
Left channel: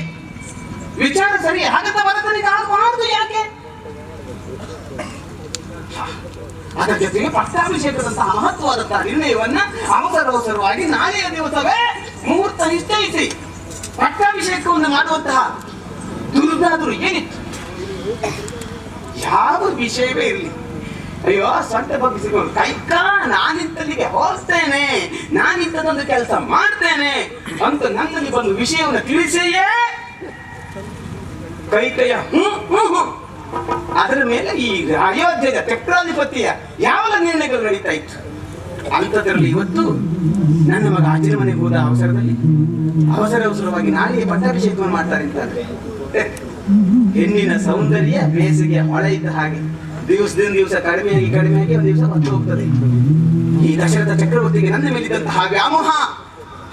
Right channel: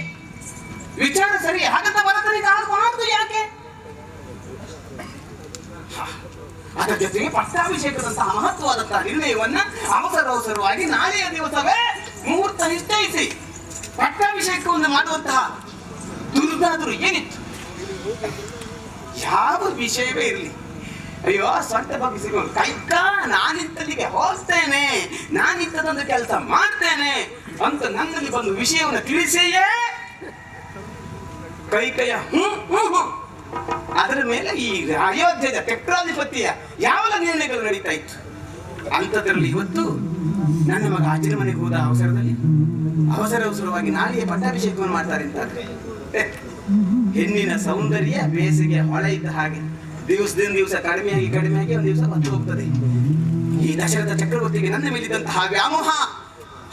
ವಿಚಾರ ಸರಿಯೇ. ಹಾಗಂತ ಭರತನಿಗೆ ಮಾಡುದು ಯಾಕೆ? ಅದರ ಜೊತೆಗೆ ಪಟ್ಟಾಭಿಷೇಕದಂತಹ ಮಹತ್ವವಾದಂತಹ ನಿರ್ಣಯವನ್ನ ಅವಸರವಾಗಿ ನಾಳೆಯ ದಿವಸವೇ ಮುಹೂರ್ತ ನಿಶ್ಚಯಿಸಿ ಪಟ್ಟಾಭಿಷೇಕವನ್ನು ಮಾಡುವಂತಹ ದುರ್ಗಾದರು ಏನಿತ್ತು? ಯಾವ ವಿಷಯವೇ ಇರಲಿ, ಅಯ್ಯೋ ಸೊಂಟ ಬಗ್ಗಿಸಿಕೊಂಡು ಕೈಕ ನಾನಿದ್ದಲ್ಲಿಗೆ ಹೋಗ್ತೇನೆ, ನಾನಿದ್ದದೊಂದು ಕೆಲಸ ಮಾಡ್ತೇನೆ ಅಂತ ನನ್ನಲ್ಲಿ ಬಂದು ವಿಷಯವನ್ನು ತಿಳಿಸಿಯೇ ಕೈಕಯ್ಯ ಅದರ ಮೇಲೆ ಈ ಅಯೋಧ್ಯೆಯ ಚಕ್ರಾಧಿಪತಿಯ ಯಾವ ನಿರ್ಣಯಗಳು ನಡೀತಾ ಇತ್ತು. ಅಂಥದ್ರಲ್ಲಿ ಇವತ್ತು ನನ್ನ ಮಗ ಅಜ್ಜನ ಮನೆಗೆ ಹೋದ ಅವಸರದಲ್ಲಿ ಅವಸರವಾಗಿ ನಾಳೆಯೇ ಪಟ್ಟಾಭಿಷೇಕವನ್ನು ಮಾಡ್ತಾರೆ ಅಂತಂದ್ರೆ ಹೆಣ್ಣಿನ ಸೌಂದರ್ಯ ಬೇಸಿಗೆ ಹೊಳೆ ಇದ್ದ ಹಾಗೆ ದಿವಸದಿಂದ ದಿವಸ ಕಡಿಮೆಯಾಗಿ ಒಂದು ದಿವಸ ಬಂದು ಹೋಗ್ತದೆ. ಈ ದಶರಥ ಚಕ್ರವರ್ತಿಗೆ ನನ್ನ ಮೇಲಿದ್ದಂತಹ ವ್ಯಾಮೋಹ,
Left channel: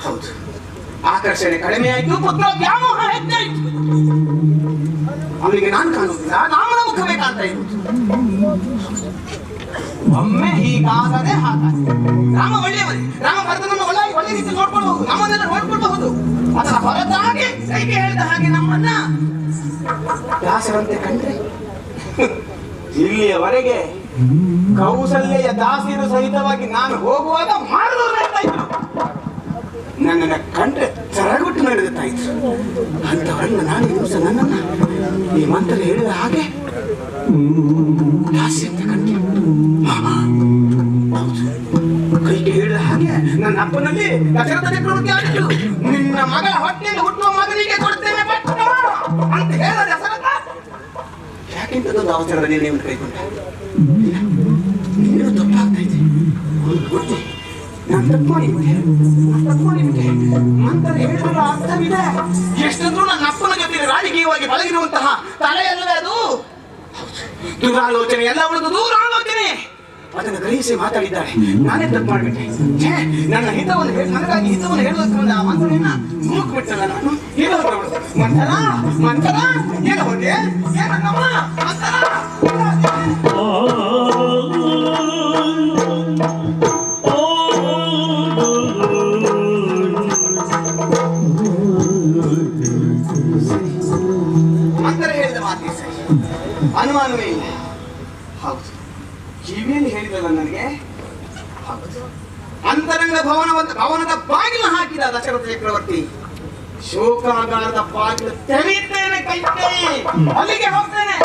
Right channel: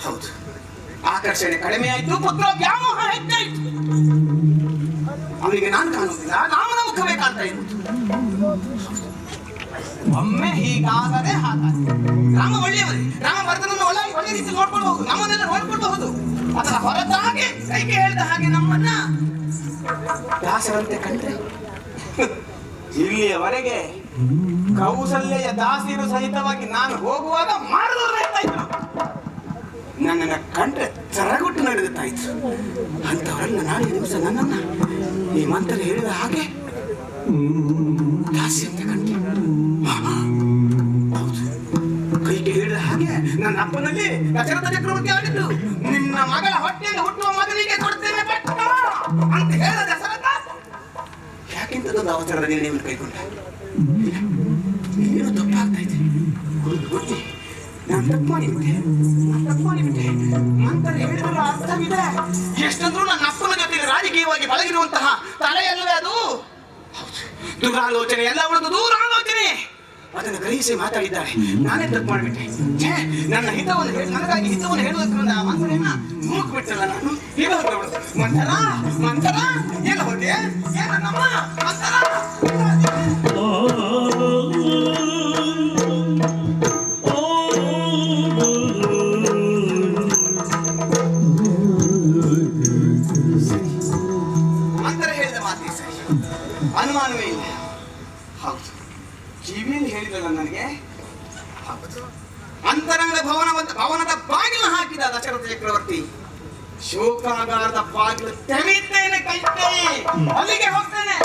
ಹೌದು, ಆಕರ್ಷಣೆ ಕಡಿಮೆ ಆಯ್ತು, ಪುತ್ರ ವ್ಯಾಮೋಹ ಹೆಚ್ಚಾಯ್ತು. ಅವನಿಗೆ ನಾನು ಕಾಣುವುದಿಲ್ಲ, ರಾಮನ ಮುಖವೇ ಕಾಣ್ತಾ ಇರುವುದು. ಒಮ್ಮೆ ಹೀಗಾಗದೆ ಹಾಗಾಗಿ ರಾಮ ಒಳ್ಳೆಯವರೇ, ರಾಮ ಭರತನನ್ನು ಒಳ್ಳೆ ರೀತಿ ನೋಡ್ಕೊಳ್ಬಹುದು, ನಮ್ಮನ್ನೆಲ್ಲ ನೋಡ್ಕೊಳ್ಬಹುದು. ಅದರ ಹೊರತಾಗಿ ಕೈಗೆ ಹೇಳಿದ ಹಾಗೆ ನಮ್ಮನ್ನ ದಾಸರಂತೆ ಕಂಡ್ರೆ ಇಲ್ಲಿಯವರೆಗೆ ಕೌಸಲ್ಯ ದಾಸಿರು ಸಹಿತವಾಗಿ ನಾನು ಹೋಗುವಾಗ ಮಾಡಿದವರು ನಡೀತಾ ಇದ್ರು, ನನ್ನನ್ನು ಕಂಡ್ರೆ ಚರಗುಟ್ಟು ನಡೆಯುತ್ತಾ ಇದ್ರು. ಅಂತವರನ್ನ ನಾಳೆ ದಿವಸ ನನ್ನನ್ನ ಈ ಮಂತ್ರ ಹೇಳಿದ ಹಾಗೆ ದಾಸಿ ಅಂತ ಕಂಡೆ. ಕೈಗೆ ಹೇಳಿದ ಹಾಗೆ ನನ್ನ ಅಪ್ಪನಲ್ಲಿ ದಶರಥ ಚಕ್ರವರ್ತಿ ಆಗಿದ್ದು, ನಿನ್ನ ಮಗಳ ಹೊಟ್ಟೆಯಲ್ಲಿ ಹುಟ್ಟುವ ಮಗನಿಗೆ ಕೊಡ್ತೇನೆ ಪಟ್ಟ ಅಂತ ಹೇಳಿದ ದಶರಥ ಯಾಕೆಂತದೊಂದು ಅವಸರದ ನಿರ್ಣಯವನ್ನು ಕೈಗೊಂಡ. ಇನ್ನೇನು ತಪ್ಪಾಗ್ತಾ ಇದೆ, ಗೊತ್ತೇ ನಾನು ತಪ್ಪು ಮಾಡಿಬಿಟ್ಟೆ. ಮಂತ್ರ ಹೇಳಿದ್ರ ಅರ್ಥವಿದೆ, ಎಷ್ಟಂದ್ರೂ ನನ್ನ ಅಪ್ಪನ ಜೊತೆಗೆ ರಾಜಕೀಯವಾಗಿ ಬಳಗಿರುವಂತಹ ತಲೆಯಲ್ಲವೇ ಅದು. ದುರಾಲೋಚನೆ ಎಲ್ಲ ಉಳಿದು ದೂರಾಲೋಚನೆ ಅದನ್ನು ಗ್ರಹಿಸಿ ಮಾತಾಡಿದ್ದಾರೆ. ನಾನೇ ತಪ್ಪು ಮಾಡಿಬಿಟ್ಟೆ. ನನ್ನ ಹಿತವನ್ನು ನನಗಾಗಿ ಹಿತವನ್ನು ಹೇಳುವುದಕ್ಕೆ ಆ ಮಂತ್ರನ ಮೂಕ್ಬಿಟ್ಟಲ್ಲ ನಾನು. ಮಂತ್ರ ಏನು ಹೋದೆ ಏನಮ್ಮ ಮಂತ್ರ ಮಂತ್ರ ಹೇಳಿದ ಮಾತಿಗೆ ಸರಿ, ಅನುಮಾನವೇ ಇಲ್ಲ. ಹೌದು, ಕಿವಿಯಲ್ಲಿ ಹೇಳಿದಲ್ಲ ನನಗೆ. ಅಂತರಂಗ ಭವನದ ಬಾಗಿಲು ಹಾಕಿದ ದಶರಥ ಚಕ್ರವರ್ತಿ, ಶೋಕಾಗಾರದ ಬಾಗಿಲು ತೆರೆಯುತ್ತೇನೆ ಕೈಗೆ, ಅಲ್ಲಿಗೆ ಹೋಗ್ತೇನೆ.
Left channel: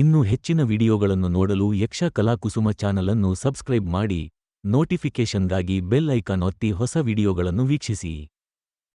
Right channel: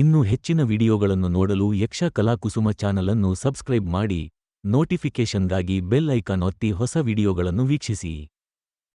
ಇನ್ನೂ ಹೆಚ್ಚಿನ ಹೆಚ್ಚಿನ ವಿಡಿಯೋಗಳನ್ನು ನೋಡಲು ಯಕ್ಷ ಕಲಾಕುಸುಮ ಚಾನಲ್ ಅನ್ನು ಸಬ್ಸ್ಕ್ರೈಬ್ ಮಾಡಿ, ನೋಟಿಫಿಕೇಷನ್ಗಾಗಿ ಬೆಲ್ ಐಕಾನ್ ಒತ್ತಿ ಹೊಸ ವಿಡಿಯೋಗಳನ್ನು ವೀಕ್ಷಿಸಿ.